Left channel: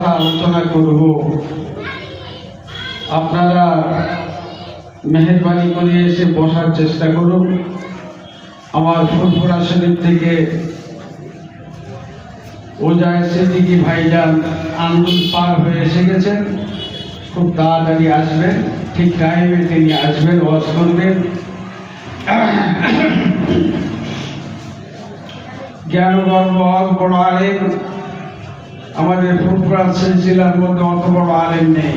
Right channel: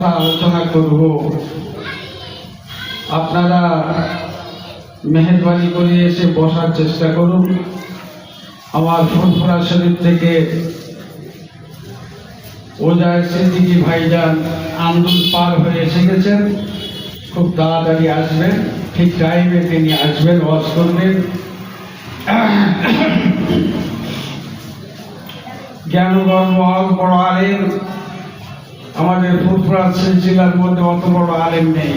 আলোচনা করব। আপনারা মেহেরবানি করে এসে বসার চেষ্টা করুন। আমার ফুরফুরা শরীফ থেকে ওজায় সিদ্দিকী ভাইজান আন্দোলন পার হয়ে এসে গেছেন। খুব তাড়াতাড়ি আসবেন, ঠিক টাইমে তিনি আসবেন, ওয়াজ করবেন। জ্ঞানগর্ব বড় আলেম, আমাদের ফুরফুরা সিলসিলার মধ্যে অত বড় আলেম নেই।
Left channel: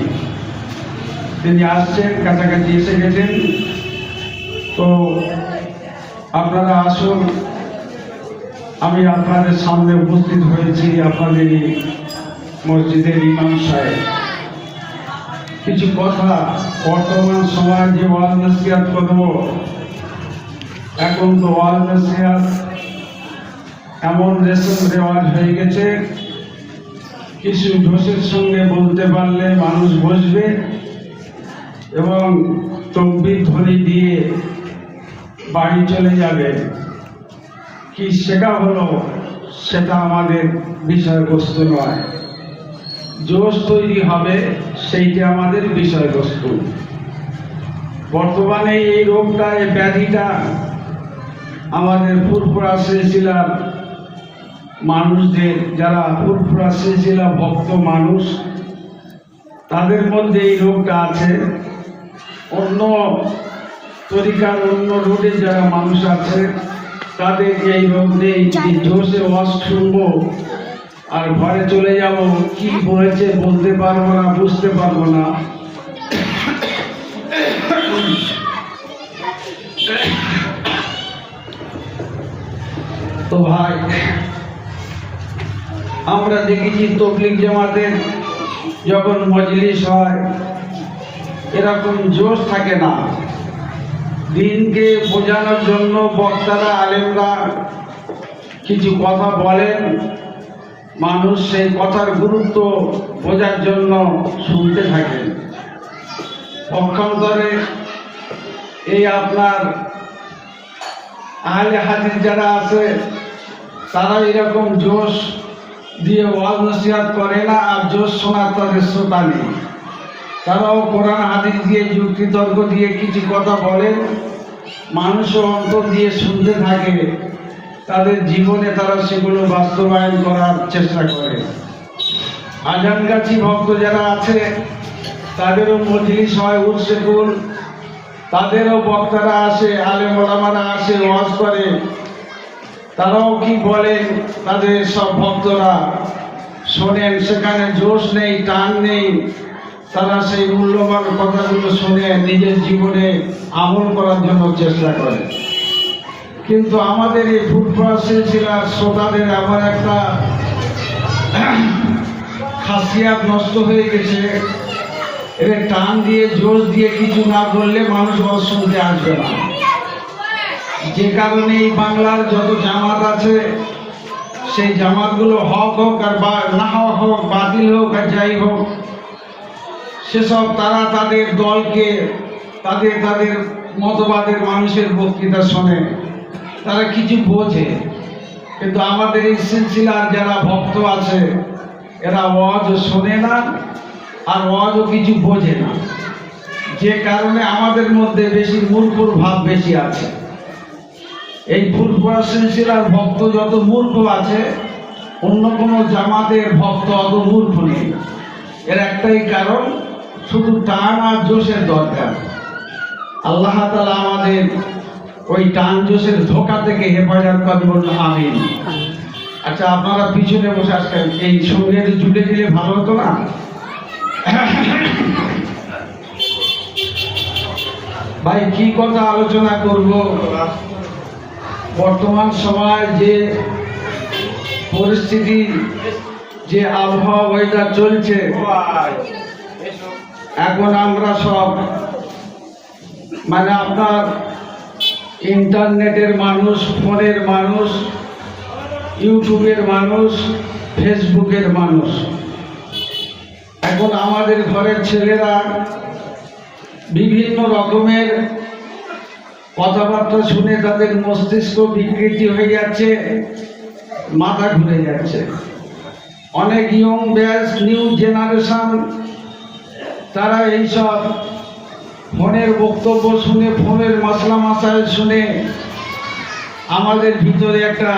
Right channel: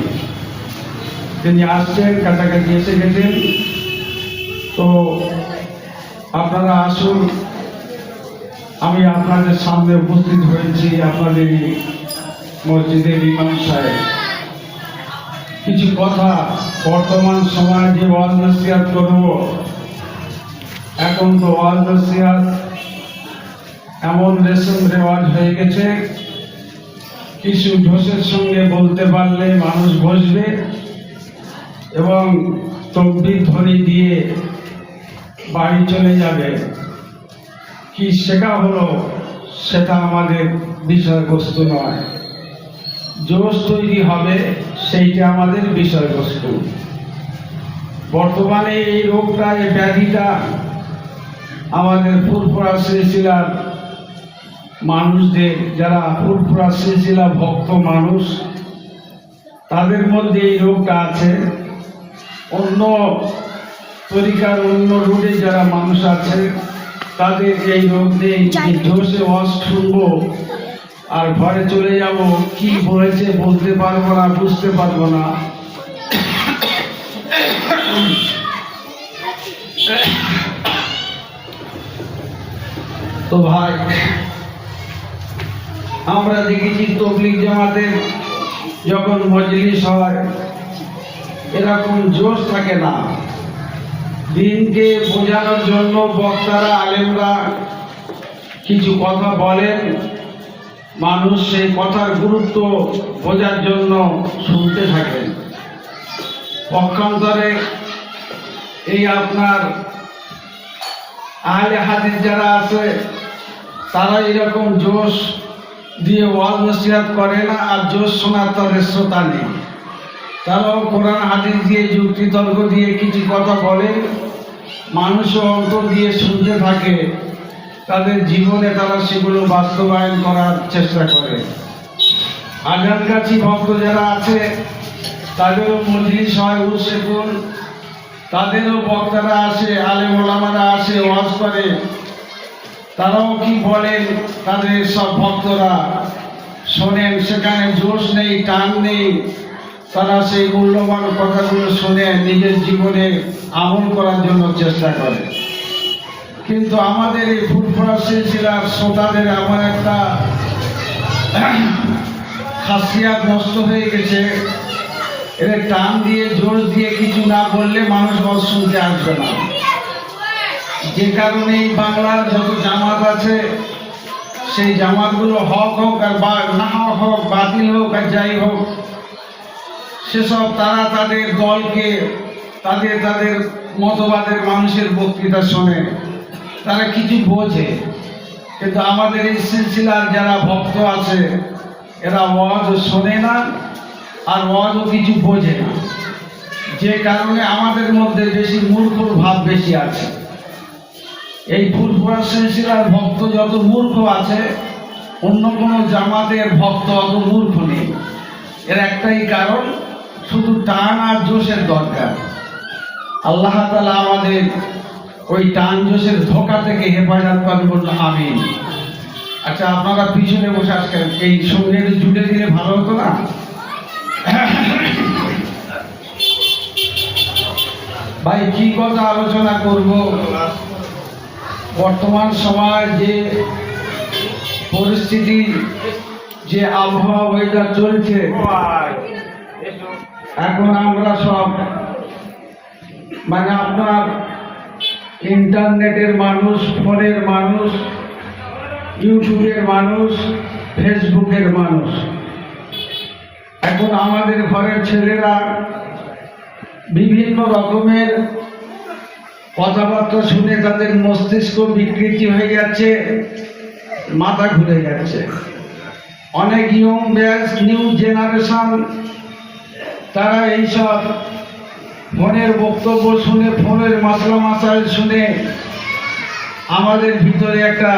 তিনি আসছেন, কাছাকাছি এসে গেছেন। তো আপনারা আসুন। আমি আপনাদের সামনে উপস্থিত হয়েছি, আপনাদের মসজিদের ইমাম সাহেব। কিছু কথা বর্তমান সময়ে যে ওয়াজ নসিহত করব, এখন তো ওয়াজ নসিহত এমন রেশম রেওয়াজ হয়ে গেছে, কিছু ঢোসের সঙ্গে বলতে পারলে মানুষ বসবে এবং তকবীর ধ্বনি দিয়ে বাড়ি চলে যাবে। কি শেখা হলো সেটা আমাদের বিষয়বস্তু নয়, জোশ তৈরি হবে সেইটা আমাদের বিষয়বস্তু। বর্তমানে এই রোগটা, এই ব্যাধিটা আমাদের ফুরফুরা সিলসিলার মানুষদের, যারা ফুরফুরা সিলসিলা ভক্ত মানুষ, তাদের মধ্যে এই রোগটা আছে। অন্য তরিকার, অন্য রুটে যারা মানুষ আছে তাদের এই রোগ নেই। জোশে ওয়াজ শুনবো আর ঘরে চলে যাব, কি বলেছে বলতে পারবো না, বুঝতে পারবো না। তো ভাই, আমরা দেখেছি তবলিগ জামাতের যখন মজলিস হয় এরকম জোশ থাকে না। দিনকে বোঝানোর জন্য বক্তারা, আলেমরা কিছু কথা বলেন, মানুষ সেই কথার গুরুত্ব বোঝার জন্য শুনতে থাকেন। পক্ষান্তরে এই আপনার আহলে হাদিস যারা আছে তারা এরকম জোশ দিয়ে ওয়াজ নসিহত করে না, আর জোশ শোনার তাদের শ্রোতা নেই। তারাও কোরআন হাদিস দিয়ে, যুক্তি তর্ক দিয়ে কিছু কথা বলেন, মানুষের অন্তর দিয়ে শুনতে থাকে, তাদের জীবনে তারা সেগুলো বাস্তবায়ন করার চেষ্টা করে। আজানগাছি ভক্ত যারা আছে তাদেরও মজলিস হয়, উরসেকুল, তাদেরও বক্তারা আসে, আলেম ওলামারা আসে, ওয়াজ করে। তারাও কি বলেন, তাদের সব ভক্তরা শোনেন, সেখানে জোশ নেই, টান নেই। তারা সেই মূল্যবান কথাগুলো শুনে নিজের জীবনে আমল করার জন্য চেষ্টা করে। কিন্তু আমাদের এই ফুরফুরা সিলসিলার শ্রোতাদের আমার একটা খাসিয়াত নষ্ট হয়ে গেছে। এদের টান দিয়ে, জোর দিয়ে কিছু না বললে মানুষ শুনতে আসবে না। যে কারণে এই বাংলার যত জামাত আছে, সেই জামাতগুলো হক হোক আর না হোক, বাতিল হোক আর যাই হোক, সেসব তারা তাদের দলকে, তাদের মতবাদের মানুষের বক্তৃতা শোনে, তারা কিছু বোঝে। কিন্তু আমাদের এই সিলসিলার যারা ভক্ত আছে এরা ওয়াজও শোনে না আর ওয়াজও কিছু বোঝে না। যে কারণে আমাদের মধ্যে বেশি মূর্খর ভাব বেশি আছে। এই ফুরফুরা সিলসিলার ভক্ত যত মূর্খ আছে, অন্য কোনো জামাতের ভক্ত অত মূর্খ নেই। এর একটাই কারণ, শুধু টান আর জোশের দরকার। আল্লাহ তাআলা আমাদের ওই টান জোশের ধোঁকা থেকে হেফাজত করুন, আমিন। আচ্ছা, আপনারা পিছনে বসে আসবেন, এই সঙ্গে জুড়ে দিলে ভালো হতো না? ভাই, কি কথা আলোচনা করব? বর্তমান সময় যে পরিস্থিতি, যে আবহাওয়া ওয়েদার চলছে, এখন আমরা সব আপনার ইন্টারনেটের মানুষ, ফোনের মানুষ, ইউটিউবের মানুষ, ফেসবুকের মানুষ। এখন আমাদের ঘরের ছেলেরা বিভিন্ন রকমের কথাবার্তা শুনে তাদের মস্তিষ্ক বিকৃতি হয়ে যাচ্ছে, মাথা ঘুরে যাচ্ছে। অনেক ইয়ং ব্যাচ, নিউ জেনারেশন তারা এইসব ফোনের বক্তব্য শুনে, ফোনের মাসলা মাসাইল শুনে আমাদের ভিতরে একটা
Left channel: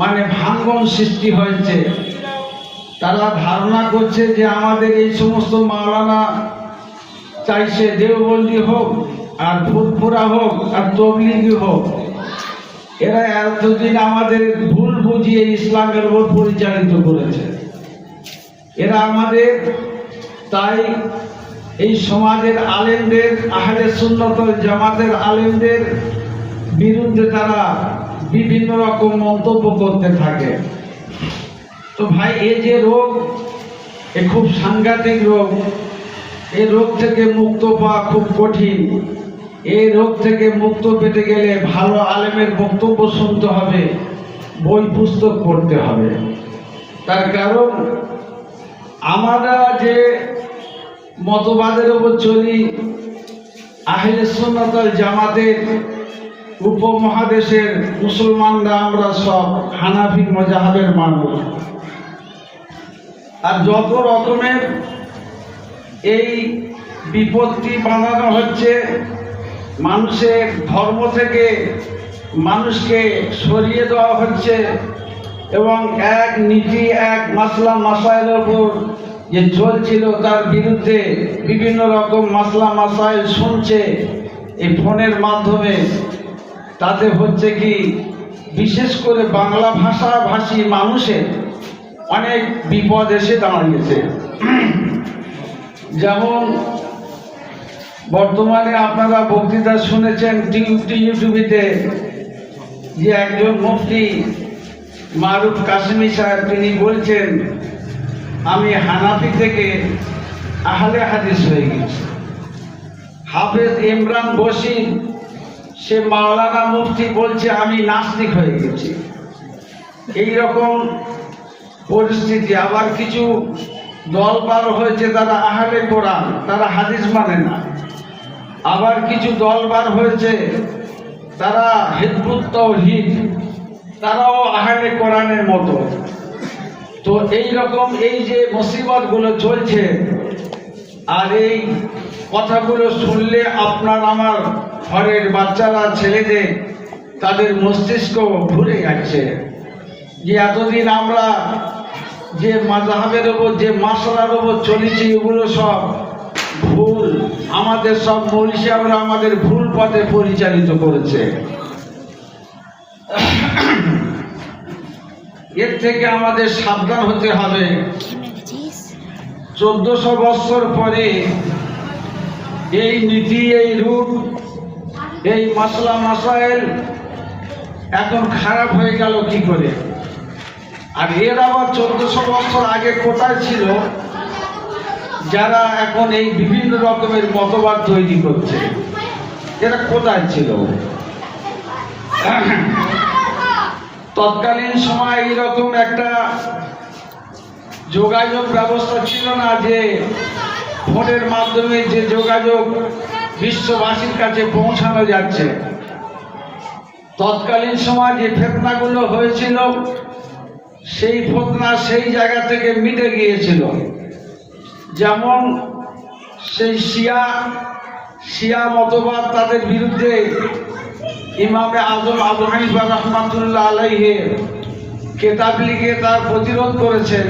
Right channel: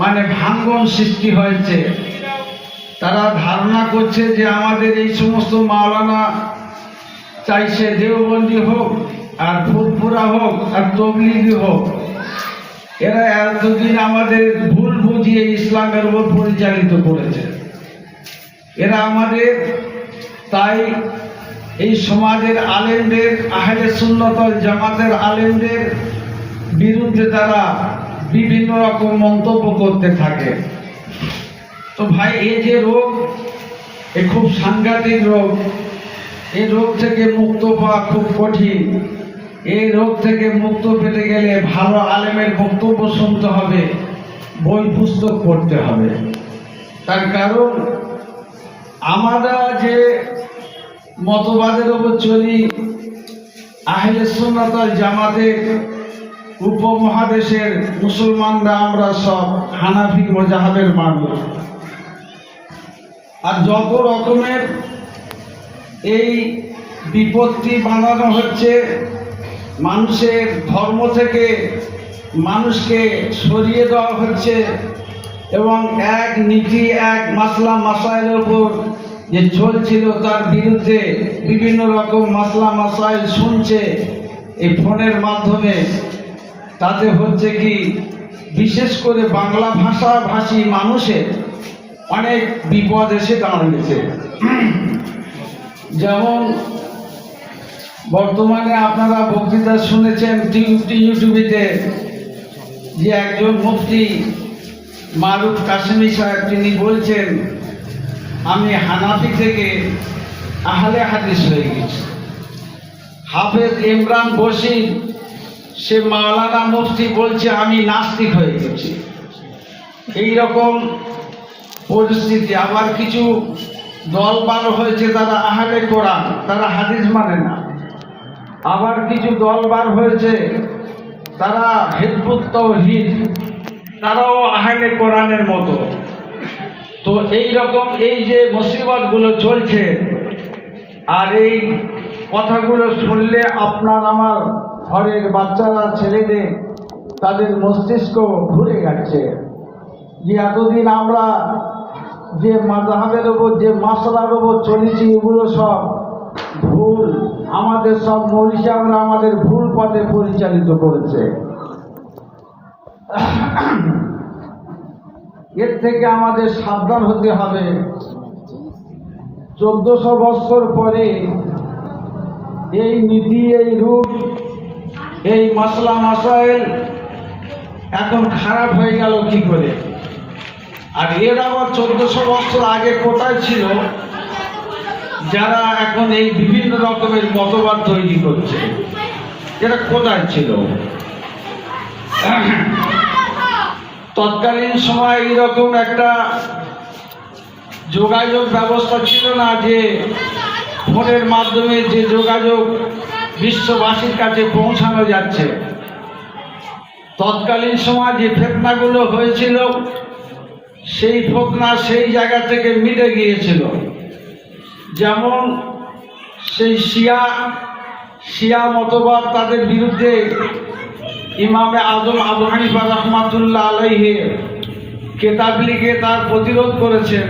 মানে ভাঙ্গন সৃষ্টি হয়েছে। তারা ধারণা করছে যে আমাদের এই সমস্ত মাওলানা চাইছে দেওবন্দি হোক আর ফুরফুরা হোক আর তবলিগি হোক, এরা এতদিন আমাদের ভুল বুঝিয়ে ইসলামের উপর পরিচালিত করেছে। এরা আমাদের তাই এই সমাজের আলেমদের, আহলে সুন্নাত ওয়াল জামাতের আলেমদের বিরুদ্ধে তারা বিভিন্ন রকম মন্তব্য করতে থাকে। তো ভাই, এই যে রোগ, এ খুব সাংঘাতিক রোগ। এই রোগ থেকে মুক্ত পাওয়া খুব কঠিন। এই রোগ থেকে মুক্ত পেতে গেলে ভালো আলেমের বক্তব্য শুনতে হবে, বই পুস্তক পড়তে হবে। তার কারণ আমরা যে মতবাদের উপর চলি, আহলে সুন্নাত ওয়াল জামাতের উপমহাদেশের মুসলমানরা আমরা সব হানাফি মাযহাবের মানুষ। আর যত রকমের এই বিপত্তি বানানো হচ্ছে, মানুষের ধর্ম থেকে মানুষকে সরিয়ে দেওয়া হচ্ছে এবং এক নীতি, এক মাসলা মাসাইলের উপর যে চলছিল তার বিরুদ্ধে বিভিন্ন রকম মাসলা মাসাইল শুনছে এই ফোনের মাধ্যমে। তাতে হচ্ছে কি, বিশেষ করে বাংলা ভাষাভাষী মানুষের অনেক বিপদ এসে দাঁড়িয়েছে। যেমন বর্তমানে আপনারা বক্তৃতা শুনেছেন ইউটিউবেতে যে একজন মুফতি মারুফ কাসেমি সাহেব, তিনি বলছেন আমি হানাফি থেকে আহলে হাদিস হয়ে গেছি। হাফেজ ইমরান বশির, সে মাওলানা মুফতি, বলছে আমি নাস্তিক হয়ে গেছি। এইরকম পরিস্থিতি। আবার কিছু দল বার হয়েছে, তারা আহলে কোরআন, তারা হাদিস মানে না। আবার কিছু দল বার হয়েছে, তারা হিজবুত তাওহীদ, তারাও আহলে কোরআনের মতো। তো এই রকম এই যে মুসিবতগুলো চলছে, আর এই কথাগুলো শুনলে আপনার আমার ঘরের বাচ্চারা, ছেলেদের, তাদের মস্তিষ্ক ঘুরে যাচ্ছে যে এতদিন আমরা যে মাযহাবের ওপর, যে মাসলার ওপর চলেছি, এগুলো সব ভুল। আমাদের সব মৌলভী সাহেবরা আমাদের ভুল পথে পরিচালিত করেছে। এর থেকে আমাদের সাবধান হতে হবে। 1400 বছর পরে এই নীতি, এই রূপ, এই মাসলা মাসাইল এখন খারাপ হয়ে গেল কি করে? আর এর আবার 1400 বছর আগে কোথায় ছিল যারা এখন এই বিভিন্ন রকমের মতবাদ তৈরি করছে? এরা কোথায় ছিল? তৎকালীন সময় এরকম একটা যোগাযোগ ব্যবস্থা ছিল না যে ফোনের মাধ্যমে যে যোগাযোগ বিশ্ববাসীর কাছে পৌঁছানো যাচ্ছে। তৎকালীন সময় যে ফিতনাগুলো হয়েছিল, সেই ফিতনা সেই জায়গা থেকে মিটে গিয়েছিল। যেমন সেই শিয়া মতবাদ, তাদের বিরুদ্ধে ইমামে আজম আবু হানিফা রাহমাতুল্লাহ আলাইহি কেতাব লিখে তার প্রতিরোধ করেছেন।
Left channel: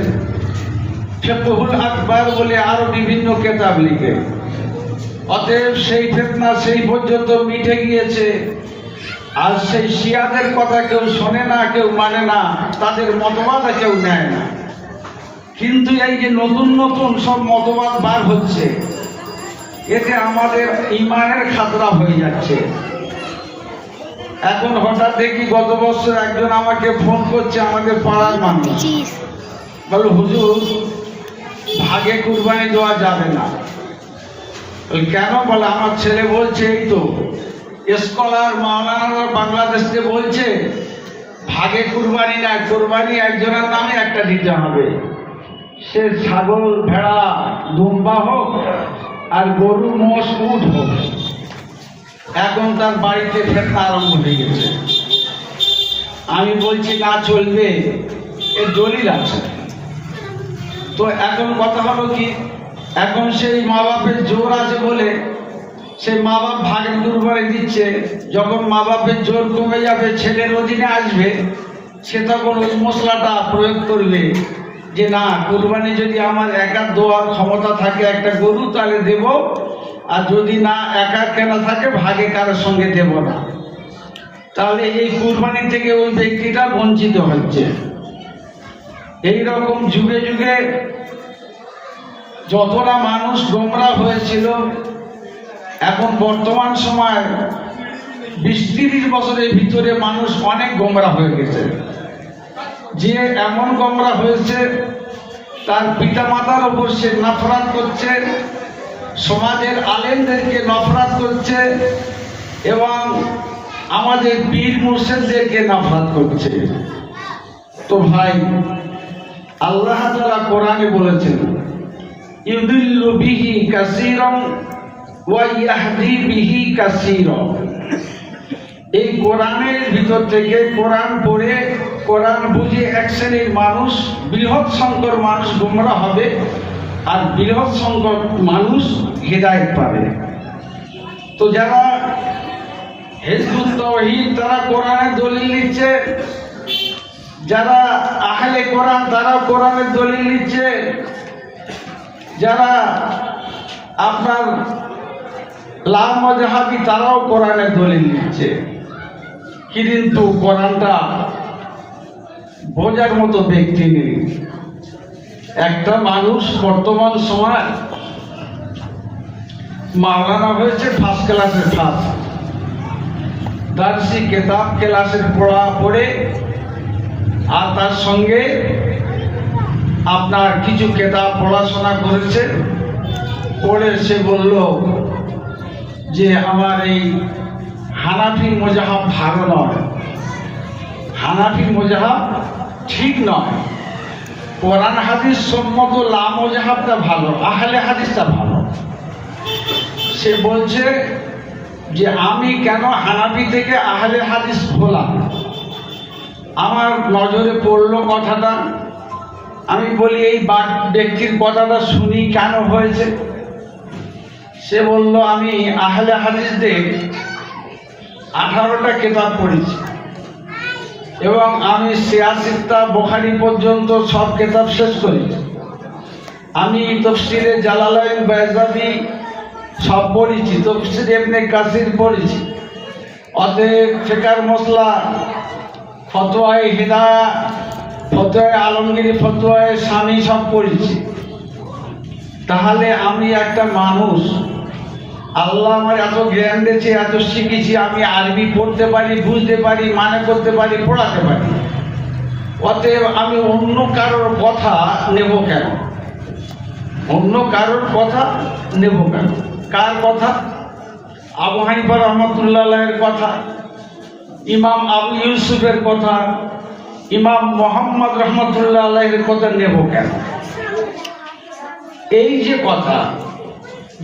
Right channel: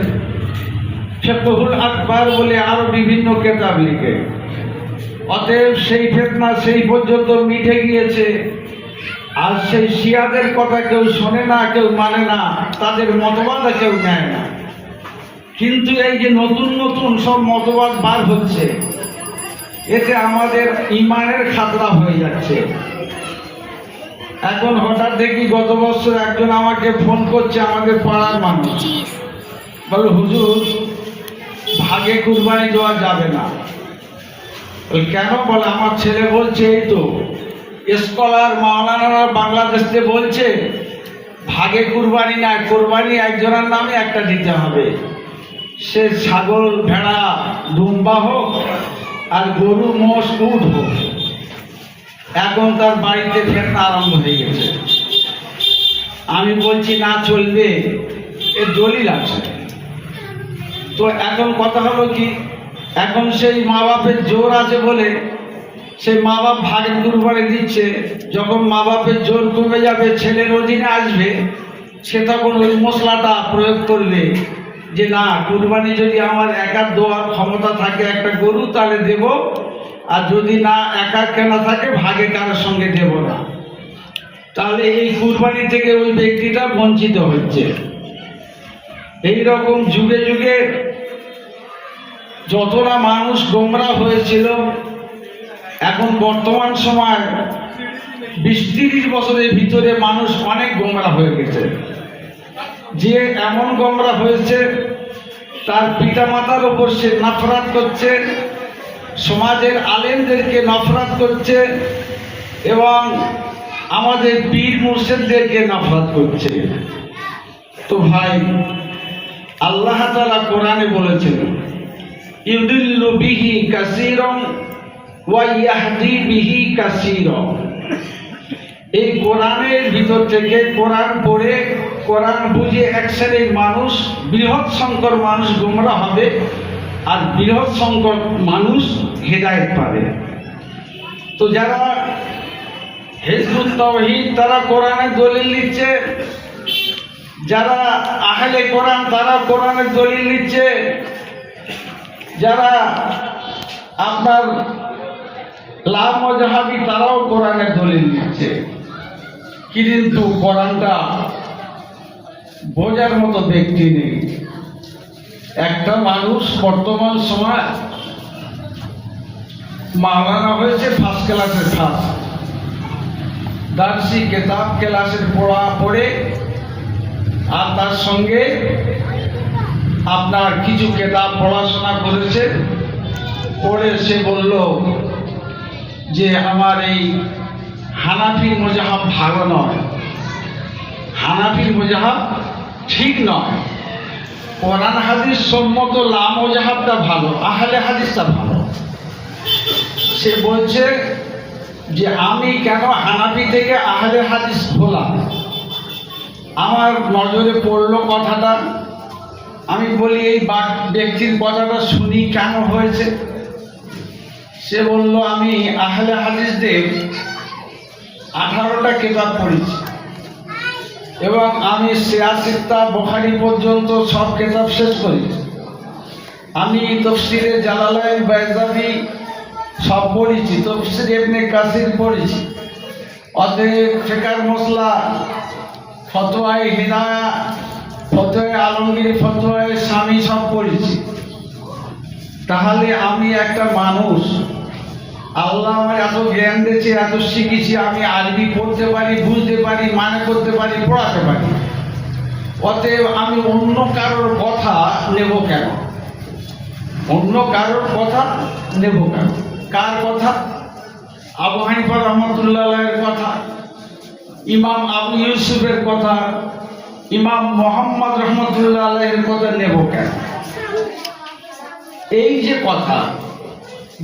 ফিকহুল আকবার বলে আরো বিভিন্ন কেতাব লিখে। অতএব সেই ফিতনা সেই পর্যন্ত মিটে গিয়েছে। আর সেই শিয়াদের কথা কেউ শোনে না, কেউ মানে না, তাদের মতবাদ কেউ নেয় না। কিন্তু এই যে নতুন নতুন সব মতবাদ বার হচ্ছে, এতে আমাদের ঈমানের খাতরা হয়ে যাচ্ছে। এখন হঠাৎ দেখি গত বছর একজন আমাকে ফোন করছে, আমাদের পাড়ার মানুষ, বলে হুজুর ভাগে কুরবানি দেওয়া যাবে না। কেন? বলে আমার ছেলে বলছে, এই তো স্কলার মাওলানা বাংলাদেশে বলছে ভাগে কুরবানি না, কুরবানি একজনের নামে একটা দিতে হবে। সে ছাগল, ভেড়া, দুম্বা হোক আর গরু, মোষ, উট হোক। এখন তার বাড়িতে ফেরত আরম্ভ হয়ে গেছে। আমি বলছি না, চলবে, এর দলিল আছে। তো এখন কথা হলো কি, এখন সেই মা বাপের জোর আছে বলে সেই মা বাপ ভাগের কুরবানি দিচ্ছে। যখন মা বাপের জোর কমে যাবে, ছেলের অধীনে আসবে, সে তখন ওই মশলাটা প্রয়োগ করবে যে না, কুরবানি যদি আমার একা দেওয়ার ক্ষমতা থাকে একটা গরু তাহলে দেব, আর যদি না একা কেনা থাকে ভাগে কারোর সঙ্গে দেব না। তাহলে এই কুরবানি থেকে ওই ব্যক্তিটা বঞ্চিত হচ্ছে। এইরকম যুগে যুগে যতটা মানুষ গোমরা হয়েছিল, এখন বর্তমান সময় 20-30 বছরের ভিতরে মানুষ অনেক গোমরা হয়ে গেছে। যে এমন গোমরা হয়েছে, তার পিতা মাতার ওপর সে নফরত করছে, সমাজের আলেমদেরকে নফরত করছে, এবং আমাদের পীর মুর্শিদদেরকে নফরত করছে। তো ভাই, আল্লাহ তাআলা কোরআনে বলেছেন, ইউদিল্লু বিহি কাসীরান ওয়া ইয়াহদি বিহি কাসীরান। এই কোরআনের ভিতর থেকে কোরআন পড়ে কোরআন বুঝে এক শ্রেণীর মানুষ, বৃহৎ সংখ্যক মানুষ গোমরা হবে, আর বৃহৎ সংখ্যক মানুষ হেদায়েত পাবে। তো যারা হিজবুত তাওহীদ তারা কোরআনের দলিল নিচ্ছে, যারা আহলে কোরআন তারা কোরআনের দলিল নিচ্ছে, যারা আপনার লামাযহাবী তারাও কোরআনের দলিল নিচ্ছে। কিন্তু কোরআনটা বোঝার মতো ব্যক্তি নেই। একটা মানুষ বর্তমান সময় মাওলানা হয়েছে ফার্স্ট ক্লাসের ফার্স্ট, দার্সি কেতাব ক্লাসের পড়ে, আর তার সঙ্গে আপনার কিছু কেতাব পড়াশোনা করেছে। পড়ে সে বলল যে আমার এই হানাফি মযহাব ভালো নয়, হানাফি মযহাব ঠিক নয়, কোরআন হাদিস সম্মত লামাযহাবটা ভালো, আহলে হাদিসটা ভালো। সে বলছে যে আমি কেন হানাফি থেকে আহলে হাদিস হলাম। আমার নজরে পড়লো কথাটা, আমি বলি এই ব্যক্তির কথাটা শুনি কেন হয়েছে। সে বলল আমি আহলে হাদিসদের 18টা কিতাব পড়েছি, এবং আমি সিয়াসিত্তা বুখারী পর্যন্ত সব কিতাব শেষ করেছি। আমি তাফসীরে জালালাইন বাইজাবি সব পড়েছি, তাফসীর ইবনে কাসির পড়েছি। অতএব ফিকার মসলা, ফতোয়ায়ে হিদায়া, ফতোয়ায়ে আলমগীরি, ফতোয়ায়ে শামী সব পড়েছি। তাহলে আমি একটা মানুষ, আল্লাহ আমার এত জ্ঞান দিয়েছে, এত শিখেছি, আমি আরবি পড়তে পারি, বুঝতে পারি, মানে করতে পারি, পড়াতে পারি। অতএব আমি অন্য কারোর কথা নেব কেন? অন্য কারোর কথা নেব কেন? কার কথা? আবু হানিফা রাহমাতুল্লাহ আলাইহির কথা, ইমাম আবু ইউসুফের কথা, ইমাম মুহাম্মদ রাহমাতুল্লাহ আলাইহির কথা নেব কেন? এই যে কথা,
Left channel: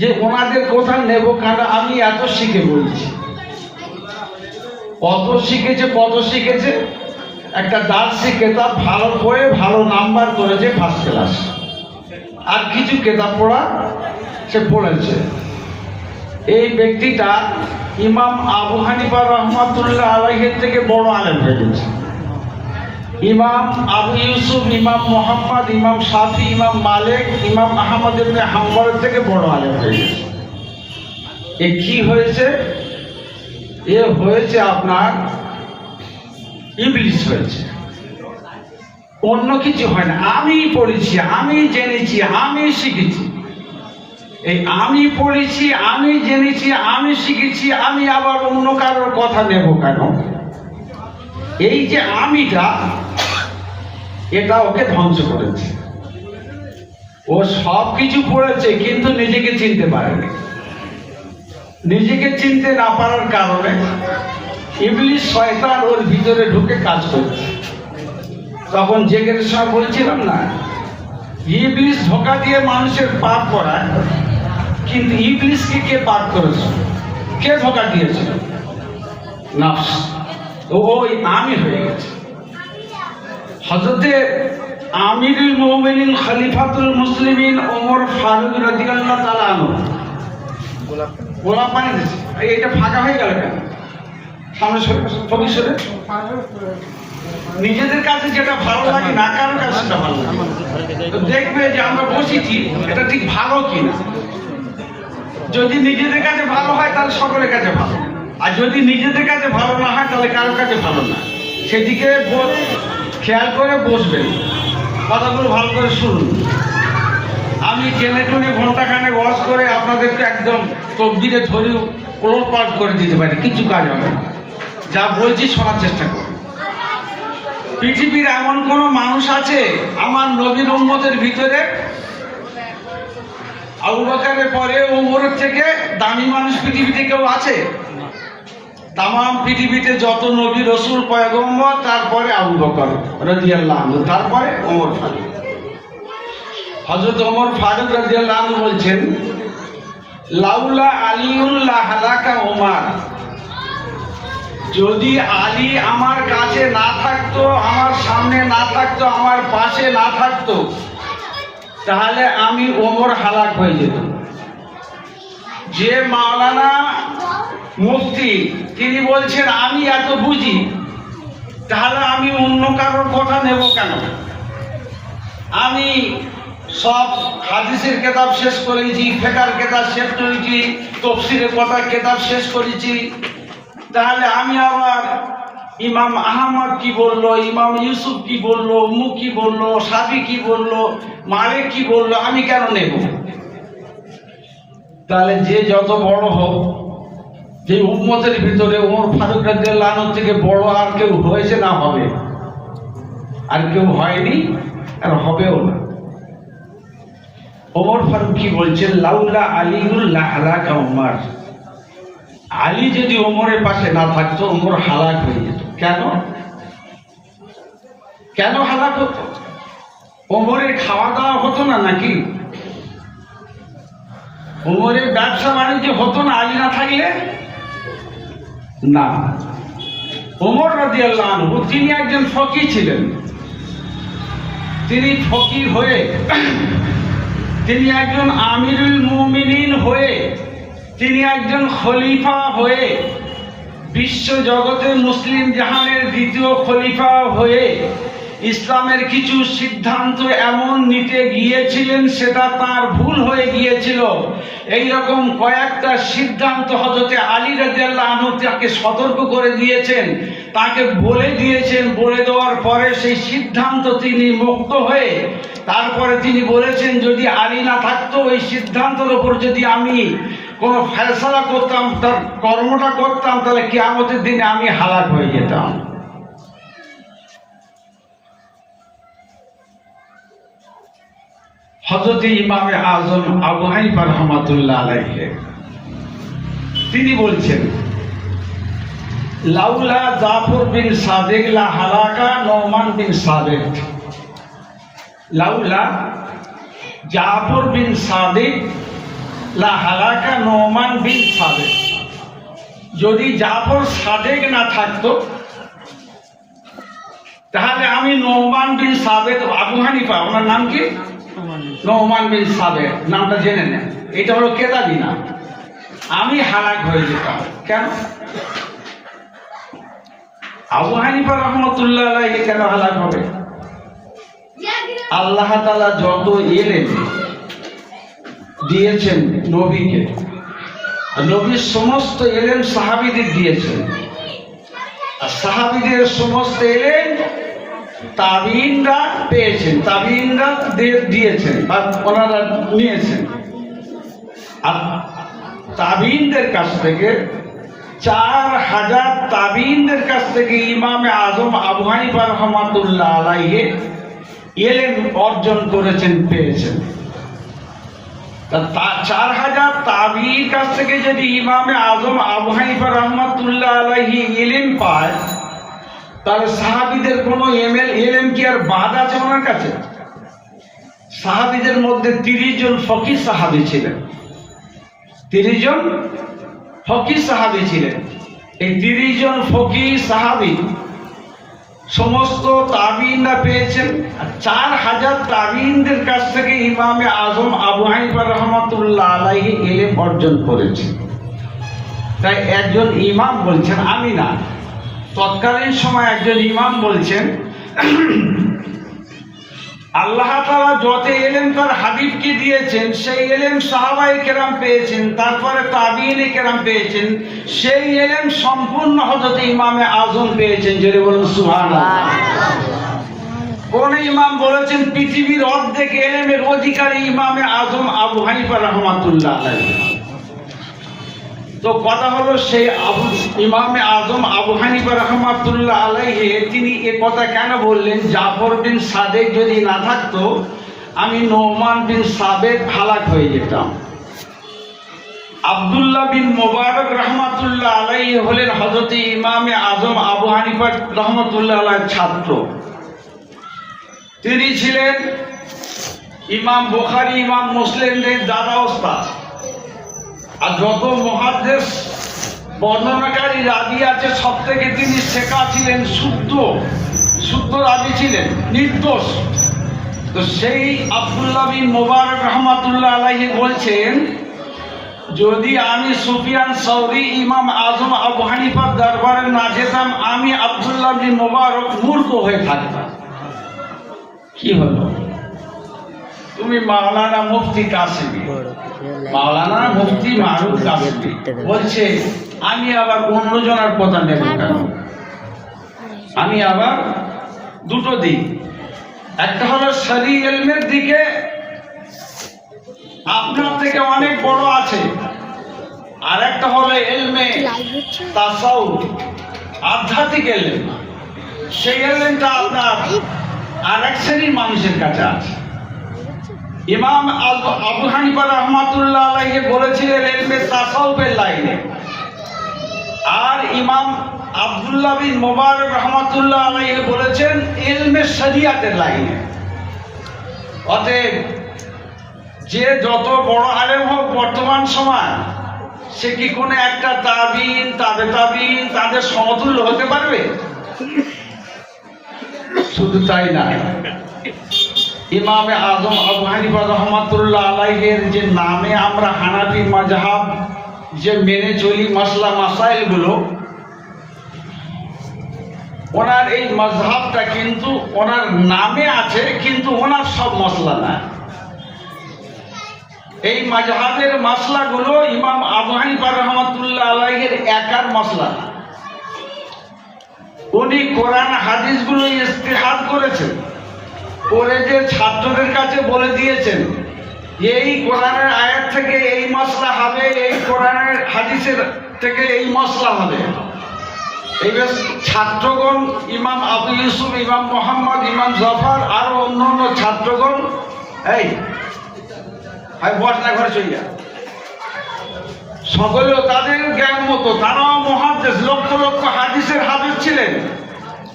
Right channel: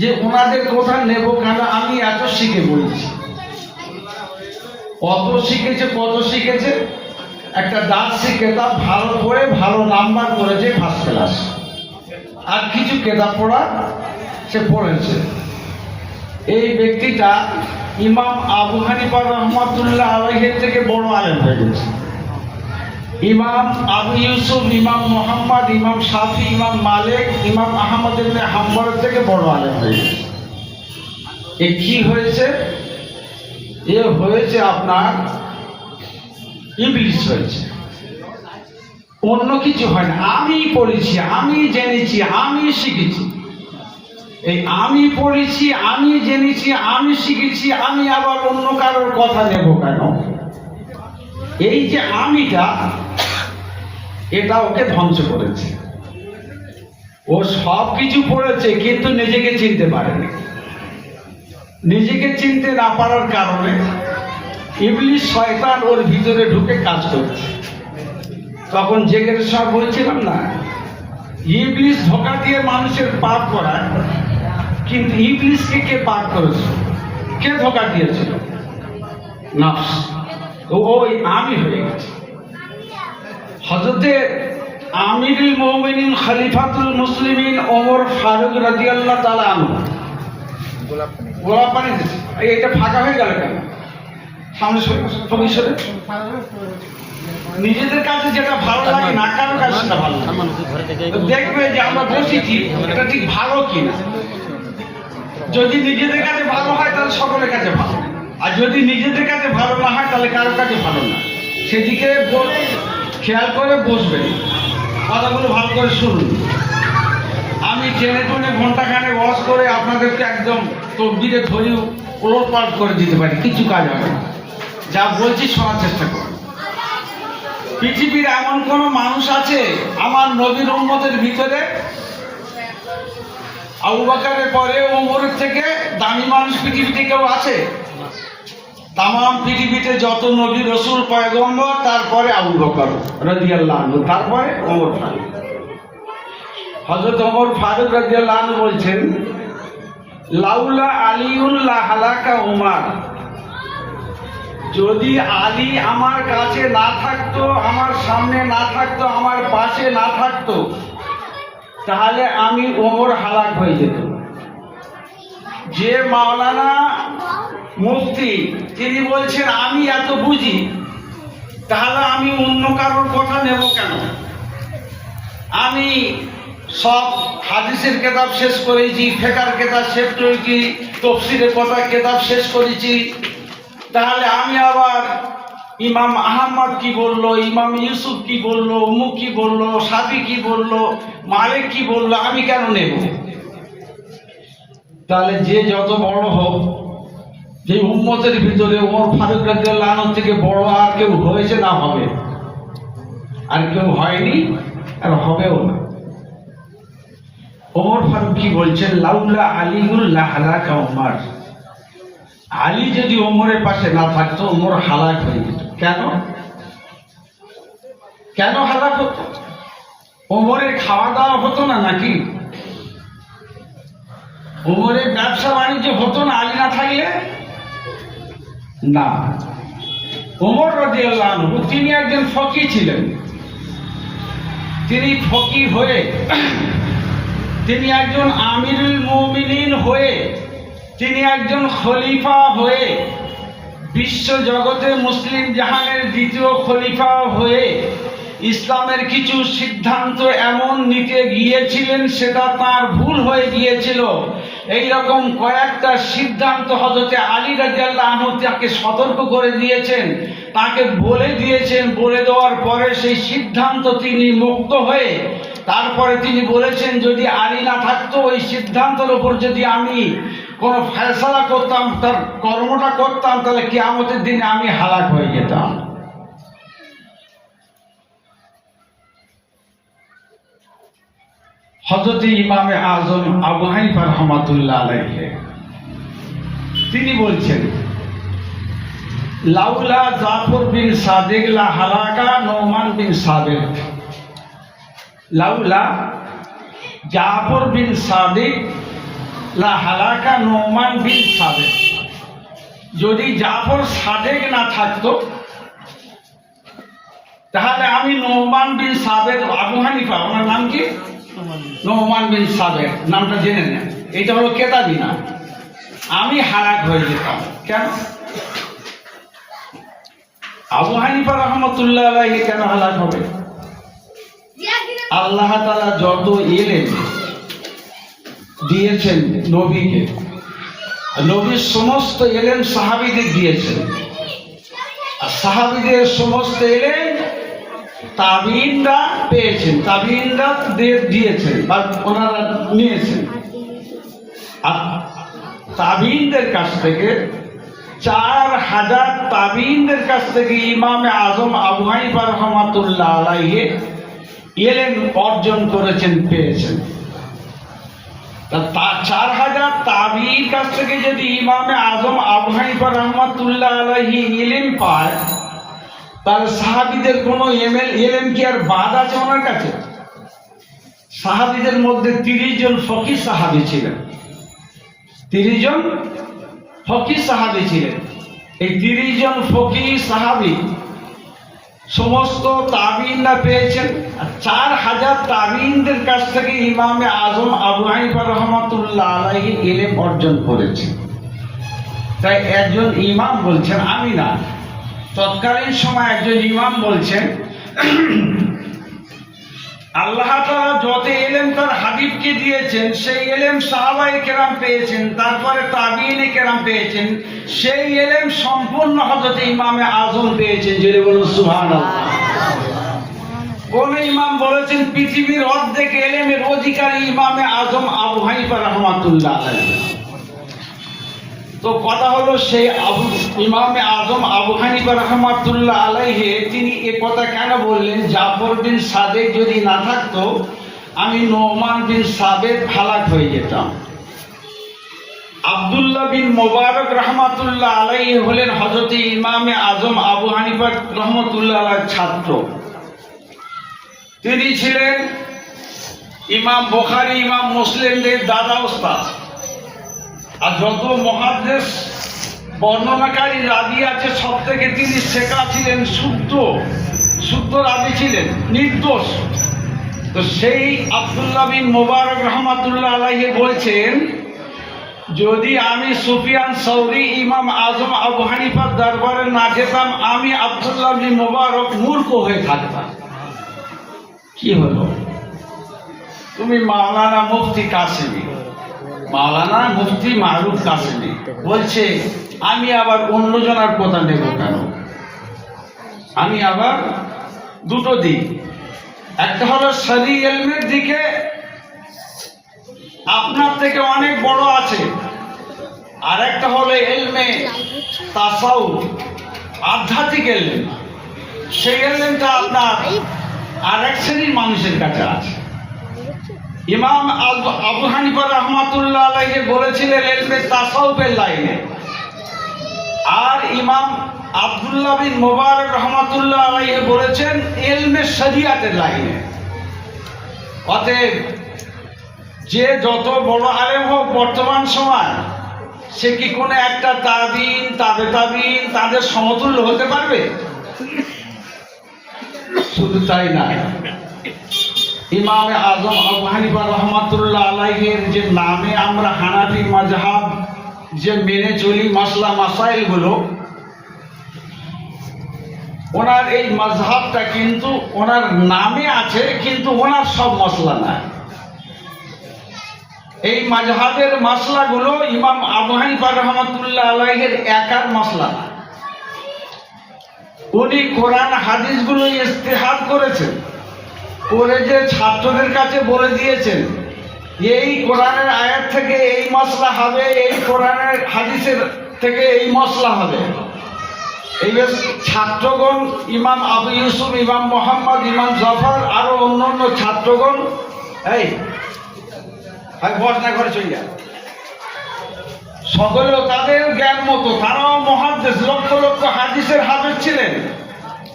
যে ওনাদের কথা নেব কেন? আমি এত শিখে বলছি। কত শিখেছে, কত শিখেছে? একটা দার্সি কেতাব ভালো পড়ে ভালো নাম্বার করেছে ফার্স্ট ক্লাস, আর কিছু কেতাব পড়া সে পড়েছে। এই ব্যক্তিটা ইমাম আবু হানিফা রাহমাতুল্লাহ আলাইহির থেকে বড় আলেম হয়ে গেছে। ইমাম আবু ইউসুফ, ইমাম মুহাম্মদ, ইমাম শাফি, ইমাম মালিক, ইমাম আহমদ ইবনে হাম্বলের থেকে বড় আলেম হয়ে গেছে। এ কি হয়েছে? এ হয়েছে আপনার ইবলিস হয়েছে, অন্য কিছু হয় না। আমি পড়েছি, আমি জেনেছি, আমি শিখেছি। এই আমি পড়েছি, আমি জেনেছি, আমি শিখেছি, আমি আবার অন্য কারোর কথা নেব কেন? এই যে আমিটা, এটা ওকে ধ্বংস করেছে। ও সব কিছু পড়েছে কিন্তু নিজেকে চিনতে পারেনি। নিজেকে চিনতে না পারার কারণে ইবলিস শয়তান ওর ভিতরে ঢুকে কাজ করছে। তখন জেগের সব বলছিলাম না, ইবলিস ধোঁকা দিয়ে মানুষের পাপ করায়, কিন্তু ইবলিসকে কে পাপ করেছে? কে ধোঁকা দিয়েছিল? নফস। ওই আমি হয়ে গেছে। হযরতে আমিরুল মুমিনিন খলিফাতুল মুসলিমিন ওমর ফারুক রাদিয়াল্লাহু তাআলা আনহু গোলাপ পানি দিচ্ছে। এটা ফাঁকা হয়ে গেল কেন? সামনে সরে ফকির সরে। নিজেদের কাছে যেটা ভালো লাগে না কারোর কাছে সেটা ভালো লাগে। তো দেখবে যে আমরা বসেছি এটা ঠিক ভালো কিনা। যদি নিজেদের কাছে ভালো হয় তাহলে সকলের কাছে ভালো, আর যদি নিজেদের কাছে ভালো না হয় তাহলে কারোর কাছে ভালো না। সেদিকে খেয়াল করে বসবেন, কথাগুলো ভালো করে শুনুন। আমি টেনে টুনে ঘন্টাখানেক ওয়াজ করে আপনাদেরকে একদম তকবিরে ধরি ওলট পাল্ট করে দিতে পারি, কিছু কাজ হবে না। যা বলছি শোনার চেষ্টা করুন। পৃথিবীর এমন কোন মানুষ আছে আমার নবীর উম্মতের ভিতরে আবু বকরের পরে ওমরের থেকে দামি মানুষ পৃথিবীতে কেউ আছে? তামাম পৃথিবীতে যত নবী রাসূল পয়গম্বর, তারপরে আবু বকর রাদিয়াল্লাহু আনহু, তারপরে ওমর ফারুক। হযরত ওমর ফারুক রাদিয়াল্লাহু আনহু বলছেন, লাউলা আলিউন লা হালাকা ওমর, যদি আলী আমার কাছে না থাকতো, আমার সামনে না থাকতো, আমার পাশে না থাকতো, তাহলে আমি ওমর হালাক হয়ে যেত। যে মাওলানা মুফতি তিনি বলছেন আমি এত বুঝি, তাহলে আমি অন্য কারোর কথা নেব কেন? আমি সব হাদিসের কিতাব শেষ করেছি, ফিকহের কিতাব শেষ করেছি, তাফসীরের কথা কিতাব শেষ করেছি, তাহলে আমি আবার ইমাম আহমদ কি বললো, ইমাম ইউসুফ কি বললো, অমুক কি বললো, শাফি কি বললো, মালিক কি বললো, আমি কেন নেব? তাহলে যে যত বড় হোক, যে উম্মতের ভিতরে ওমর ফারুক রাদিয়াল্লাহু আনহু থেকে বড় আর কেউ হয়েছে না হবে? আর কেউ হয়নি, আর হবেও না। ওমর ফারুক কি বলছেন, লাউলা আলিউল লা হালাকা ওমর, আলী যদি ওমরের পাশে না থাকতো ওমর হালাক হয়ে যেত। কেন? কেন হালাক হতো? ওমরের খাওয়া দাওয়া হতো না নাকি? ওমরের ব্যবসা বাণিজ্য হতো না আলী না থাকলে? না। ওমর রাদিয়াল্লাহু আনহু তিনি একজন ফকিহ ছিলেন। তিনি ফকিহ হয়ে, তিনি একজন আমিরুল মুমিনিন হয়ে, তিনি একজন খলিফা হয়ে, বিশ্ব জগতে মুসলিম জাহানের দ্বিতীয় খলিফা হয়ে ইসলামের কিছু সিদ্ধান্ত এমন নিতে গিয়েছিলেন সেটা তার ভুল হয়ে গিয়েছিল। এই রকম কয়েকটা সিদ্ধান্ত হযরতে আলী রাদিয়াল্লাহু আনহু তাকে সতর্ক করে দিয়েছেন, তাকে বলে দিয়েছেন। বলে দেওয়ার পরে সেই সিদ্ধান্ত তিনি মুক্ত হয়ে তারপরে তিনি বলেছেন, যদি আলী না থাকতো ওই সিদ্ধান্তের উপর যদি আমি কোনো ফয়সালা করতাম, তার কর্মটা করতাম, তাহলে কিয়ামতের দিনে আমি হালাক হয়ে যেতাম। হযরত ইমামে আযম আবু হানিফা রাহমাতুল্লাহ আলাইহি তিনি বলছেন, লাউলা জাফর বিন সাদিক লা হালাকা নুমান বিন সাদিক, লাউলা জাফর বিন সাদিক লা হালাকা নুমান বিন সাদিক, যদি জাফর সাদেক না থাকতো তাহলে আমি নুমান বিন সাবেদ, আবু হানিফা ওনার নাম কি? নুমান বিন সাবেদ, নামটা জেনে নেন, এটা হলো কেতাবি নাম, আমি হালাক হয়ে যেতাম। কেন? আবু হানিফা রাহমাতুল্লাহ আলাইহি কেন হালাক হবে? আল্লাহ তাআলা যত ইলম দিয়েছেন নবীকে, নবীর সমস্ত ইলম সাহাবীদের দিয়েছেন, আর সাহাবীদের সমস্ত ইলম তাবিঈনরা পেয়েছেন, তাবিঈনরা দিয়েছেন বা ওনারা নিয়েছেন। আর তাবিঈনদের কাছ থেকে 4000 তাবিঈনদের কাছ থেকে ইমামে আযম আবু হানিফা রাহমাতুল্লাহ আলাইহি ইলম অর্জন করেছেন, পেয়েছেন। তা 4000 তাবিঈর কাছ থেকে যদি ইমামে আযম আবু হানিফা রাহমাতুল্লাহ আলাইহি ইলম পায়, তাহলে সাহাবীদের কোনো ইলম কি আর বাদ আছে ওনার কাছে? সাহাবীদের মধ্যে 30 জন ফকিহ সাহাবী ছিলেন, 30 জন ফকিহ সাহাবী ছিলেন। এই 30 জন ফকিহ সাহাবী সমস্ত তাবিইনরা পেয়েছেন। 4000 তাবিইনদের কাছ থেকে ইমামে আজম আবু হানিফা রহমাতুল্লাহ আলাইহি ইলম অর্জন করেছেন। তাই একজন ইমাম বলছেন, আমি না, তৎকালীন সময় একজন ইমাম বলছেন, আল্লাহ তাআলা যত ইলম তার হাবিবকে দিয়েছেন সেই ইলম সাহাবায়ে কেরাম পেয়েছেন, তারপরে তাবিইনে কেরাম পেয়েছেন, সেই ইলম সম্পূর্ণ হযরত ইমামে আজম পেয়েছেন। জোরে বলুন সুবহানাল্লাহ। কোন ইমাম বলেছেন পৃথিবীর অর্ধেক ইলমের অধিকারী ইমামে আজম আবু হানিফা রহমাতুল্লাহ আলাইহি। তো কথা হলো সেই ইমামে আজম আবু হানিফা রহমাতুল্লাহ আলাইহি তিনি এ কথা কেন বললেন? জাফর বিন সাদেক যদি না থাকতো আমি নোমান বিন সাবেত হালাক হয়ে যেতাম। আব্দুল্লাহ বিন মোবারক রহমাতুল্লাহ আলাইহি হলেন হযরত ইমামে আজম আবু হানিফা রহমাতুল্লাহ আলাইহির ছাত্র। তিনি ছিলেন ইমাম বুখারী ইমাম মুসলিমদের দাদা ওস্তাদ। আর যত মুহাদ্দিস বর্ণনাকারী রাবী আছে সব থেকে তিনি শেখা ছিলেন, শুদ্ধ রাবী ছিলেন, নির্দোষ। তো সেই আব্দুল্লাহ বিন মুবারক রহমাতুল্লাহ আলাইহি বলছেন, যদি আমি সুফিয়ান সৌরি ইমাম আজম আবু হানিফার দরবারে না যেতাম আমি আব্দুল্লাহ বিন মুবারক মূর্খ হয়ে থাকতাম। কি হলো? তুমি মাওলানা মুফতি কাসিমি, মাওলানা মুফতি মারুফ কাসিমি বলছে, আমি আবার অন্যজনের কথা নেব কেন? আমি আবার দুটো দিক, একটা হলো শরঈ ইলমের দিকে আপনার থেকে অনেক বড় আছে, আর একটা হলো ইলমে তাসাউফ আধ্যাত্মিক ইলম, সেই ইলমটা আপনার আরেক শ্রেণীর মানুষের কাছে আছে। ইমাম আবু হানিফা রহমাতুল্লাহ আলাইহি বলেছিলেন ইলমে তাসাউফের লাইনে, আর ইমাম আব্দুল্লাহ বিন মুবারক রহমাতুল্লাহ আলাইহি বলেছেন ইলমে শরিয়াতের লাইনে। অতএব যে যত বড় আলেম হোক বর্তমান সময়, সে কি কোনো একটা তাবিঈন তাবিঈন তাদের সমতুল্য হতে পারবে? শুধু তাই না, ইমামে আজম আবু হানিফা রহমাতুল্লাহ আলাইহির যে নামে আমরা হানাফি মাযহাব যে মেনে চলি মাসলা মাসাইল গুলো, ওনার এই মাযহাবটা কিন্তু ওনার নামে আছে, কিন্তু ওনার সব মসলা না। এই মাযহাবের মসলাগুলো ইমাম আবু হানিফা রহমাতুল্লাহ আলাইহির একার মসলা না। উনি কোরআন হাদিসগুলো ইস্তিহাদ করেছেন, করে যে ছাত্রদের কাছে বলে দিয়েছেন এই কোরআনের আয়াত থেকে এই মসলা হবে, এই কোরআনের হাদিসের থেকে এই মসলা হবে। এই ছাত্রগণ ইমাম আবু ইউসুফ, ইমাম মোহাম্মদ, ইমাম জাফর আরো অন্যান্য ছাত্রগণ এই বসনা ঘরে চলিয়া সকলেও তাদের জ্ঞান মতো, তারাও মুহাদ্দিস, লক্ষ লক্ষ হাদিসের হাফেজ ছিলেন,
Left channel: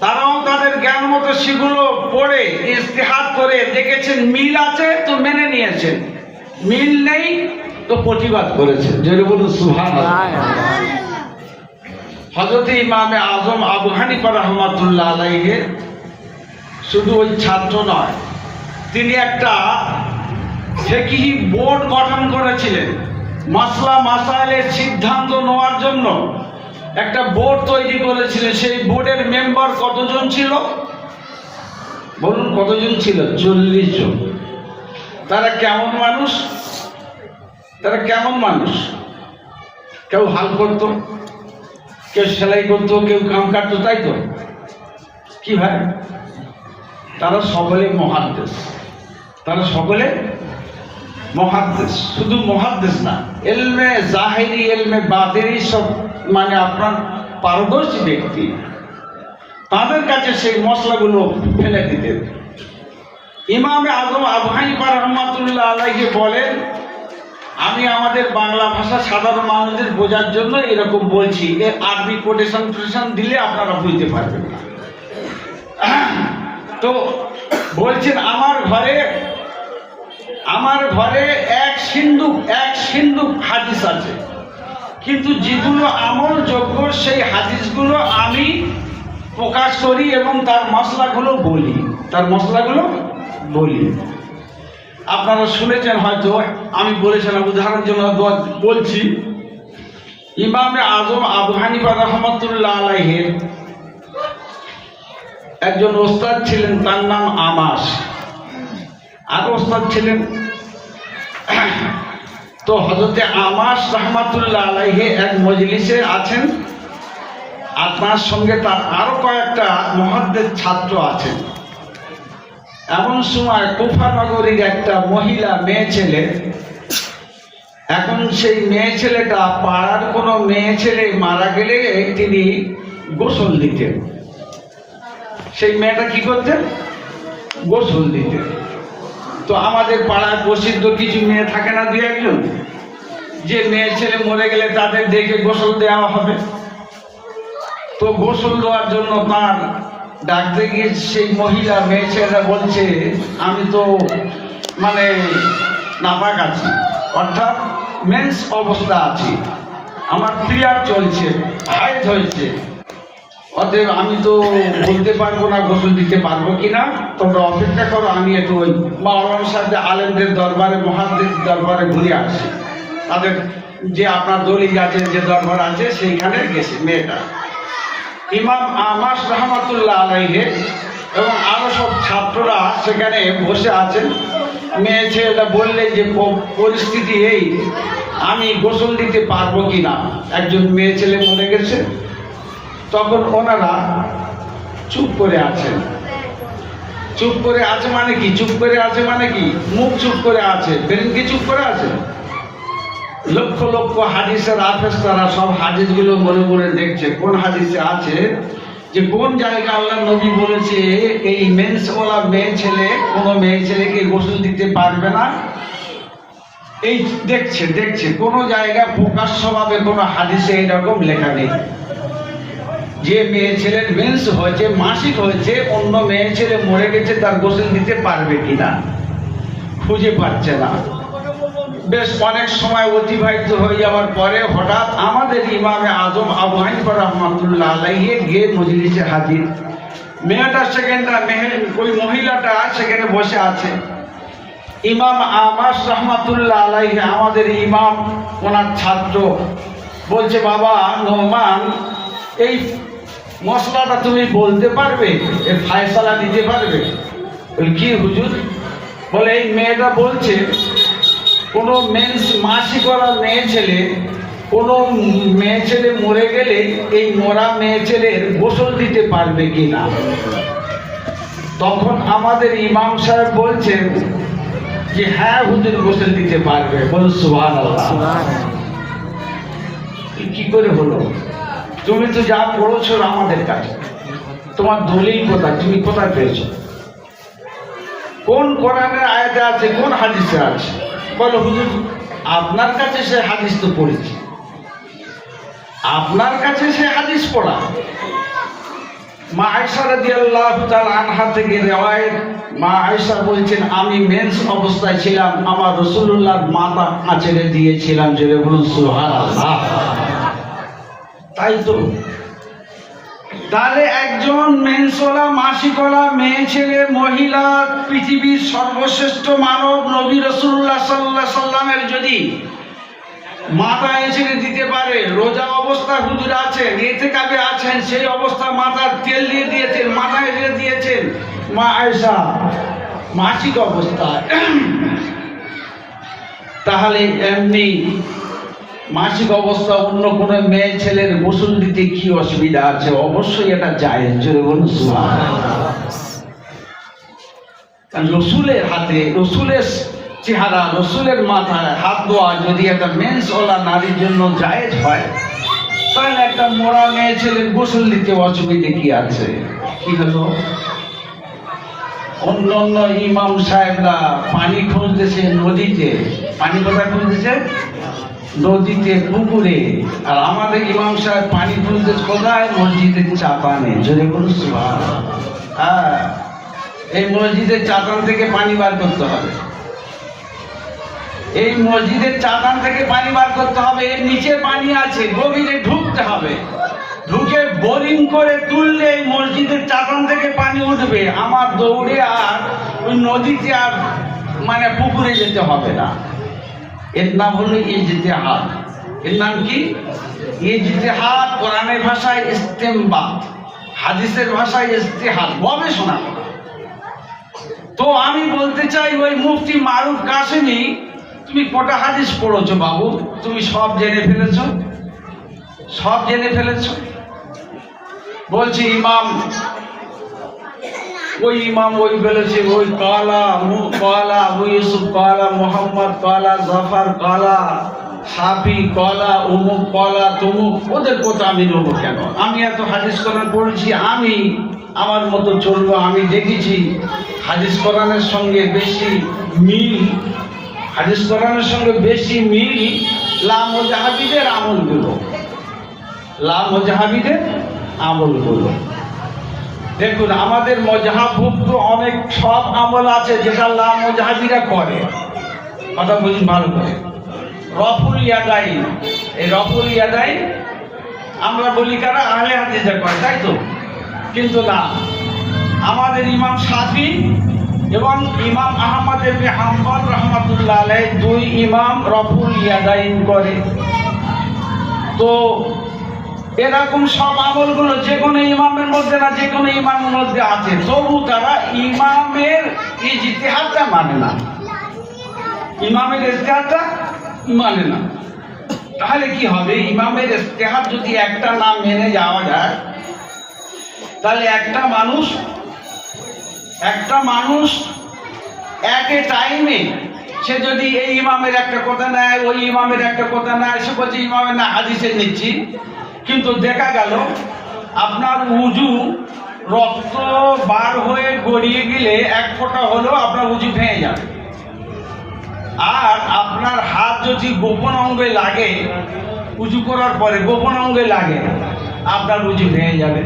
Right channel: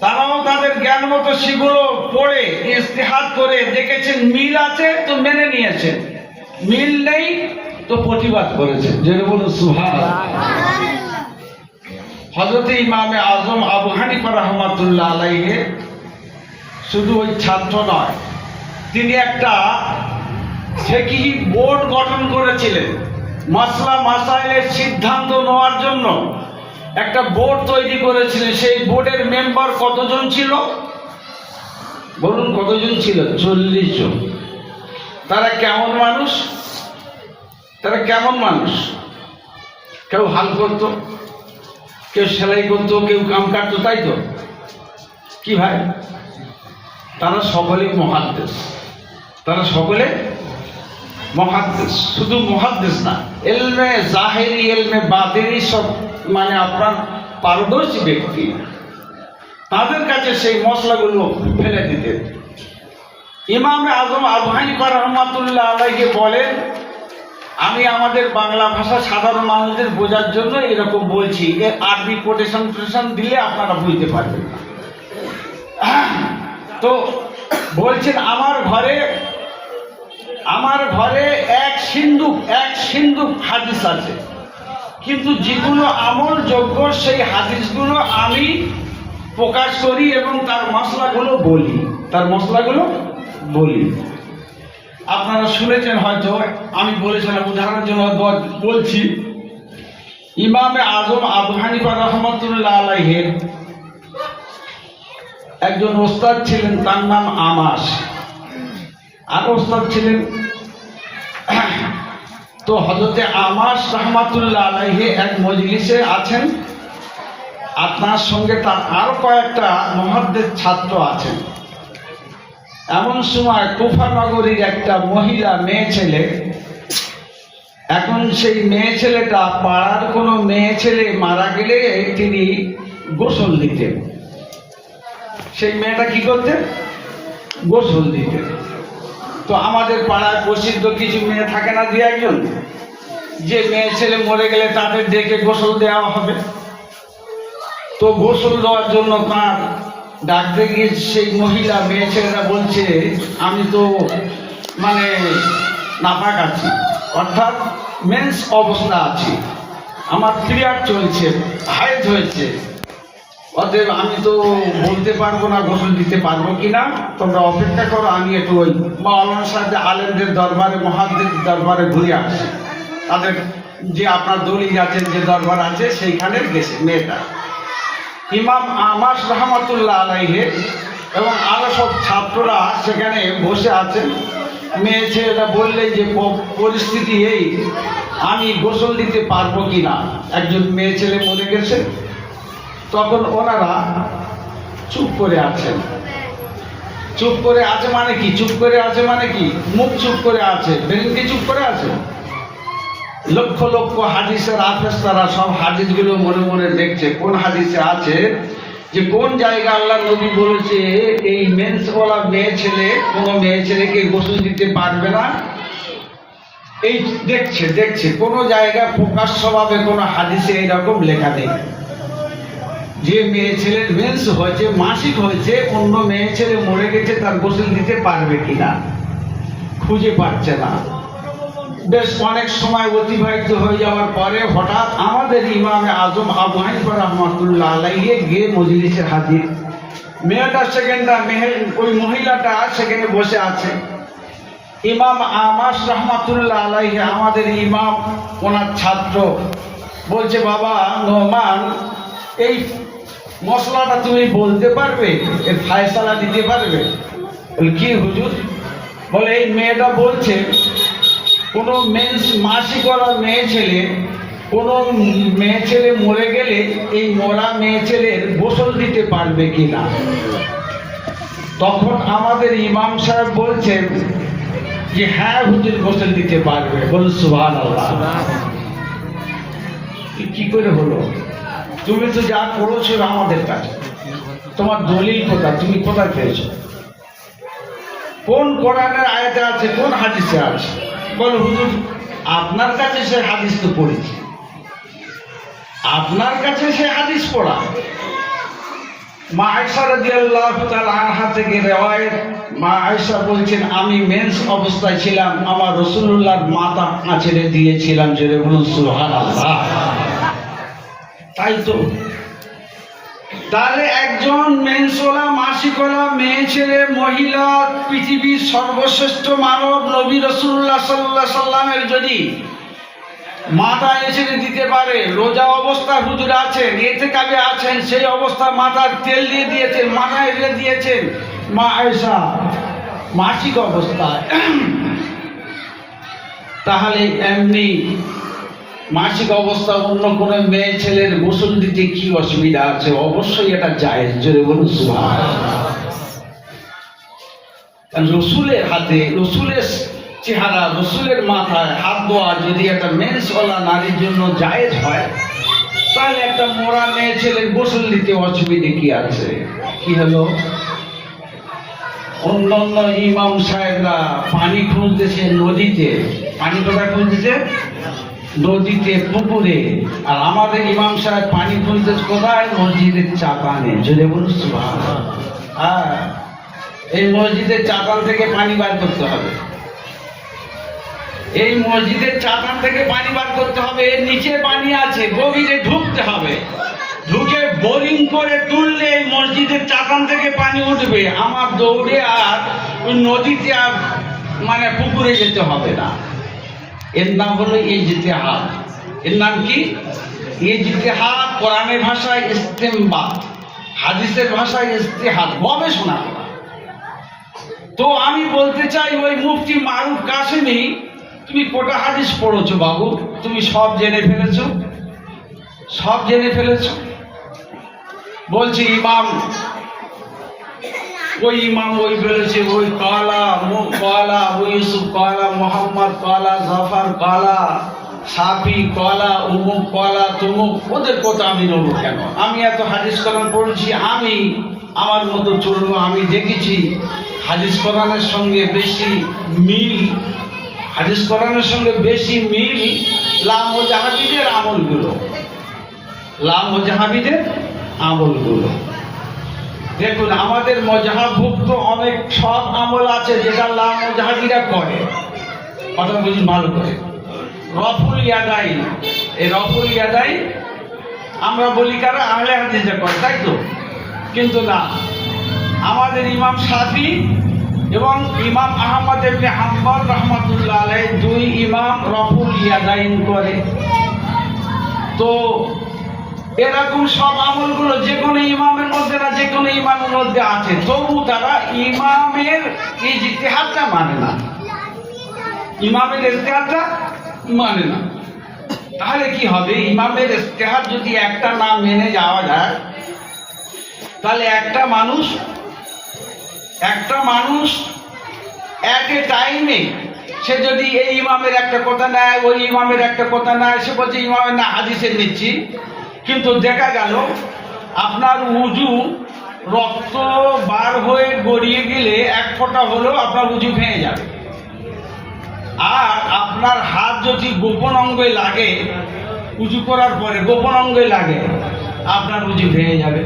তারাও তাদের জ্ঞান মতো সেগুলো পড়ে ইস্তিহাদ করে দেখেছেন মিল আছে তো মেনে নিয়েছেন, মিল নেই তো প্রতিবাদ করেছেন। যেরকম সুবহানাল্লাহ। হযরত ইমামে আজম আবু হানিফা রহমাতুল্লাহ আলাইহি শুধু ওই ছাত্র নয়, তিনি একটা ফিকহি বোর্ড গঠন করেছিলেন। মাসলা মাসাইলের সিদ্ধান্ত নেওয়ার জন্য একটা বোর্ড তৈরি করেছিলেন। সেই বোর্ডের মেম্বার কতজন ছিল বলুন? কতজন ছিল? 40 জন। তারা কেমন মানুষ? কেউ হাল করতো, কেউ সেলাই করতো, কেউ কাম কাটতো, তাই তো? কি ভাই? তারা সকলে মুহাদ্দিস। শুধু মুহাদ্দিস না, ইলমে জাহিরি ইলমে বাতিনি সব মানে আপনার পারদর্শী ব্যক্তি। তাদের কাছে সেই মশলাগুলো ফেলে দিতেন। ইমামে আজম আবু হানিফা রহমাতুল্লাহ আলাইহি বলেন, আমি আমাদের বাংলা ভাষা সাধারণ মানুষদের বোঝার জন্য এরকম বলছি, এর আরবি কোটেশন দিলে আপনারা বুঝতে পারবেন না। তো বলছেন আমার ঘরে এক সিন্ধুক হাদিস আছে, কিন্তু যেগুলো আমল যোগ্য সেই হাদিসগুলো আমি প্রকাশ করি এবং তার মশলাগুলো বলি। আপনারা শুনেছেন হয়তো, আমি বলেছিলাম, উদাহরণের জন্য বলছি। ইমামে আজম আবু হানিফা রাহমাতুল্লাহ আলাইহির একজন ওস্তাদ ছিলেন, তার নাম আমাস। আর ওস্তাদ ছিলেন, তো হযরতে আমাস রাহমাতুল্লাহ আলাইহি এক মজলিসে আছেন, আপনার সঙ্গে তার আরো কয়েকটা মুহাদ্দিস ছাত্র আছেন। এমন সময় কুফা নগরীর একটা মহিলা মেয়ে ছেলে, এখন সেই মেয়ে ছেলেটা পাড়ার কোনো মেয়ে ছেলে মারা গেলে তিনি গোসল দিতেন। সেই মেয়েটা কি করতেন? গোসল দিতেন। তো আমাদের পাড়ায় প্রসিদ্ধ কিছু মেয়ে থাকে না, দুই একজন, যে মেয়ে ছেলে মরে গেলে তাদের ডেকে গোসল দেওয়া হবে। তো গোসল দেওয়ার জন্য তার ডাকতে গিয়ে সেই মহিলা মেয়ে ছেলেরা বলছে, আমি তো মানে নাপাক আছি, অর্থাৎ মেন্স অবস্থা আছি, আমার পিরিয়ড চলছে, হাইজ হয়েছে, অতএব আমি তো বলতে পারবো না গোসল দিতে পারবো কিনা, তোমরা অপেক্ষা করো, আমি একটু ওই মাওলানার সাথে আলেমদের দরবারে, মুহাদ্দিস দরবারে ঘুরে আসি। তাদের যে আপনার দলিল আছে, যে দরবার আছে, সেইখানে গেছে মেয়েটা। ইমাম আমাস রাহমাতুল্লাহ আলাইহি এবং আরো সব ছাত্ররা সেখানে বসে আছেন। মেয়ে ছেলেটা বললে যে পরিস্থিতি এই, আমি গোসল দিতে পারবো কিনা, একজন মেয়ে ছেলে মরে গেছে। তখন ওনারা চুপ করে আছেন। চুপ করে আছে মানে কি? চুপ করে আছে মানে কি? মুখ চুপ করে আছে, ব্রেন কি চুপ করে আছে? লক্ষ লক্ষ হাদিসের হাফেজ তারা সব হাদিসগুলো মনে মনে দেখছে, কোন হাদিসে আছে যে কোন জায়গা আল্লাহ নবী বলেছে এই মেন্স ওয়ালা মেয়ে ছেলে কোনো মেয়ে ছেলেকে গোসল দিতে পারবে না। এই দেখছে কোন জায়গায় প্রকাশ্যভাবে কোনো হাদিসে এরকম লেখা নেই যে মেয়ে ছেলের মেন্স হয়েছে, মাসিক হয়েছে, অন্য মেয়ে ছেলে মরে গেছে, তার গোসল দিতে পারবে কিনা খুঁজে পাচ্ছে না। বেশ অনেক সময় অতিবাহিত হয়ে যাওয়ার পরে হঠাৎ আমাদের ইমামে আজম আবু হানিফা রাহমাতুল্লাহ আলাইহি গিয়ে মজলিসে হাজির। মেয়েটা সেখানটা, ওই মহিলাটা সেখানে বসে আছে। ইমাম আমাস রাহমাতুল্লাহ আলাইহি, আমাদের ইমাম, ওনার ছাত্র, বলছে, বাবা নোমান, এই মশলাটা তুমি বলতে পারবে, এর ফায়সালা দিতে পারবে? বলে, কি হুজুর? বলে, এই মেয়েটা বলছে কোনো মাসিক করা মেয়ে ছেলে, কোনো মেয়ে ছেলে মরে গেলে এই মরা মেয়ে ছেলের গোসল দিতে পারবে কিনা। তখন আমাদের ইমাম সাহেব বলছেন যে হ্যাঁ হুজুর, গোসল দিতে পারবে। বলুন সুবহানাল্লাহ। কি করে হলো? তুমি তো যা পড়েছো আমাদের কাছে, তোমার দলিল কোথায়? তুমি কোথায় পেয়েছো? কোন কোরআনের আয়াতে আছে, কোন হাদিসে আছে? বলো হুজুর, আপনার কাছে সে হাদিস তো পড়েছি, আপনার কাছে সে হাদিস পড়া। মা আয়েশা রাদিয়াল্লাহু তাআলা আনহা থেকে রিওয়ায়াত, মা আয়েশা বলছেন, আমি মেন্স অবস্থায় ছিলাম, আমার রাসূলুল্লাহর মাথা আঁচড়ে দিয়েছিলাম। জোরে বলুন সুবহানাল্লাহ। তাই তো, তাহলে একজন মেন্সওয়ালা, মাসিকওয়ালা মেয়ে ছেলে, মহিলা, পৃথিবীর সর্বশ্রেষ্ঠ মানব নবী রাসূলুল্লাহ সাল্লাল্লাহু আলাইহি সাল্লামের যদি মাথা এঁচড়ে দিতে পারে, রোজা অবস্থায় হুজুর আছেন, ইতিকাফে আছেন, সেই অবস্থায় মাথার তেল দিয়ে দিয়েছেন, মাথায় দিয়ে দিয়েছেন মা আয়েশা মাসিক অবস্থায়, তাহলে এমনি মাসিক অবস্থা অন্য কোনো মেয়ে ছেলের গোসল দিতে কি অসুবিধা আছে? অবশ্যই এটা জায়েজ। জোরে বলুন সুবহানাল্লাহ। রসুলের হাতে, রসুলের চেহারা, রসুলের মাথায় হাত দেওয়া যদি একটা মেন্সওয়ালা নারীর জন্য জায়েজ হয়, তাহলে একটা মরা মেয়ে ছেলের গোসল দিতে অসুবিধা কি আছে? কি হলো? অন্যান্য ইমাম সাহেবরা পানি খুঁজতেছে নদীতে, পানি কোথায় খুঁজতেছে? নদীতে, পুকুরে। আর আমাদের ইমাম সাহেব পানি খুঁজতেছে কোথায়? মসজিদের চাতানে। জোরে বলুন সুবহানাল্লাহ। হ্যাঁ, এই মসজিদের চাতান থেকে পানি বার করতে হবে, এই মসজিদের চাতান থেকে পানি বার করতে হবে। এর নিচে পানি আছে, গভীরে ঢুকতে হবে, ঢুকে বোরিং করে তুললে মসজিদের চাপান থেকে পানি উঠবে, আমার দৌড়ে আর ওই নদীতে আর মানে পুকুরে যেতে হবে না। এর নাম হলো ইজতিহাদ। এর নাম কি? ইজতিহাদ। কোরআনের ভাষায় ইস্তেমবাত, হাদিসের ভাষায় ইজতিহাদ, গবেষণা। তো আমি বলতে চাই, ওই মুফতি মারুফ কাসেমি, তুমি কটা হাদিস পড়েছো বাবু? তুমি সব জেনে ফেলেছো, সব জেনে ফেলেছো। বলছি ইমাম, ওই ইমাম ওই বলেছে, ওই কালা মুখ কালা, ওই ইউসুফ কালা, মোহাম্মদ কালা, জাফর কালা, সাফি কালা, উমুক কালা, তুমুক। ওদের কথা আমি নেবো কেন? আমি এত হাদিস কোরআন পড়েছি, আমি আমার মতো চলবো। আমি দেখেছি হাদিস কোরআনের সঙ্গে বেশি মিল, হাদিস কোরআনের সঙ্গে বেশি মিল লামজাহাবিদের আমলগুলো, লামজাহাবিদের আমলগুলো। দেখুন, আমাদের মজহাবভুক্ত অনেক সব আমল আছে যেটা লামজাহাবিরা করে। কথা বুঝি ভালো করে। রফুল ইয়াদাই, এই রফুল ইয়াদাই আমরা বলি কারা? আহলে হাদিসরা করে, তাই তো? কিন্তু না, আমাদের ইমাম শাফি এবং ইমাম আহমদ ইবনে হাম্বল রাহমাতুল্লাহ আলাইহি, দুই ইমাম রফুল ইয়াদাইন করে। তো এরকম সব আমলগুলো যে কোনো ইমামের মধ্যে না, যে কোনো ইমামের মধ্যে আছে, তবু তারা ইমামের ইজতিহাদটা মানে না, ইমামের ইজতিহাদটা মানে না। তাহলে কি হবে? ইমামের ইজতিহাদ যদি একটা নাম মেনে যাওয়া যায়, তাহলে একটা মানুষ এক এ টাইমে সে যদি এই ইমামের একটা কথা নেয়, ওই ইমামের একটা কথা নেয়, সে বলছে ইমামের না হাদিসে নিচ্ছি, কিন্তু দেখা গেল আপনার উজু রক্ত বার হয়ে গড়িয়ে দিলে এক ফোঁটা হলেও আপনার উজু ভেঙে যাবে। আর আপনার হাত যদি গোপন অঙ্গে লাগে, উজু করার পরে গোপন অঙ্গে লাগে, আপনার উজু ভেঙে যাবে।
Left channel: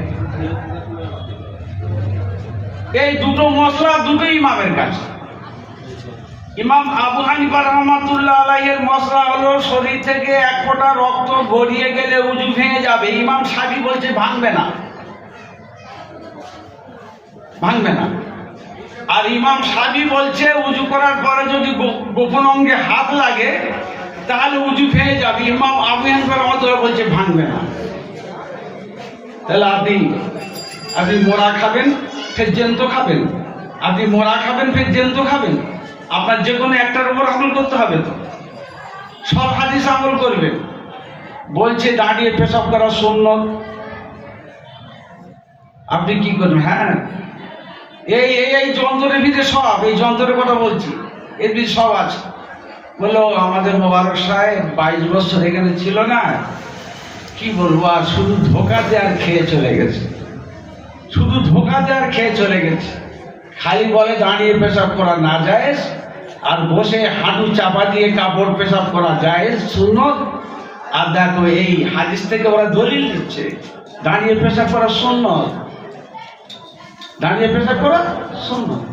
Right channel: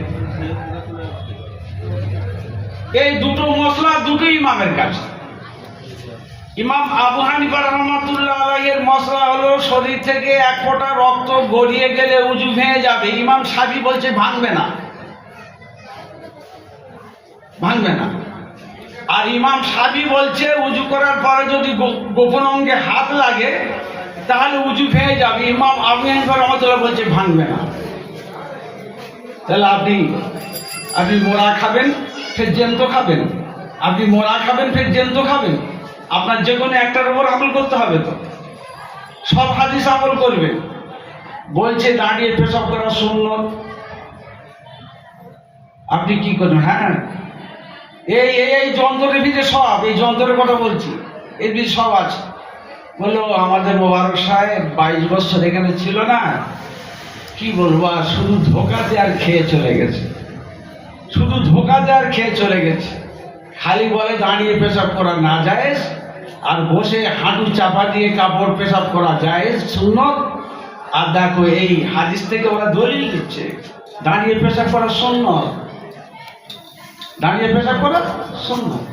এই দুটো মশলা দুটো ইমামের কাছে। ইমাম আবু হানিফা রাহমাতুল্লাহ আলাইহির মশলা হলো শরীর থেকে এক ফোঁটা রক্ত গড়িয়ে গেলে উজু ভেঙে যাবে। ইমাম শাফি বলছে ভাঙবে না, ভাঙবে না। আর ইমাম শাফি বলছে উজু করার পরে যদি গোপন অঙ্গে হাত লাগে তাহলে উজু ভেঙে যাবে। ইমাম আবু হানিফা রাহমাতুল্লাহ বলছে ভাঙবে না। তাহলে আপনি মোড়া খাবেন ফের জ্যান্ত খাবেন, আপনি মোড়া খাবেন ফের জ্যান্ত খাবেন। আপনার যে কোনো একটার উপর আমল করতে হবে, তো সব হাদিস আমল করবেন। বলছে দাঁড়িয়ে পেশাব করা সুন্নত, আপনি কি করবেন? হ্যাঁ, এই যন্ত্রের ভিতরে সব, এই যন্ত্রের কথা বলছি, এর ভিতরে সব আছে। বললো আমাদের মোবারক সাহেব 22 বছর এখানে ছিল না, কি বলবো, আর শুধু ধোকা দিয়ে আর খেয়ে চলে গেছে, শুধু ধোকা দিয়ে আর খেয়ে চলে গেছে। খালি বলে দাঁড়িয়ে পেশাব করা না জায়েজ, আর বসে হাঁটু চাপা দিয়ে কাপড় পেশাব করা জায়েজ সুন্নত। আর দেখো এই হাদিস থেকে ওরা দলিল দিচ্ছে দাঁড়িয়ে পেশাব করা সুন্নত, দাঁড়িয়ে পেশাব করা সুন্নত।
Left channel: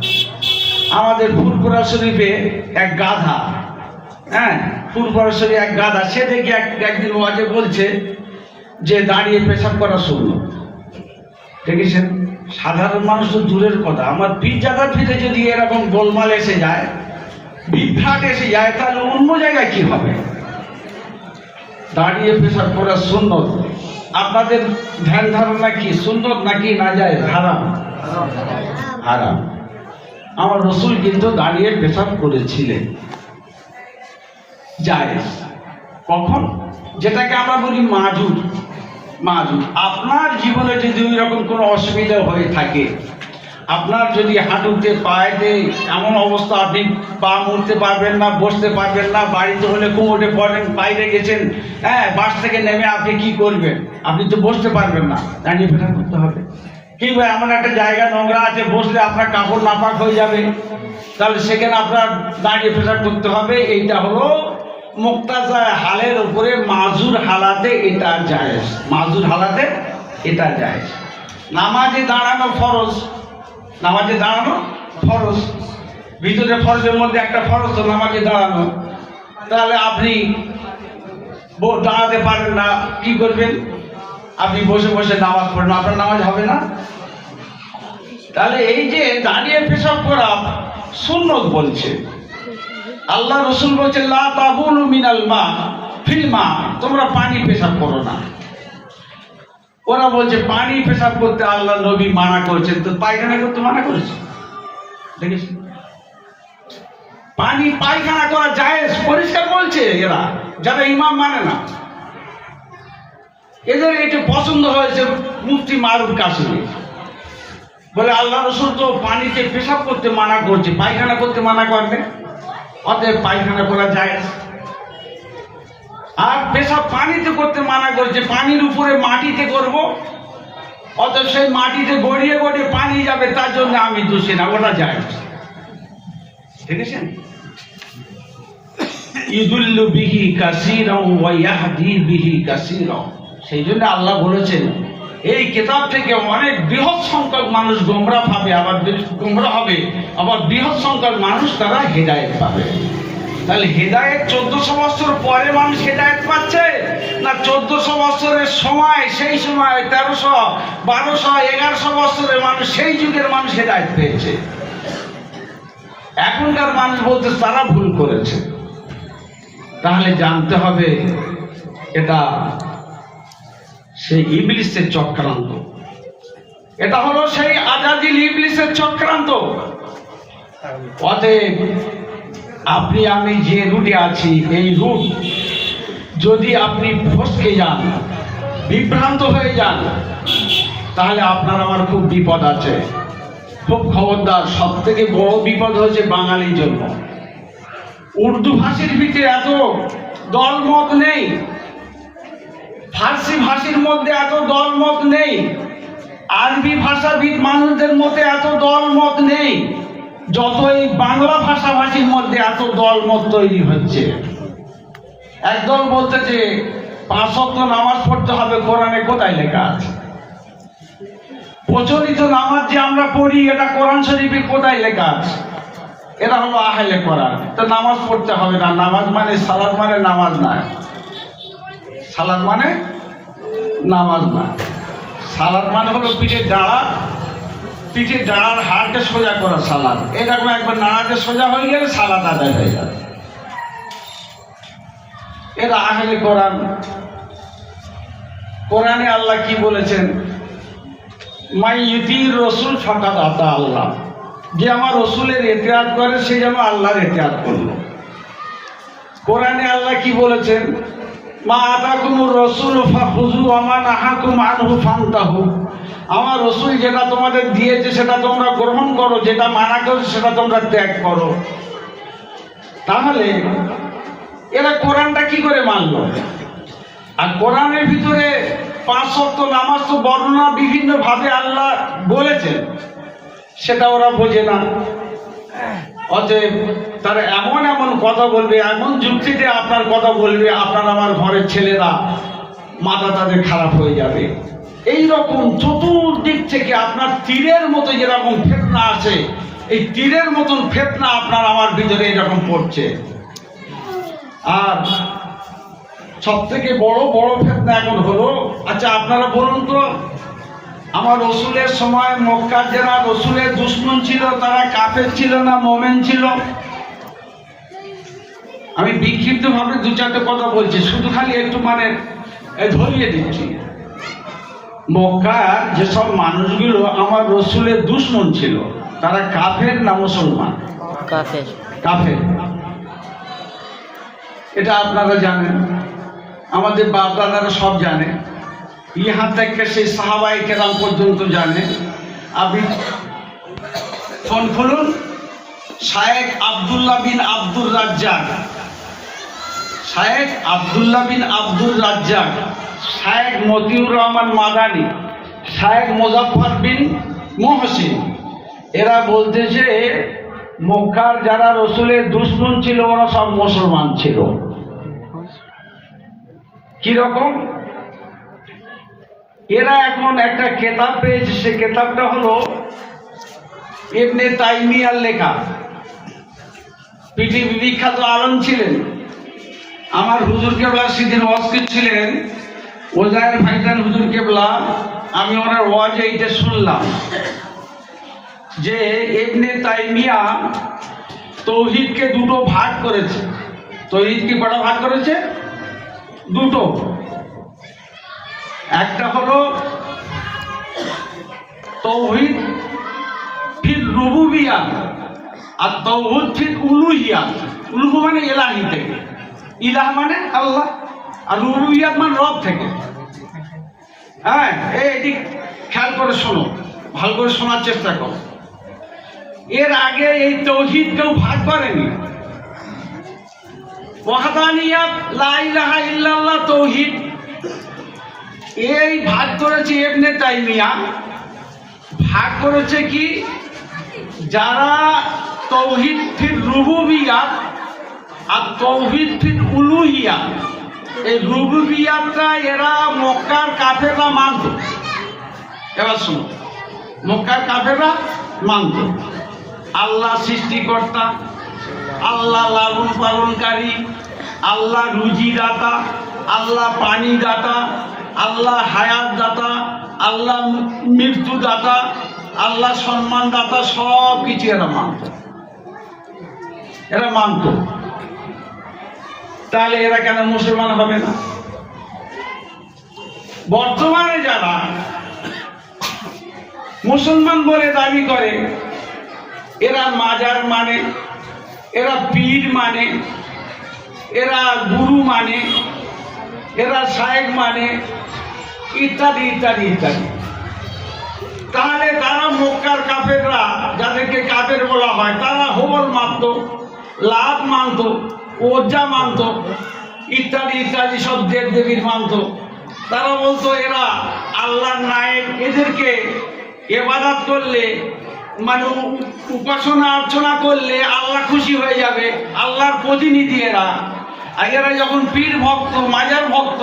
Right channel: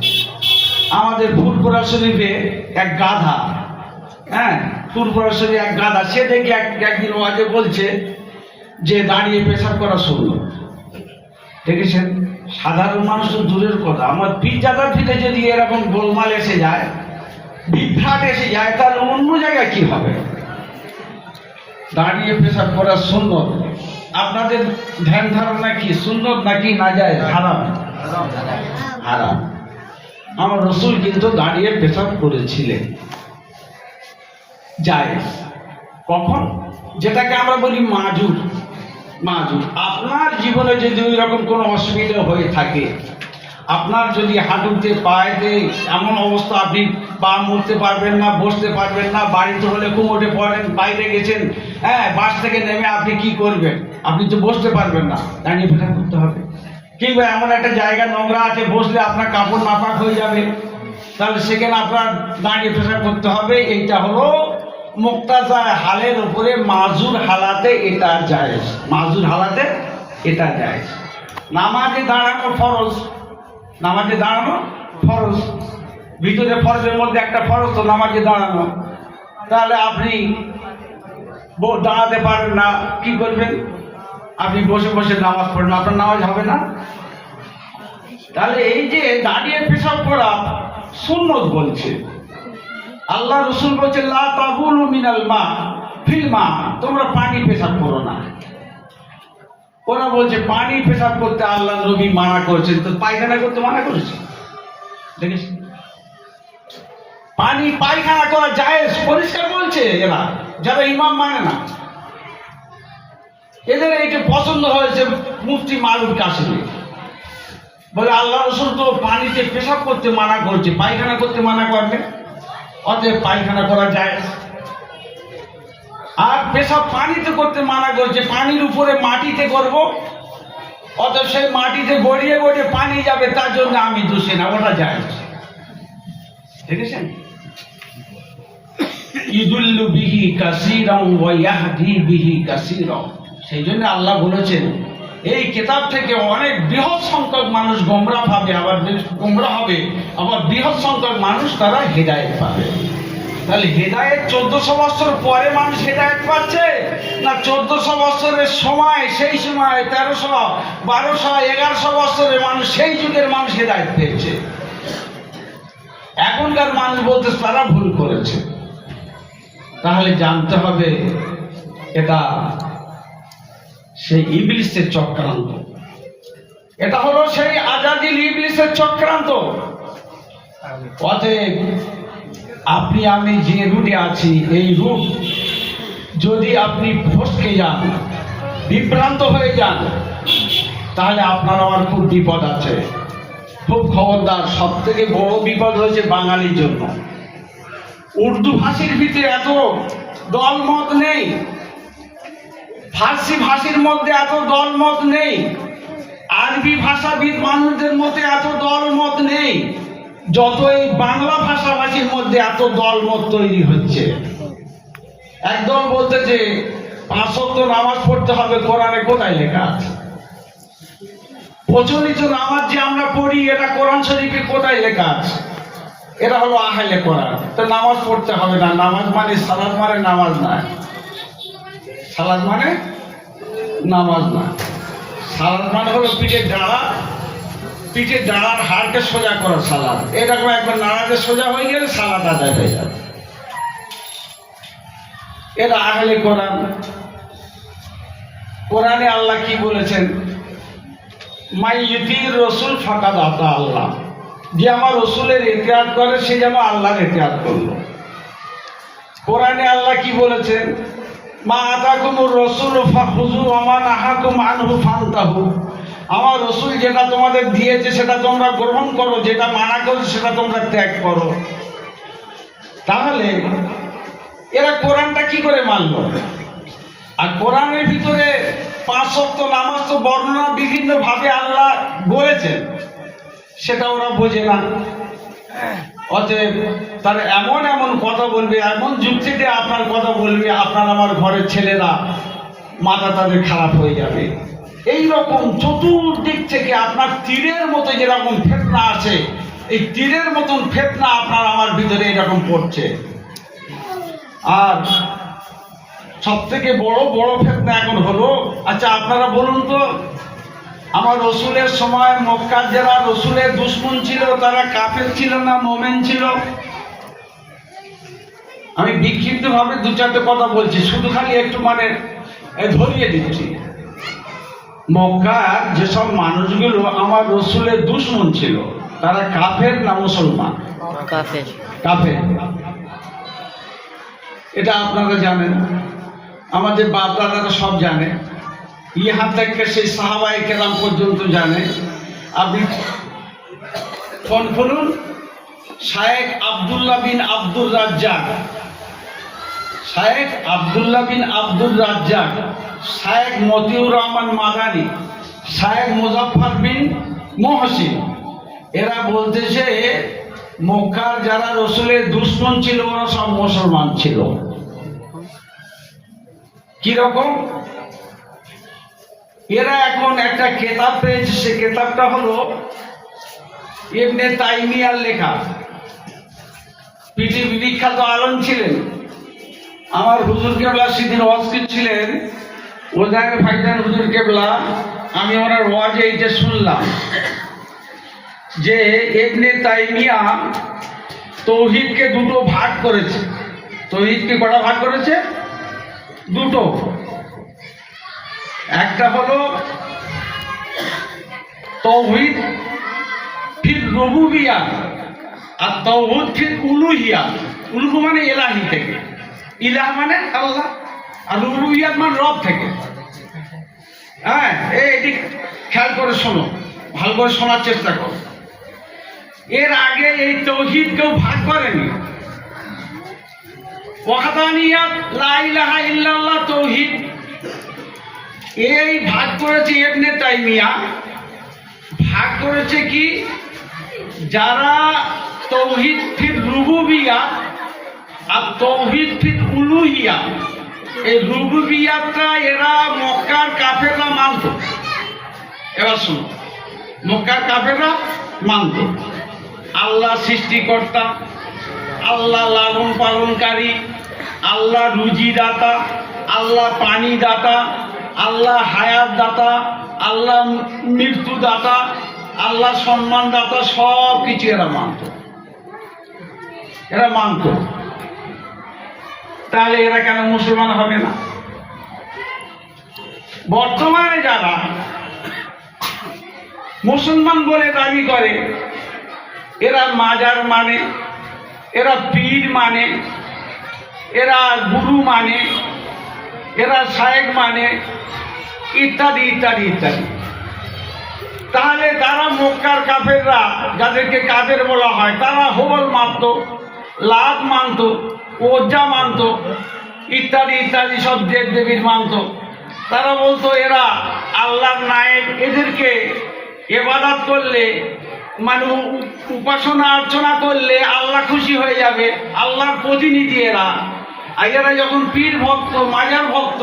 আমাদের ফুরফুরা শরীফে এক গাধা, হ্যাঁ, ফুরফুরা শরীফে এক গাধা, সে দেখে একদিন ওয়াজে বলছে যে দাঁড়িয়ে পেশাব করা সুন্নত। দেখেছেন, সাধারণ মানুষ তো দূরের কথা, আমার পীরজাদার ভিতরে যদি এরকম গোলমাল এসে যায়, বিভ্রাট এসে যায়, তাহলে অন্য জায়গায় কি হবে? দাঁড়িয়ে পেশাব করা সুন্নত। আপনাদের ধ্যান ধারণা কি সুন্নত নাকি নাজায়েজ? হারাম, হারাম। আমার রসুল কিন্তু দাঁড়িয়ে পেশাব করেছিলেন, জায়েজ। কখন? যেটাকে আমরা বলি মাজুর। মাজুর। আপনার জীবনে যদি ওই রকম কোনো অসুবিধা হয়ে থাকে, আপনার যদি হাঁটুতে পায়েতে এমন অবস্থা, আপনি পা মুড়তে পারবেন না, বসতে পারবেন না, বাড়িতে হলে কোমরে পড়েন, বাইরে গেছেন, হ্যাঁ, বাস থেকে নেমে আপনি কি করবেন? আপনি তো বসতে পারবেন না, দাঁড়িয়ে পেশাব করতে হবে। কিংবা এমন একটা জায়গা নোংরা আছে, বসলে আপনার কাপড় নাপাক হয়ে যাবে, তাহলে সেখানে আপনার দাঁড়িয়ে পেশাব করতে হবে। এইটা হলো মুক্তাজা হালের উপরে, মাজুর হালাতে এটা জায়েজ, মাজুর হালাতে এটা জায়েজ। নামাজে দাঁড়ানো ফরজ, নামাজে দাঁড়ানো ফরজ, ভিতরে ফরজের মধ্যে একটা ফরজ তো নামাজে দাঁড়ানো। তাহলে আপনি দাঁড়াতে পারেন না, কি করবেন? আপনি বসে বসে নামাজ পড়েন, আপনার নামাজ হবে না? তাহলে এই যে দাঁড়িয়ে পেশাব করা সুন্নত বলছে, আল্লাহ রসুল বলছে লা তাবুলু মিনাল মা ফিল মা, তোমরা পানি পেশাব করো না। ওরা বলছে পানি পেশাব করতে আল্লাহ নবী মানা করেছেন, তো পায়খানা করতে মানা করেছে? দেখিস পানি পায়খানা করা জায়েজ, পরিষ্কার বলছে এরা, যারা ইমাম মানে না। এদের এটা পছন্দ হয়েছে মুফতি মারুফ কাসেমি, বলে আল্লাহ রসুল তো পানিতে পেশাব করতে মানা করছে, পায়খানা করতে মানা করবে, অতএব পায়খানা করা জায়েজ। আর পেশাব পানিতে করতে মানা করছে, পানির উপরে মাটিতে করব, অতএব সেই মাটিতে গড়িয়ে গড়িয়ে পানি যাবে, তার জন্য আমি দোষী না, ওটা জায়েজ। দেখেছেন? ইদুল্লু বিহি কাসীরান ওয়া ইয়াহদি বিহি কাসীরান, সেই জন্য আল্লাহ বলেছেন এই কিতাব থেকে অনেক বৃহৎ সংখ্যক মানুষ গোমরাহ পাবে, আবার গোমরাহ হবে, আবার বৃহৎ সংখ্যক মানুষ তারা হেদায়েত পাবে। তাহলে হেদায়েত 1400 বছর পরে মানুষ হেদায়েত পাচ্ছে, না 1400 বছরের সময়, সেই সময় 1300, 1200, 1100 বছরের মানুষ, সেই যুগের মানুষ হেদায়েত পেয়েছে? এখনকার মানুষ বলতে তারা ভুল করেছে। তাহলে জানতে হবে এটা সেই ইবলিসের চক্রান্ত, এটা হলো সেই আজাদিল ইবলিসের চক্রান্ত। অতএব আপনি আমি যে রুটে আছি, এই রুট যদি আপনি ফসকে যান, বিভ্রান্ত হয়ে যান, তাহলে আপনার আমার খুব বিপদ আছে, খুব খবরদার। সব থেকে বড় বিপদ হয়েছে বাঙালির জন্য। উর্দু ভাষীর ভিতরে এত দলমত নেই, ফার্সি ভাষীর মধ্যে এত দলমত নেই, আরবি ভাষাবিদ মানুষদের মধ্যে এত দলমত নেই, যত এই বাংলা ভাষাভাষীর মধ্যে এত দলমত তৈরি হচ্ছে। একদল বলতে যে 5 ওয়াক্ত নামাজ পড়তে হবে, কোরআনে কোথায় লেখা আছে? প্রচলিত নামাজ যে আমরা পড়ি, এটা কোরআন শরীফে কোথায় লেখা আছে? এটা হলো আহলে কোরআন, তো নামাজ পড়তে হবে না। নামাজ মানে সালাত মানে নামাজ না, সালাত মানে নামাজ না। সালাত মানে হলো পিঠের ডাঁড়ার হাড়কে সোজা করা সালাত। এরকম একবার নাড়াতে সোজা হয়ে গেলে সালাত আদায় হয়ে যাবে। এরা আহলে কোরআন। কোরআনে আল্লাহ কি বলেছেন? মাই ইউতির রাসূল ফাকাদ আতা আল্লাহ, যে আমার রসুলের ইতিআদ করে সে যেন আল্লাহর ইতিআদ করলো। কোরআনে আল্লাহ কি বলেছেন? মা আতাকুমুর রাসূল ফাখুযু ওয়া মা নাহাকুম আনহু ফান্তাহু, আমার রসুল যেটা তোমাদের দিয়েছে সেটা তোমরা গ্রহণ করো, যেটা মানা করছে সেটা তোমরা ত্যাগ করো। তাহলে এরা কোরআনটা কি করে মানল? আর কোরআনের ভিতরে 5 ওয়াক্ত নামাজ তো বর্ণনা বিভিন্ন ভাবে আল্লাহ বলেছেন, সেটা ওরা বোঝে না। অতএব তারা এমন এমন কথা বলবে, এমন যুক্তিতে আপনার কথা বলবে, আপনার আমার ঘরের ছেলেরা মাথা তাদের খারাপ হয়ে যাবে। এই রকম চতুর্দিক থেকে আপনার তীরের মতো যেরকম ফেতনা আছে, এই তীরের মতন ফেতনা আপনার আমার ভিতরে এরকম পড়ছে। আর সব থেকে বড় বড় ফেতনা এখন হলো, আচ্ছা আপনারা বলুন তো, আমার রসুলের সময় মক্কার যারা রসুলের দুশমন ছিল তারা কাফের ছিল না মোমেন ছিল? আমি বিক্ষিপ্ত ভাবে 2-4টে কথা বলছি, শুধু খালি একটু মানে ধরিয়ে দিচ্ছি। মক্কার যেসব মানুষগুলো আমার রসুলের দুশমন ছিল তারা কাফের না মুসলমান? কাফের। কাফের, এটা আপনারা জানেন, আমাদের বাপ দাদারা সব জানে, ইহা থেকে সেই সাহাবায়ে কেরাম পর্যন্ত জানে। আপনি ফোন খুলুন, শায়েখ আব্দুল্লাহ বিন আব্দুর রাজ্জাক, শায়েখ আব্দুল্লাহ বিন আব্দুর রাজ্জাক, শায়েখ মতিউর রহমান মাদানী, শায়েখ মুজাফফর বিন মুহসিন, এরা বলতেছে মক্কার যারা রসুলের দুশমন ছিল ওরা সব মুসলমান ছিল। কি রকম? এরা এখন একটা কিতাব পেয়েছে, সে কিতাবটা হলো ইবনে তাইমিয়ার লেখা। পৃথিবী বিখ্যাত আলেম ছিলেন, আমার হুজুর কেবলা সেদিন ওয়াজ করছিলেন ওজায়ের ভাইজান হুজুর কেবলা, আমি ওনার ওয়াজে এইটা শুনলাম যে ইবনে তাইমিয়া তৌহিদকে দুটো ভাগ করেছে। তৌহিদকে কটা ভাগ করেছে? দুটো। একটা হলো তৌহিদ ফির রুবুবিয়াত আর তৌহিদ ফির উলুহিয়াত। উলুহ মানে ইলাহি থেকে, ইলাহ মানে আল্লাহ, আর রুবুবিয়াত মানে রব থেকে। হ্যাঁ, এটি খেয়াল করে শোনো, ভালো করে শোনার চেষ্টা করো। এর আগে এই তৌহিদ কেউ ভাগ করেনি। ওয়াহদানিয়াত, লা ইলাহা ইল্লাল্লাহ তৌহিদ, এই ভাগ করেছে ইবনে তাইমিয়া। ভাগ করেছে কি? যারা তৌহিদ ফির রুবুবিয়াত আর তৌহিদ ফির উলুহিয়াত, এই রুবুবিয়াতটা এরা মক্কার কাফেররা মানত। এবার শুনো, মক্কার কাফেররা মানত আল্লাহ সৃষ্টিকর্তা, আল্লাহ লালন পালনকারী, আল্লাহ রুজি দাতা, আল্লাহ পানি দাতা, আল্লাহ হায়াত দাতা, আল্লাহ মৃত্যু দাতা, আল্লাহ সম্মান দাতা, সব কিছু এরা মানত। এরা মানত। তাহলে এরা কেন মুসলমান হবে না? বর্তমানে যারা মুসলমান বলে দাবি করে, এরা মাজার মানে, এরা পীর মানে, এরা গুরু মানে, এরা শায়েখ মানে, ইত্যাদি ইত্যাদি ইত্যাদি। তাহলে তারা মক্কার কাফেররা, যাদেরকে কাফের বলা হয়, তারা হবল মানত, লাত মানত, ওজ্জা মানত, ইত্যাদি ইত্যাদি সব দেব দেবীর মানত। তারা বলতো এরা আল্লাহর নায়েব, এদেরকে ইবাদত করলে মানে উপাসনা অর্চনা করলে আল্লাহ খুশি হয়ে যাবে, আল্লাহর প্রতিনিধি এরা। আর এরা যখন পীর ভক্ত, মাজার ভক্ত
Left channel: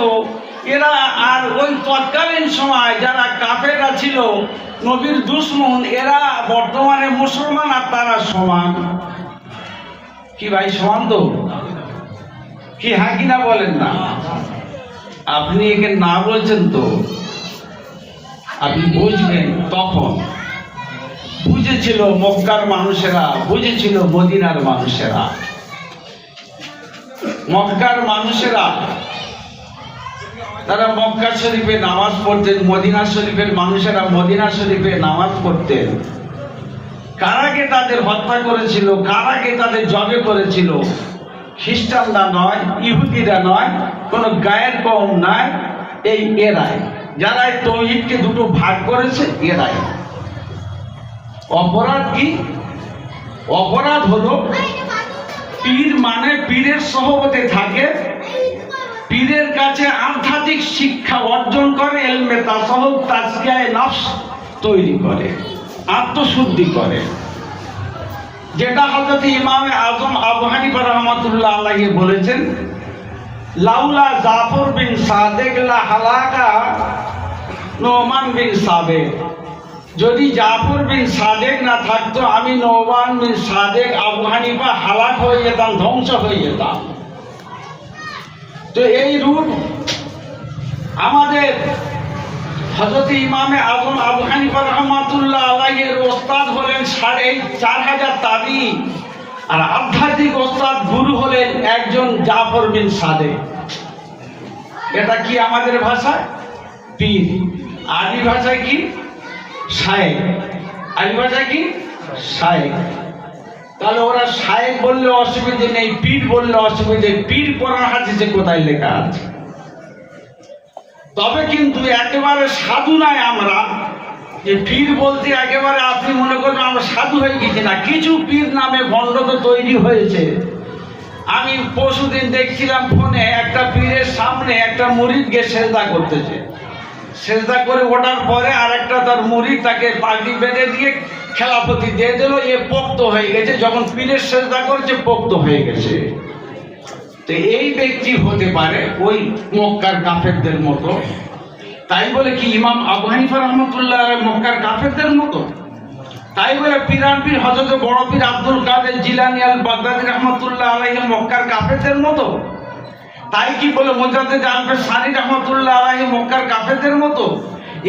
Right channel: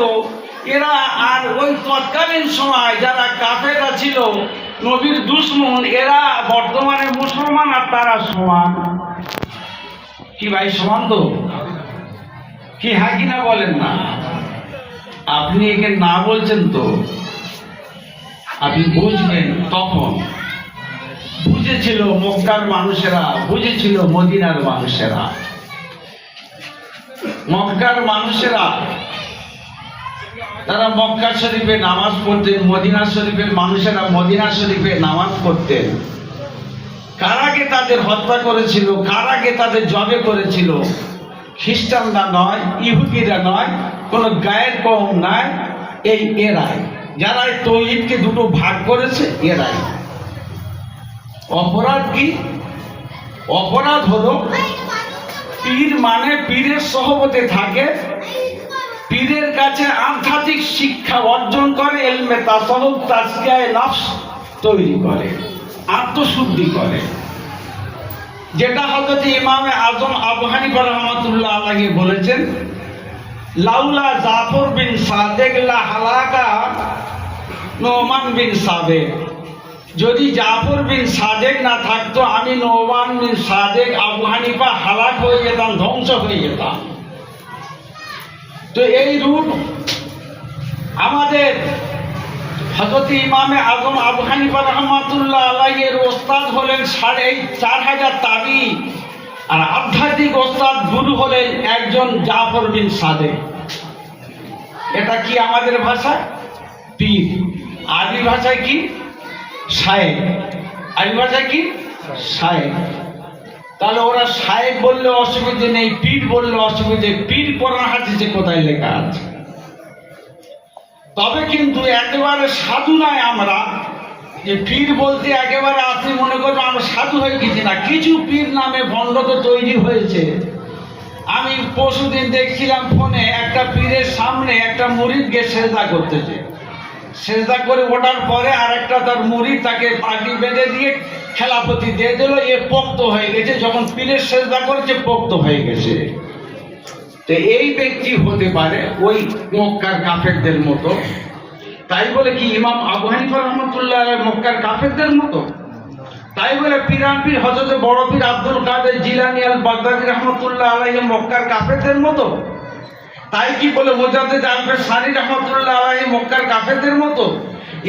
এরা। আর ওই তৎকালীন সময় যারা কাফেররা ছিল, নবীর দুশমন, এরা বর্তমানে মুসলমান আর তারা সমান। কি ভাই, সমান তো? কি হ্যাঁ কি না বলেন না? আপনি একে না বলছেন তো আপনি বুঝবেন তখন। বুঝেছিল মক্কার মানুষেরা, বুঝেছিল মদিনার মানুষেরা। মক্কার মানুষেরা তারা মক্কা শরীফে নামাজ পড়তেন, মদিনা শরীফের মানুষেরা মদিনা শরীফে নামাজ পড়তেন। কারাকে তাদের হত্যা করেছিল, কারাকে তাদের জবে করেছিল? খ্রিস্টানরা নয়, ইহুদিরা নয়, কোন গায়ের কম নাই, এই এরাই। যারা তৌহিদকে দুটো ভাগ করেছে এরাই। অপরাধ কি? অপরাধ হলো পীর মানে পীরের সহবতে থাকে, পীরের কাছে আধ্যাত্মিক শিক্ষা অর্জন করে, ইলমে তাসাউফ, তাজকিয়ায়ে নফস তৈরি করে, আত্মশুদ্ধি করে। যেটা হযরত ইমামে আজম আবু হানিফা রাহমাতুল্লাহ আলাইহি বলেছেন, লাউলা জাফর বিন সাদেক লা হালাকা নোমান বিন সাবেক। যদি জাফর বিন সাদেক না থাকতো, আমি নোমান বিন সাদেক, আবু হানিফা হালাক হয়ে যেতাম, ধ্বংস হয়ে যেতাম। তো এই রূপ আমাদের হযরত ইমামে আজম আবু হানিফা রাহমাতুল্লাহ আলাইহির ওস্তাদ হলেন ৪৫০০ তাবি, আর আধ্যাত্মিক ওস্তাদ গুরু হলেন একজন জাফর বিন সাদেক। এটা কি আমাদের ভাষায়? পীর। আরবি ভাষায় কি? শায়েখ। আরবি ভাষায় কি? শায়েখ। তাহলে ওরা শায়েখ বললে অসুবিধে নেই, পীর বললে অসুবিধে। পীর কোরআন হাদিসে কোথায় লেখা আছে? তবে কিন্তু একেবারে সাধু নয় আমরা, যে পীর বলতে একেবারে আপনি মনে করবেন আমরা সাধু হয়ে গেছি না। কিছু পীর নামে ভণ্ড তো তৈরি হয়েছে। আমি পরশুদিন দেখছিলাম ফোনে, একটা পীরের সামনে একটা মুরিদকে সেজদা করতেছে। সেজদা করে ওঠার পরে আর একটা তার মুরিদ তাকে পাগড়ি বেঁধে দিয়ে খেলাপতি দিয়ে দিল, এ পোক্ত হয়ে গেছে। যখন পীরের সেজদা করেছে পোক্ত হয়ে গেছে। তো এই ব্যক্তি হতে পারে ওই মক্কার কাফেরদের মতো। তাই বলে কি ইমাম আবু হানিফা রাহমাতুল্লাহ আলাইহি মক্কার কাফেরদের মতো? তাই বলে পীরান পীর হযরত বড় পীর আব্দুল কাদের জিলানী আল বাগদাদী রাহমাতুল্লাহ আলাইহি মক্কার কাফেরদের মতো? তাই কি বলে মোজাদ্দেদ আলফের সানি রহমতুল্লাহ আলাইহি মক্কার কাফেরদের মতো?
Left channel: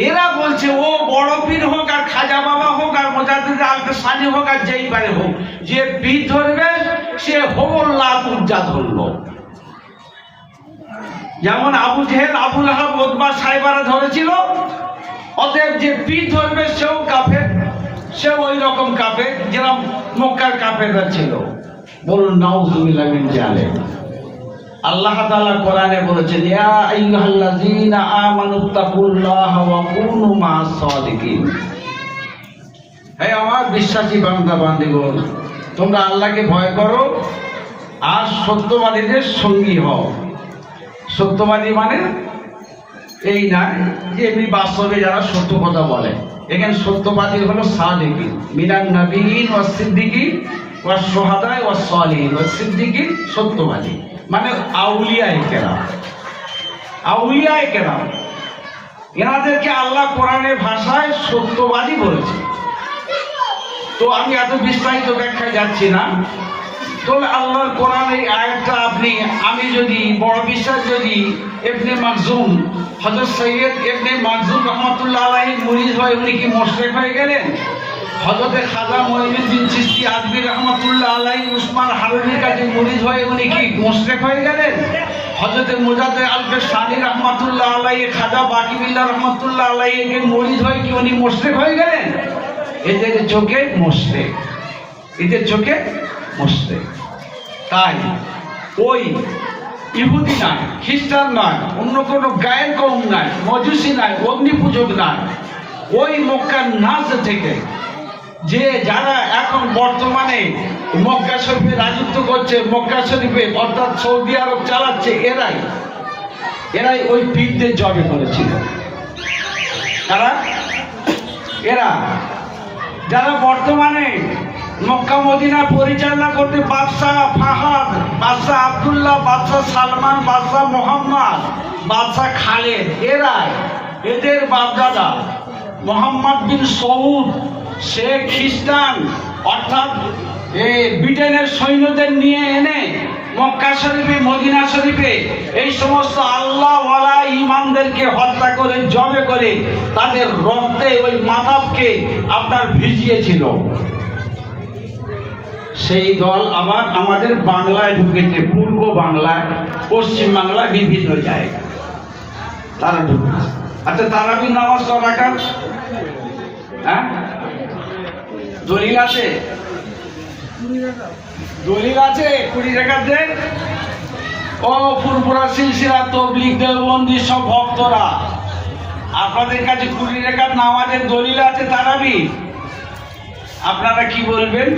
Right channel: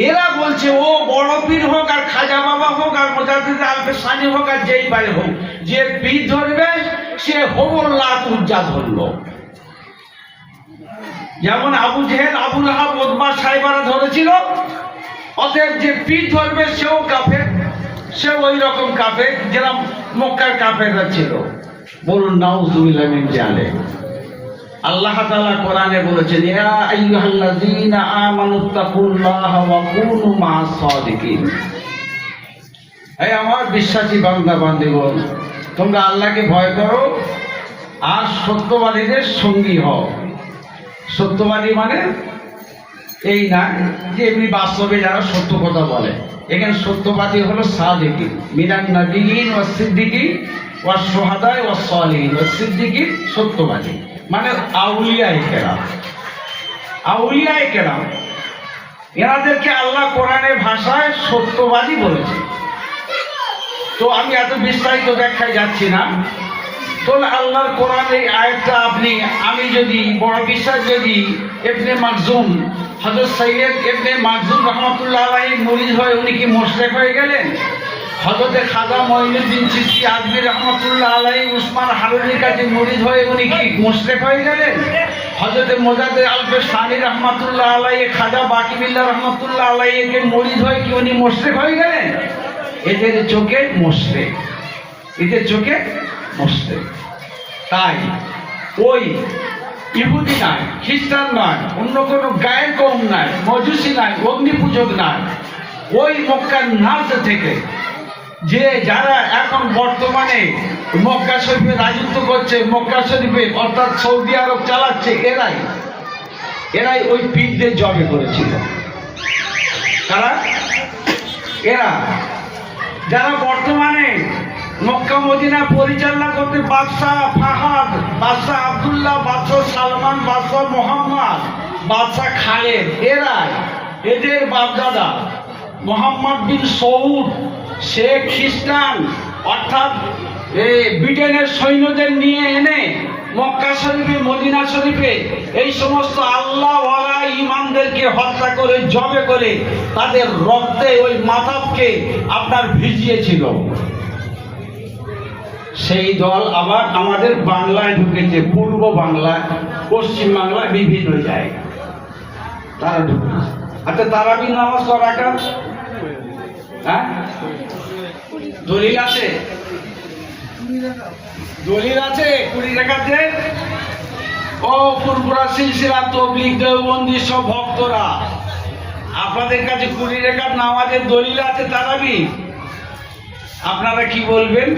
এরা বলছে ও বড় পীর হোক আর খাজা বাবা হোক আর মোজাদ্দেদ আলফের সানি হোক আর যেই পারে হোক, যে পীর ধরবে সে হবল্লাত উজ্জা ধরলো। যেমন আবু জেহেল, আবু লাহাব, উতবা, সাইবারা ধরেছিল, অতএব যে পীর ধরবে সেও কাফের, সে ওই রকম কাফের যেরকম মক্কার কাফেররা ছিল। বলুন নাউযুবিল্লাহ মিন জালিক। আল্লাহ তাআলা কোরআনে বলেছেন, ইয়া আইয়ুহাল্লাযীনা আমানুত্তাকুল্লাহা ওয়া কুনু মা'আস সাদিকিন। হে আমার বিশ্বাসী বান্দা বান্দীগণ, তোমরা আল্লাহকে ভয় করো আর সত্যবাদীদের সঙ্গী হও। সত্যবাদী মানে এই না যে এমনি বাস্তবে যারা সত্য কথা বলে। এখানে সত্যবাদী হলো সাদিকিন, মিনান নাবিয়িন ওয়াস সিদ্দিকিন ওয়াস শুহাদা ওয়াস সালিহিন। ওয়াস সিদ্দিকিন সত্যবাদী মানে আউলিয়ায়ে কেরাম। আউলিয়ায়ে কেরাম এনাদেরকে আল্লাহ কোরআনের ভাষায় সত্যবাদী বলেছে। তো আমি এত বিস্তারিত ব্যাখ্যায় যাচ্ছি না। তো আল্লাহর কোরআন এই আয়াতটা আমি যদি বড় বিশ্বাস যদি ইবনে মাকজুম, হযরত সৈয়দ ইবনে মাকজুম রহমাতুল্লাহ আলাইহি মুরিদ হয়ে উনি কি মুশরিক হয়ে গেলেন? হযরত খাজা মঈনুদ্দিন চিশতি আজমি রহমাতুল্লাহ আলাইহি উসমান হারুনির কাছে মুরিদ হয়ে উনি কি মুশরিক হয়ে গেলেন? হযরত মোজাদ্দেদ আলফের সানি রহমাতুল্লাহ আলাইহি খাজা বাকি বিল্লাহ রহমাতুল্লাহ আলাইহি কে মুরিদ হয়ে কি উনি মুশরিক হয়ে গেলেন? এদের চোখে মুশরিক, এদের চোখে মুশরিক। তাই ওই ইহুদি নয়, খ্রিস্টান নয়, অন্য কোনো গায়ের কওম নয়, মজুসি নয়, অগ্নি পূজক নয়, ওই মক্কার নাজ থেকে যে যারা এখন বর্তমানে মক্কা শরীফে রাজত্ব করছে, মক্কা শরীফে অর্থাৎ সৌদি আরব চালাচ্ছে, এরাই ওই পীরদের জবে করেছিল। তারা এরা যারা বর্তমানে মক্কা মদিনা পরিচালনা করতে বাদশাহ ফাহাদ, বাদশাহ আব্দুল্লাহ, বাদশাহ সালমান, বাদশাহ মোহাম্মদ, বাদশাহ খালেদ, এদের বাপদাদা মোহাম্মদ বিন সৌদ সে খ্রিস্টান, অর্থাৎ ব্রিটেনের সৈন্যদের নিয়ে এনে মক্কা শরীফে মদিনা শরীফে এই সমস্ত আল্লাহওয়ালা ইমানদেরকে হত্যা করে জবে করে তাদের রক্তে ওই মাতাবকে আপনার ভিজিয়েছিল। সেই দল আবার আমাদের বাংলায় ঢুকেছে, পূর্ব বাংলায়, পশ্চিম বাংলায়, বিভিন্ন জায়গায় তারা ঢুকেছে। আচ্ছা, তারাবির নামাজ করা কেন? হ্যাঁ, দলিল আছে? দলিল আছে 20 রাকাত দেন। ও ফুরফুরা সিলসিলা তাবলীগ দেওবন্দি সব ভক্তরা, আপনাদের কাছে 20 রাকাত নামাজের দলিল আছে তারাবি? আপনারা কি বলবেন?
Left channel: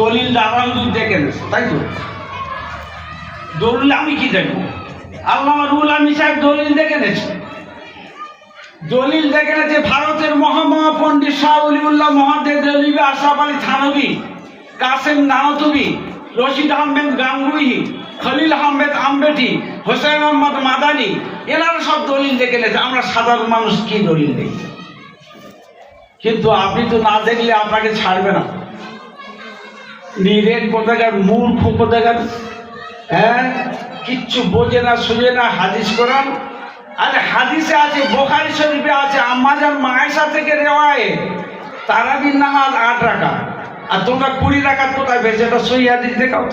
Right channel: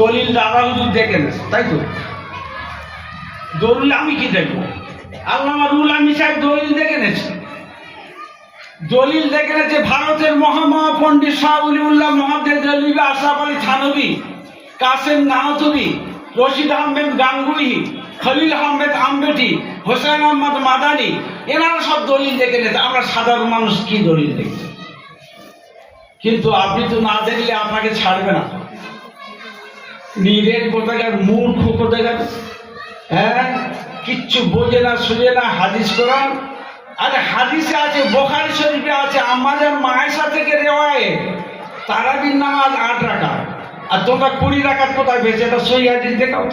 দলিল দাদা হুজুর দেখেন, তাই তো? দলিল আমি কি দেখবো? আল্লামা রুহুল আমিন সাহেব দলিল দেখে এনেছে। দলিল দেখে এনেছে ভারতের মহাপণ্ডিত শাহ ওলিউল্লাহ মুহাদ্দিস আশরাফ আলী থানভী, কাসেম নানতুবি, রশিদ আহমেদ গাঙ্গুহি, খলিল আহমেদ আম্বেটি, হোসেন আহমদ মাদানি, এনারা সব দলিল দেখে এনেছে। আমরা সাধারণ মানুষ কি দলিল দেখি? কিন্তু আপনি তো না দেখলে আপনাকে ছাড়বে না। নিরেট কোথাকার, মূর্খ কোথাকার, হ্যাঁ, কিচ্ছু বোঝে না, শুনে না। হাদিস কোরআন, আরে হাদিসে আছে, বুখারী শরীফে আছে, আম্মাজান মায়েশা থেকে রিওয়ায়েত, তারাবির নামাজ 8 রাকাত, আর তোমরা 20 রাকাত কোথায় পেয়েছো? এটা সহিহ হাদিস দেখাও।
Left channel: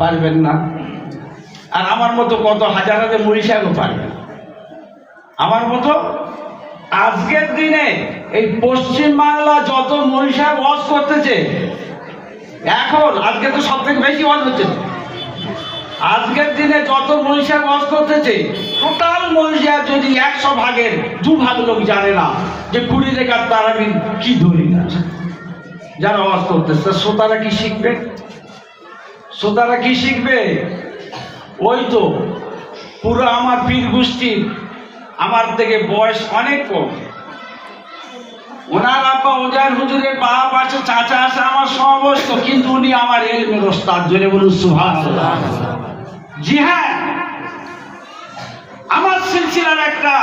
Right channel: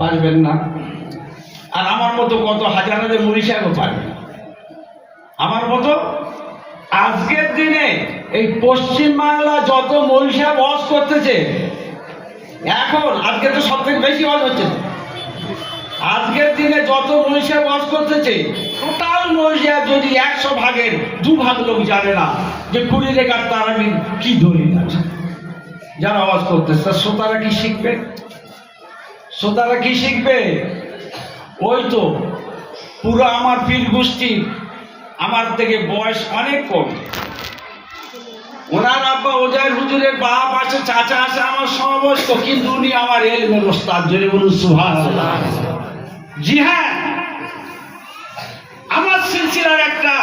পারবেন না। আর আমার মতো কত হাজার হাজার মুড়ি সাহেবও পারবে না। আমার মতো আজকের দিনে এই পশ্চিম বাংলা যত মুড়ি সাহেব ওয়াজ করতেছে, আজকে তো সব থেকে বেশি ওয়াজ হচ্ছে। আজকের দিনে যত মুড়ি সাহেব ওয়াজ করতেছে, টোটাল মুড়ি সাহেব যদি 100 ভাগের 2 ভাগ লোক জানে না যে 20 রাকাত তারাবির কি দলিল আছে। যারা ওয়াজ করতেছে শ্রোতারা কি শিখবে? শ্রোতারা কি শিখবে? ওই তো পুরো আমার পীর গোষ্ঠী, আমার থেকে বয়স অনেক কম। ওনার আব্বা ওজার হুজুরের বাপ আছে, চাচা আছে আমার সমবয়স্ক, কিন্তু উনি আমার ইলমের ওস্তাদ। জোরে বলুন সুবহানাল্লাহ। জি হ্যাঁ, আমার সিলসিলার একটা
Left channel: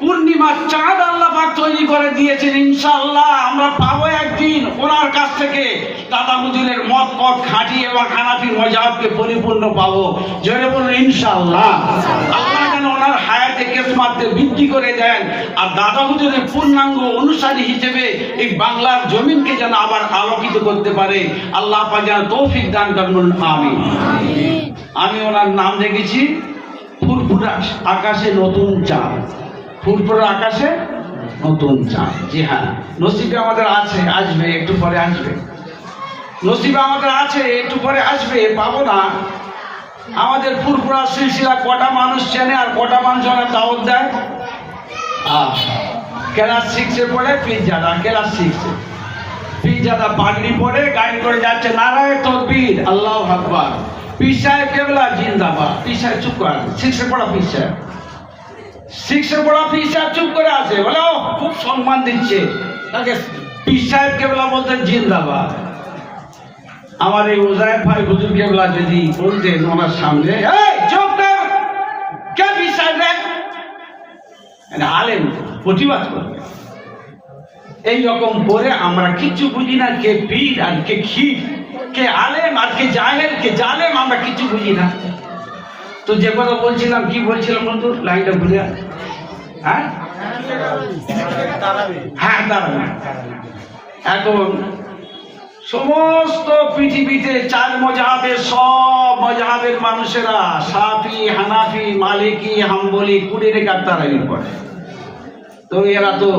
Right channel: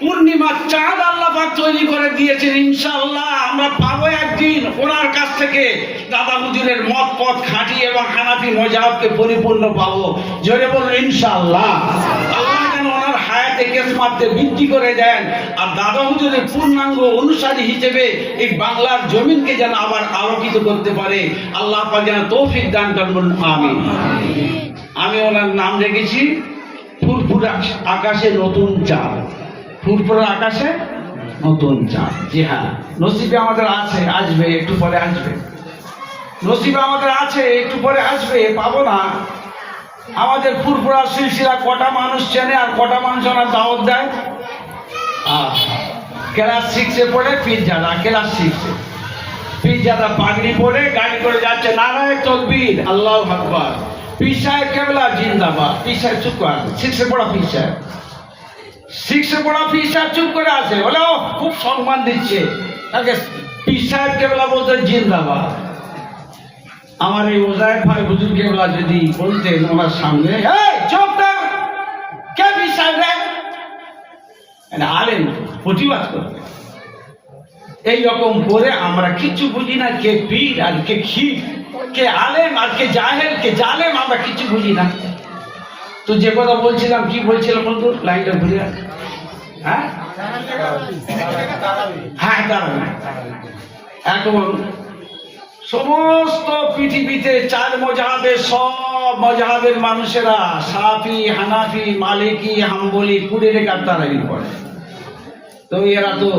পূর্ণিমার চাঁদ আল্লাহ পাক তৈরি করে দিয়েছেন। ইনশাআল্লাহ আমরা পাবো একদিন ওনার কাছ থেকে দাদা হুজুরের মত পথ খাঁটি এবং হানাফি মজাবকে পরিপূর্ণ পাবো। জোরে বলুন ইনশাআল্লাহ। আল্লাহ যেন ওনার হায়াতে কেসমাতে বৃদ্ধি করে দেন, আর দাদা হুজুরের পূর্ণাঙ্গ অনুসারী হিসেবে এই বাংলার জমিনকে যেন আবার আলোকিত করতে পারে। আল্লাহ পাক যেন তৌফিক দান করুন, আমিন। আমি ওনার নাম রেখেছি ফুরফুরা আকাশে নতুন চাঁদ। ফুরফুরা আকাশে নতুন চাঁদ। জি হ্যাঁ, নসিবে আমাদের আছে, আসবে একটু পরে আসবে। নসিবে আমাদের আছে, একটু পরে আসবে, পাবো না। আমাদের ফুরফুরা সিলসিলা কটা মানুষ চেনে আর কটা মানুষ আমরা দাওয়াত দেয়? ক্লাস 6-এ পড়ে পীরজাদা, ক্লাস 6-এ পীরজাদা পাগড়ি পরে গাড়ি করে যাচ্ছে, নারায়ে তাকবীর, আল্লাহু আকবার, পীর সাহেব কেবলা জিন্দাবাদ। পীর সাহেব চুপ করে আছে, 6-এ পড়া পীর সাহেব, 6-এ পড়া পীর সাহেব চুপ করে আছে, বলে ও খুব সম্মান দিচ্ছে তাকে। পীর সাহেব কেবলা বলতেন জিন্দাবাদ। আমার এই উজায়ের ভাই হুজুর কেবলা যদি বলতেন ওনার সামনে, এই চুপ কর, কে পীর সাহেব রে, আলেম প্রতিবাদ করবে। এইরকম করে আমরা কিচ্ছু বুঝি না, কে পীর আর কে খির, কে আলেম আর কে জাহেল, কে জালেম, আমরা কিছু বুঝি না। তো যে কথা বলছিলাম, কি বলছিলাম বন্ধু, লাইনটা ভুলে? হ্যাঁ হ্যাঁ, দাঁড়ান। এখন সমস্ত পৃথিবীতে 4 মজহাবের সব মজহাবের মানুষেরা শাফি, হানাফি, মালিকি, হাম্বলি 20 রেখাত তারাবি পড়ে। তো এরা তো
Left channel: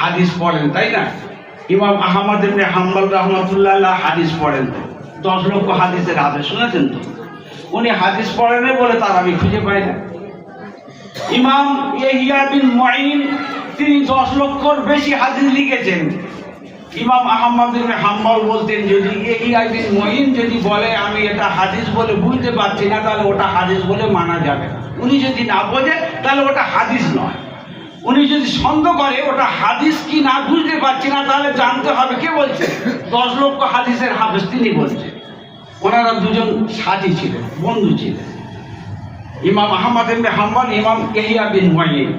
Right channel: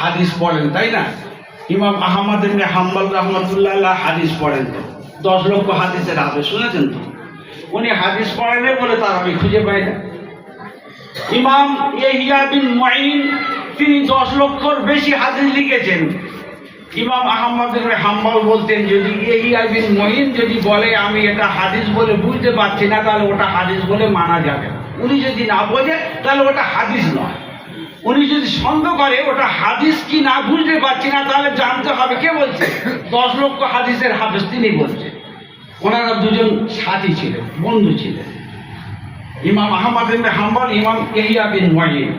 হাদিস পড়েন, তাই না? ইমাম আহমদ ইবনে হাম্বল রাহমাতুল্লাহ হাদিস পড়েন, তো 10 লক্ষ হাদিসের হাদিস শুনেছেন তো? উনি হাদিস পড়েন বলে তারাবি খুঁজে পায় না। ইমাম ইয়াহইয়া বিন মুঈন তিনি 10 লক্ষর বেশি হাদিস লিখেছেন। ইমাম আহমদ ইবনে হাম্বল বলতেন, যদি ইয়াহইয়া বিন মুঈন যদি বলে আমি এটা হাদিস বলে বুঝতে পারছি না, তাহলে ওটা হাদিস বলে মানা যাবে না। উনি যদি না বোঝে তাহলে ওটা হাদিস নয়। উনি যদি সন্দেহ করে ওটা হাদিস কি না বুঝতে পারছি না, তাহলে জানতে হবে কে বলছে। 10 লক্ষ হাদিসের হাফেজ তিনি বলছেন। ওনারা দুজন সাথী ছিলেন, বন্ধু ছিলেন, ইমাম আহমদ ইবনে হাম্বল, ইমাম ইয়াহইয়া বিন মুঈন।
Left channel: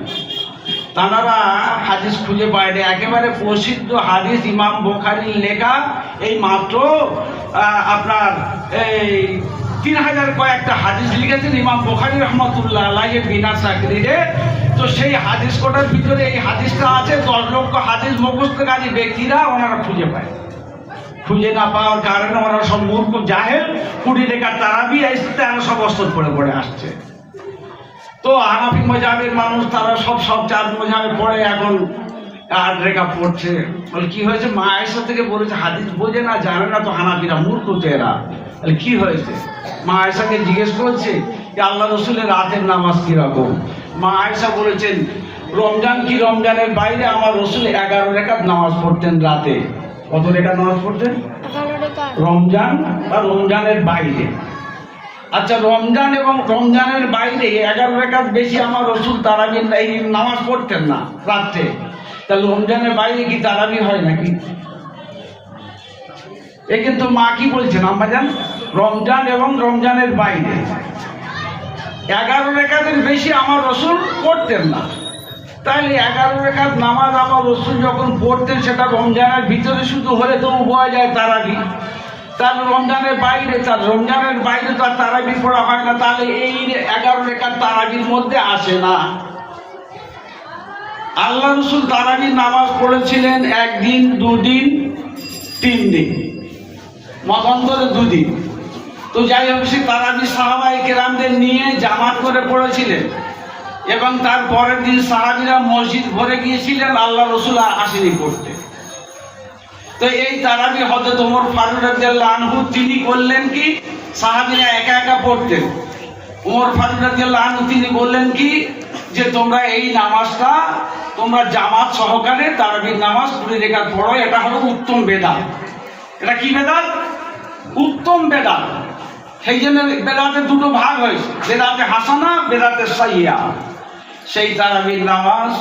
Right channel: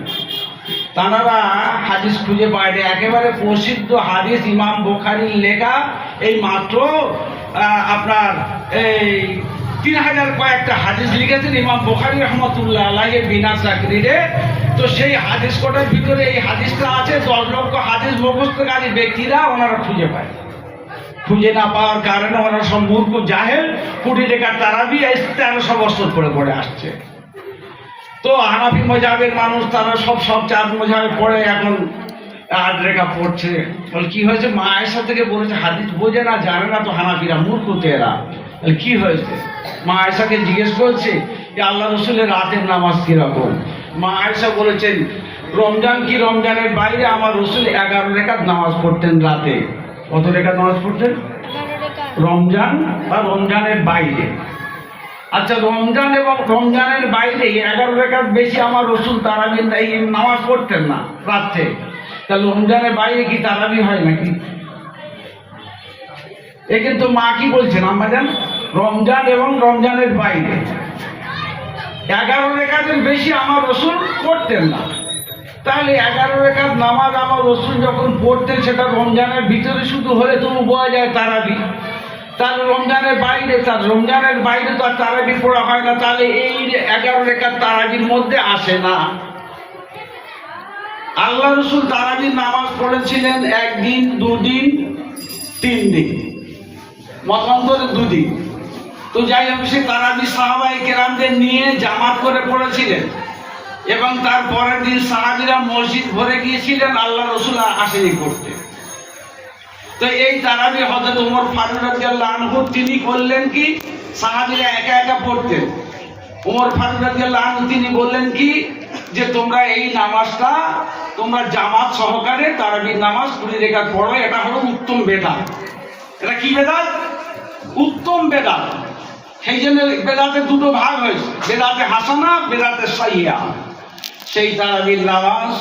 তারা হাদিস খুঁজে পায় না। একেবারে প্রসিদ্ধ হাদিস ইমাম বুখারীর লেখা, এই মাত্র আপনার এই 3000 কয়েকটা হাদিস লিখেছেন ইমাম বুখারী রাহমাতুল্লাহ আলাইহি বিনা তাকরীরে। তো সেই হাদিস কোটার ভিতরে এই হাদিসটা আছে। 10 লক্ষ হাদিস মুখস্থকারী ব্যক্তিরা ওনারা খুঁজে পায়। খুঁজে না পাওয়ার কারণে ওরা সব মূর্খ জাহেল 20 রেখাত তারাবি 1300 বছর পরে পড়ে আসছে। তো হানাফি মজাবের মানুষ তারা সব 4 মজাবে পড়ে, এখন 8 রেখা পড়ছে। বলে কি হয়েছে? মা আয়েশা থেকে বলেছে হাদিস বোঝে না, জানে না, তো হানাফিরা মূর্খ তো এরা। কি হয়েছে? মা আয়েশাকে জিজ্ঞেস করছে যে আল্লাহ রসুলের রাতের নামাজ কিরকম। মা আয়েশা বলেছেন, রমজান কি রমজানের বাইরে আমার রসুল 11 রেখাত নামাজ পড়তেন রাতে। কত রেখাত নামাজ পড়তেন? রমজান বা রমজানের বাইরে। আচ্ছা, রমজান এবং রমজানের বাইরে 11 রেখাত বেশি আমার রসুল তারাবি নামাজ পড়তেন না রাতে। তাহলে রমজানের বাইরে কি তারাবি হয় নাকি? এ কিন্তু মা কি বলছেন আমরা জান, রমজান এবং রমজানের বাইরে 11 রেখাতের বেশি আমার রসুল পড়তেন না। তাহলে 11 রেখাত নামাজ আমার রসুল যখন পড়তেন সেটা রমজানের ভিতরে শুধু হলে তো বোঝা যায় তারাবি। তাহলে রমজানের বাইরে, তার রমজানের বাইরে তো আর তারাবি পড়া হয় না, তাহলে এই 11 রেখাত তারাবির মধ্যে আসে না। আল্লাহ রসুল তারাবির নামাজ পড়েছিলেন 1 দিন, 2 দিন, 3 দিন, মতান্তরে 2 দিন। তো যাই হোক, সে তারাবি সাহাবায়ে কেরামদের নিয়ে জামাত করে পড়েছিলেন এবং তার পরের দিন সাহাবীরা মসজিদ ভরে গিয়েছিলেন, আল্লাহ রসুল আসেনি পড়তে। তো এই তারাবি হযরত ওমর ফারুক রাদিয়াল্লাহু আনহু তিনি করলেন কি, সাহাবীরা একা একা পড়তেন। ওমর ফারুক রাদিয়াল্লাহু আনহু তিনি বললেন কি, যে তোমরা এই নামাজটা তোমরা জামাত সহকারে তারাবির নামাজ 20 রেখাত পড়ো, এটা হলো উত্তম বেদাত। এটা কি বেদাত? উত্তম বেদাত। সেই জন্য বেদাতের 2টো ভাগ হয়েছে, বেদাতে হাসানা, বেদাতে সাইয়্যা। সেই তারাবির নামাজ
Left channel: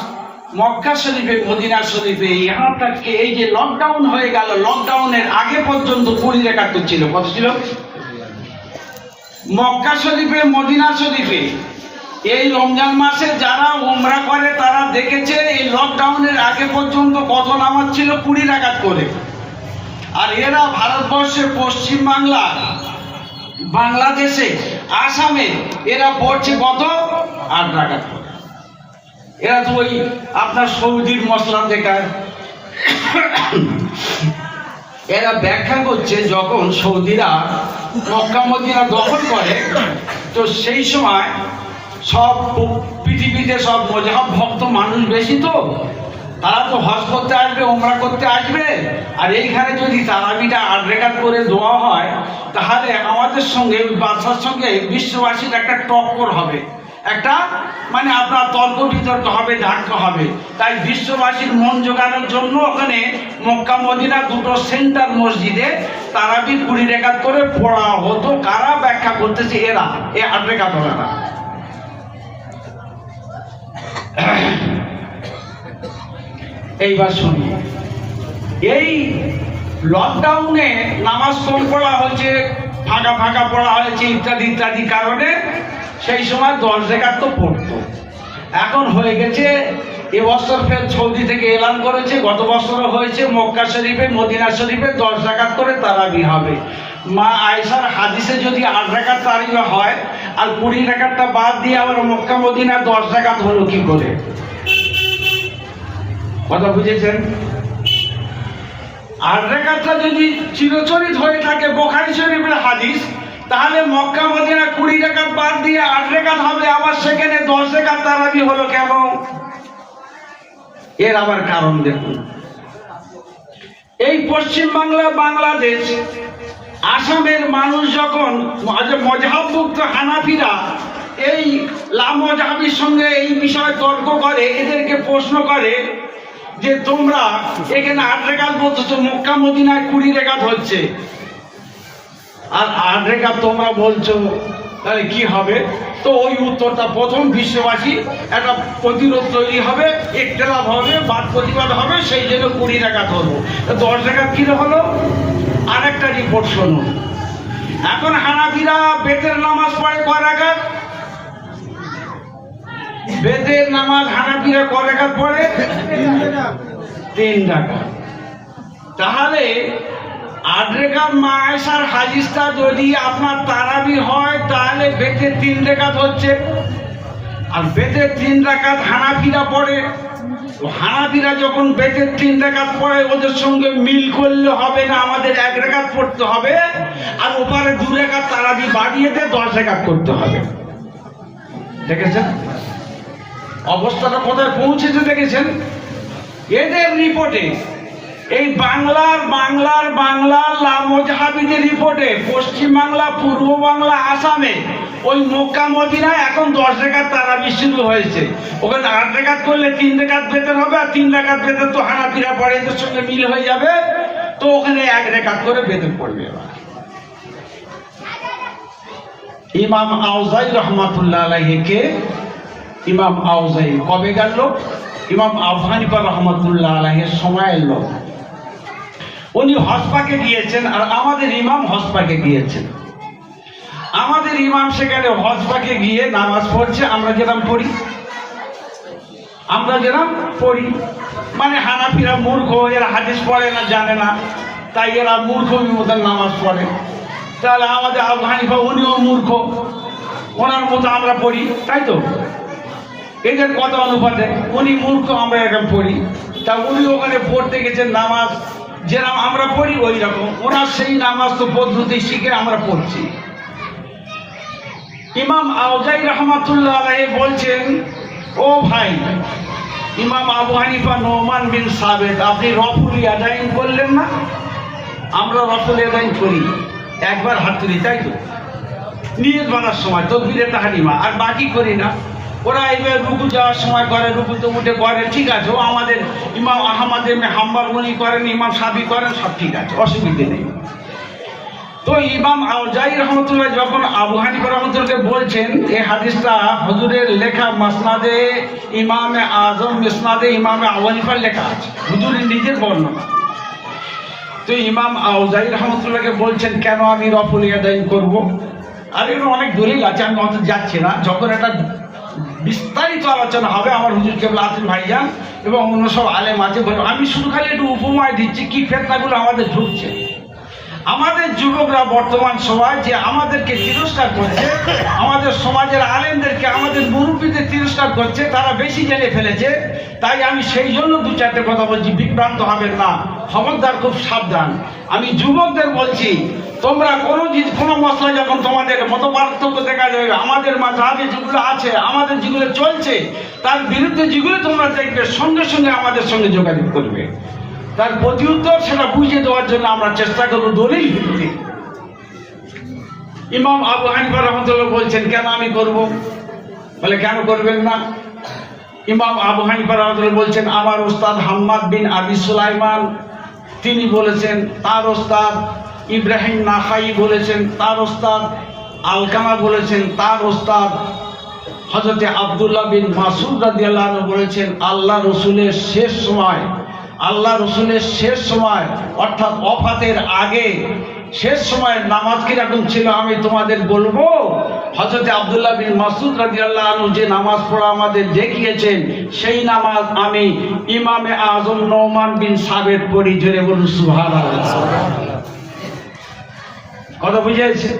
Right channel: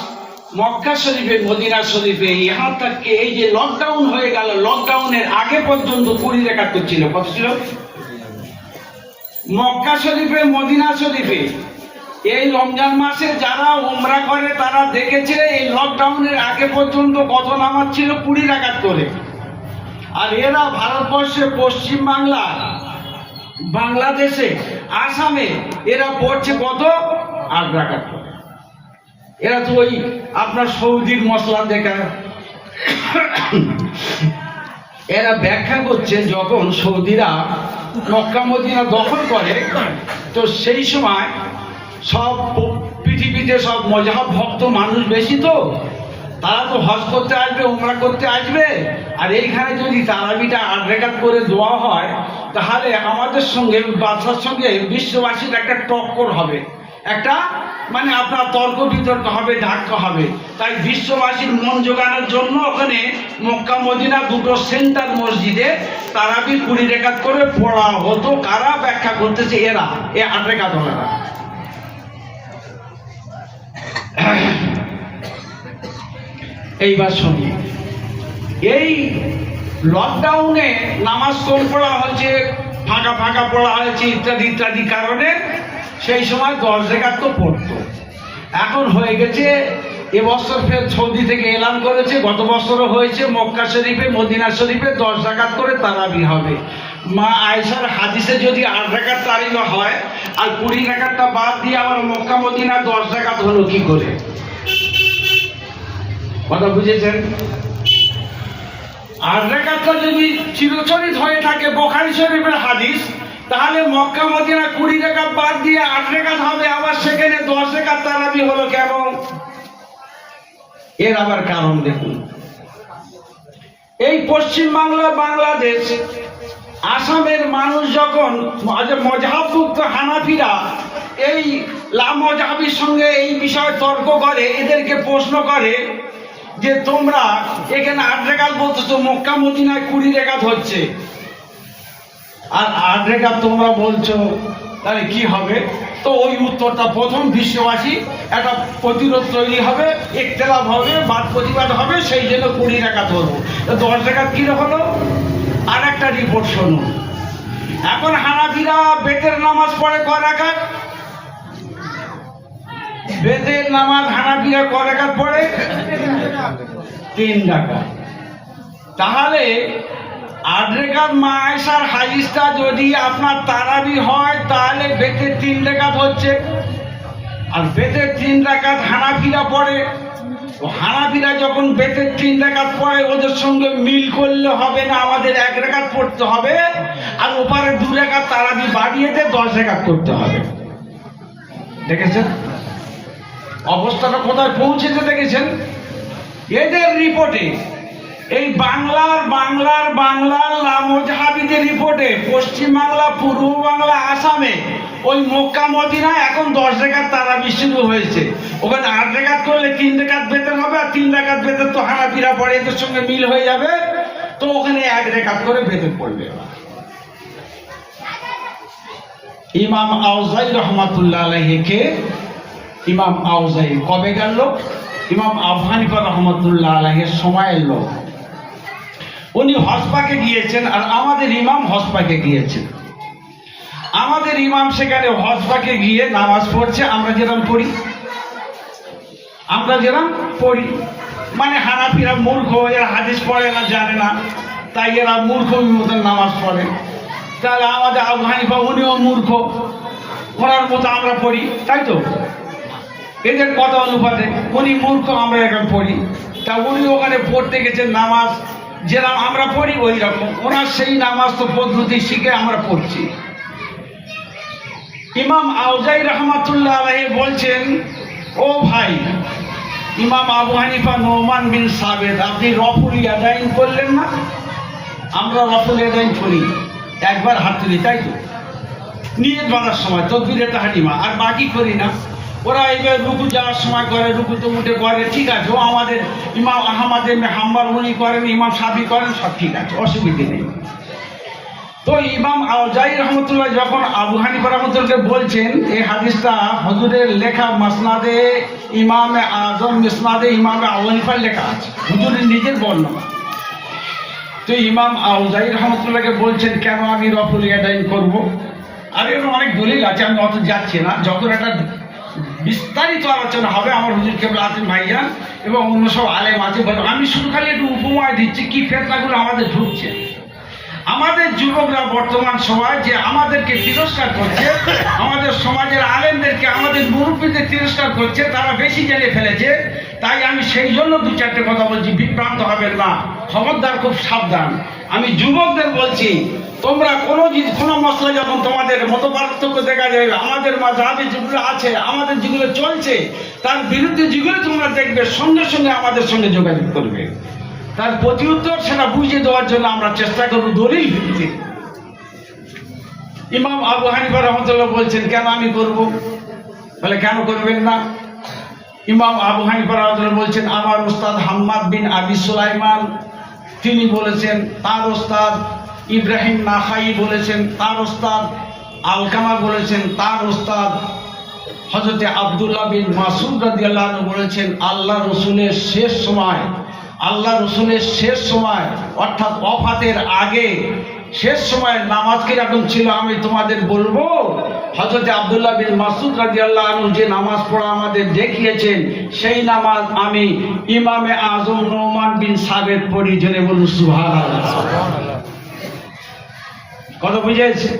মক্কা শরীফে, মদিনা শরীফে, ইহা থেকে এই যে লকডাউন হয়ে গেল, লকডাউনের আগে পর্যন্ত 20 রেখাত ছিল। কত ছিল? মক্কা শরীফে, মদিনা শরীফে এই রমজান মাসে যারা উমরা করে তারা দেখেছে এই লকডাউনের আগে পর্যন্ত কত নামাজ ছিল 20 রাকাত করে, আর এরা ভারতবর্ষে পশ্চিম বাংলা, বাংলাদেশে, আসামে এরা পড়ছে কত 8 রাকাত করে। এরা তো ওই আপনার সৌদির মশলা দেখায়। এরা ব্যাখ্যা করছে যখন সৌদিরা মক্কা মদিনা দখল করে তো সেই সময় সব পৃথিবীতে সব মজহাব ভক্ত মানুষ বেশি, তো তারা তো হজ করতে আসবে, উমরা করতে আসবে, আর এইখানে যদি তারাবিটা 8 রাকাত করে দেওয়া হয় তাহলে আমাদের সঙ্গে বাদশার সঙ্গে বিশ্ববাসীর একটা টক্কর হবে, একটা মানে আপনার তর্ক বিতর্ক হবে, ধাক্কা হবে। তাই বিশ্ববাসীর মন জোগানোর জন্য ওখানে মক্কা মদিনা দুটো সেন্টার মসজিদে তারাবি 20 রাকাত করে পড়া হতো। কারা ব্যাখ্যা করতেছে? এরা, এই 8 রাকাত ওরা। এইবার শুনি, এই লকডাউনে নামাজ কম পড়া হয়েছে, ফাঁকা ফাঁকা পড়া হয়েছে ইত্যাদি ইত্যাদি কারণে সেই সময় 10 রাকাত তো পড়তো। এখন হয়ে গেছে এবছর ফের সৌদি থেকে এলান করেছে, গত বছরও হয়েছে মক্কা শরীফে মদিনা শরীফে 10 রাকাত করে তারাবি হবে। মা আয়েশার হাদিসে যদি 8 রাকাত তারাবি হয় আর 20 রাকাতটা বাদ দিয়ে আবার মক্কা মদিনা 10 রাকাত হলো কি করে? কথা বুঝেছেন? 8 রাকাতটা যদি চিরচরিত হয়ে থাকে বুখারী শরীফের হাদিস, তাহলে মক্কা মদিনা 20 রাকাত বাদ দিয়ে 8 রাকাত হবে, আবার সেখানে 10 রাকাত তারাবি হলো কেন? এর আবার কারণ দেখুন। এই পশ্চিম বাংলা, বাংলাদেশ, আসামের মানুষ যখন মজহাবভুক্ত হানাফিরা এই লামজহাবির সঙ্গে এই বিষয়ে তর্ক করে, এদেরকে প্রশ্ন করে যে তোমরা এখানে 8 রাকাত বলতেছো, মক্কা মদিনায় 20 রাকাত হচ্ছে, আর 8 রাকাত তোমরা বলছো, তাহলে কি হবে? তো ওই উত্তরটা প্রথম বিশ্ববাসী একটা প্রতিরোধ তৈরি হবে, ইখতিলাফ হবে, বাদ প্রতিবাদ হবে, সেই জন্য 20 রাকাত হলো। 10 রাকাত কি হলো? আর একটা রিপোর্ট শোনো। এখন হানাফিরা বেতের নামাজ পড়ে কয় রাকাত? বেতের নামাজ হানাফিরা কয় রাকাত পড়ে? 3 রাকাত। তাহলে 8 রাকাত মা আয়েশার হাদিসটা যদি আপনার তারাবি হয় তাহলে বেতের 3 রাকাত হচ্ছে, আর বেতের 3 রাকাত হানাফিরা পড়ে। তো হানাফিরা যখন বেতের 3 রাকাত পড়ে ওদের সঙ্গে মিল করলে হবে না, আমাদের 1 রাকাত পড়তে হবে, আর ওপারে 2 রাকাত তারাবি বাড়িয়ে দিয়ে 10 রাকাত করতে হবে। দেখেছেন অবস্থাটা কোথায় পৌঁছেছে? দেখেছেন এদের রিপোর্টে, এই বাংলার লামজহাবিদের রিপোর্টে পশ্চিম বাংলা, পূর্ব বাংলা, আসামে ওই মক্কা মদিনা এখন 10 রাকাত তারাবি শুরু হয়েছে। ওখানে 8 রাকাত করলে 3 রাকাত বেতন হবে, আর 3 রাকাত বেতন তো হানাফিরা পড়ে, এদের সঙ্গে মিল হয়ে যাবে, তো ওখানে 1 রাকাত করে বেতন পড়বে। ইমাম আউজাই রহমাতুল্লাহ আলাইহিকে, ইমাম আউজাই কবে গেল? ইমাম আবু হানিফা রহমাতুল্লাহ আলাইহির সময়ের লোক। উনি হজপাকে গিয়েছেন, আর আমাদের ইমাম হজপাকে গিয়েছেন। আমাদের ইমাম সেখানে হজপাকে গিয়ে নামাজ পড়ছে, আমরা যেরকম পড়ি, মানে হানাফিরা মূর্খ, এরা হাদিস পড়ে না, জানে না, তাই এরা মূর্খ মতন নামাজ পড়ে। তাহলে আমাদের আবু হানিফা উনিও মূর্খ, ওনার মতো আমরা পড়ি, তাই তো? এদের কথা অনুপাতে উনি মূর্খ, আমরা এখন পড়ি। তা উনি ওখানে পড়তে গেছেন নামাজ যেরকম আমরা পড়ি ওই রকম, ওনার সেই নামাজ তো পদ্ধতি শিখে আমরা পড়ছি। ইমাম আউজাই রহমাতুল্লাহ আলাইহি বলছেন, ও ভাই ইমাম আবু হানিফা নোমান বিন সাবেত, আপনি রফুল ইয়াদাইন করলেন না? আমরা রফুল ইয়াদাইন করি, একবার হাত তুলি, তাই তো? নিয়ত বাঁধার সময় তাকবীরে তাহরিমা, আর বাকি করি না। ওরা এইবার রুকু যাওয়ার সময় করে, রুকুতে উঠে করে, ঠিক আছে। ও আমাদের ইমাম আহমদ ইবনে হাম্বল উনি করেন, ইমাম শাফি করেন, সব ঠিক আছে, অসুবিধে নেই। তো ইমাম আউজাই রহমতুল্লাহ যখন আবু হানিফা রহমতুল্লাহকে বলছেন, এই হাদিসটা হুজুরের লেখা মাসনাদে ইমামে আজম, মিসনাদে ইমামে আবু হানিফার লেখা আছে, হুজুরের নিজের বর্ণনা। তো ইমাম আউজাই রহমতুল্লাহকে বলছেন, কেন আমি রফুল ইয়াদাইন করব? আর এর অনেক দলিল আছে, আমি অত যাচ্ছি না। যখন এটা বিস্তারিত আলোচনা হবে আমার হুজুর কেবলা আছেন ভাইজান এবং অন্য সব আলেম আছে। আমি শুধু খালি একটু উপমা দিচ্ছি কি ফেতনাগুলো আমাদের ঢুকছে। আমাদের যুবকরা বর্তমান সময় যে আমাদেরকে তিরস্কার করছে, আমাদের সমাজের আলেমদেরকে, আমাদের মুরব্বীদের তিরস্কার করছে, তারা বেশি জেনে ফেলেছে। তাই আমি সেই জন্য দু চারটে কথা বলছি, বিভ্রান্ত হবেন না, খবরদার, খুব সাবধান। আমি যুবকদের বলছি, তোমরা কোনো মশলা যখন তোমাদের মত পার্থক্য দেখা যাবে, আমাদের মাঝাবে যেগুলো আছে, আমাদের যেগুলো চলছে, তার বিরুদ্ধে যেগুলো তোমরা দেখবে, সঙ্গে সঙ্গে আমাদের সঙ্গে যোগাযোগ করবে। তার প্রতি উত্তর সেটা বুঝিয়ে দেওয়ার জন্য আমরা চেষ্টা করবো দলিল ভিত্তিক। ইমাম আবু হানিফা রাহমাতুল্লাহ বলছেন, কেন আমি করব? তাহলে কেন করবেন না? ইমাম আবু হানিফা রাহমাতুল্লাহ বলছেন, আমার ওস্তাদ হাম্মাদ বিন আবি সুলাইমান তিনি বলেছেন, তার ওস্তাদ ইব্রাহিম নাখাই বলেছেন, তার ওস্তাদ আলকামা বলেছেন, তার ওস্তাদ হযরত আব্দুল্লাহ বিন মাসউদ রাদিয়াল্লাহু আনহু বলেছেন, আল্লাহ রসুলের শেষ সময় অর্থাৎ ওফাতের আগে শেষ সময় নামাজ কিরকম ছিল আমি তোমাদের বলবো। হযরত আব্দুল্লাহ বিন মাসউদ রাদিয়াল্লাহু আনহু যে নামাজ পড়া আমাদের দেখিয়েছেন, সেই নামাজ আমি ইমামে আজম নোমান বিন সাবেত পড়ি। জোরে বলুন সুবহানাল্লাহ। কথা বুঝেছে?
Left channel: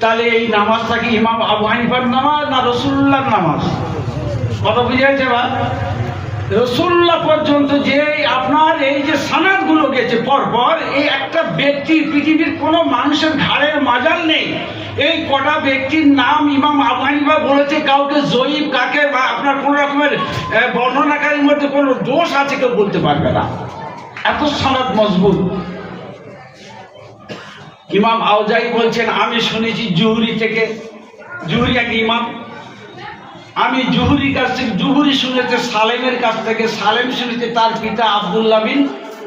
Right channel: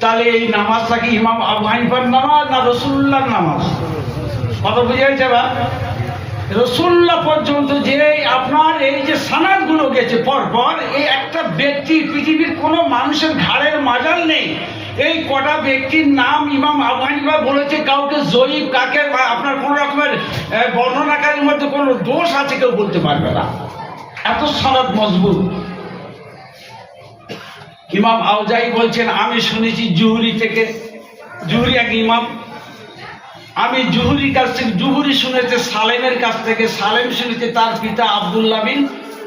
তাহলে এই নামাজটা কি ইমাম আবু হানিফার নামাজ না রাসূলুল্লাহর নামাজ? কথা বুঝেছে? বা রাসূলুল্লাহ পর্যন্ত যে আপনার এই যে সানাদগুলো গেছে পরপর, এই একটা ব্যক্তি, পৃথিবীর কোনো মানুষের ঘাড়ের মাজাল নেই, এই কটা ব্যক্তির নাম ইমাম আবু হানিফা বলেছে। কাউকে জয়ীফ, কাকে আপনার কোন রকমের বর্ণনাকারীর মধ্যে কোনো দোষ আছে কেউ বলতে পারবে না, এত সানাদ মজবুত। ইমাম আউজাই বলছেন, আমি শুনেছি জুহরি থেকে, জুহরি এক ইমাম, আমি জুহরির কাছ থেকে, জুহরি শুনেছে সালেমের কাছ থেকে, সালেম শুনেছে তার পিতা আব্দুল্লাহ বিন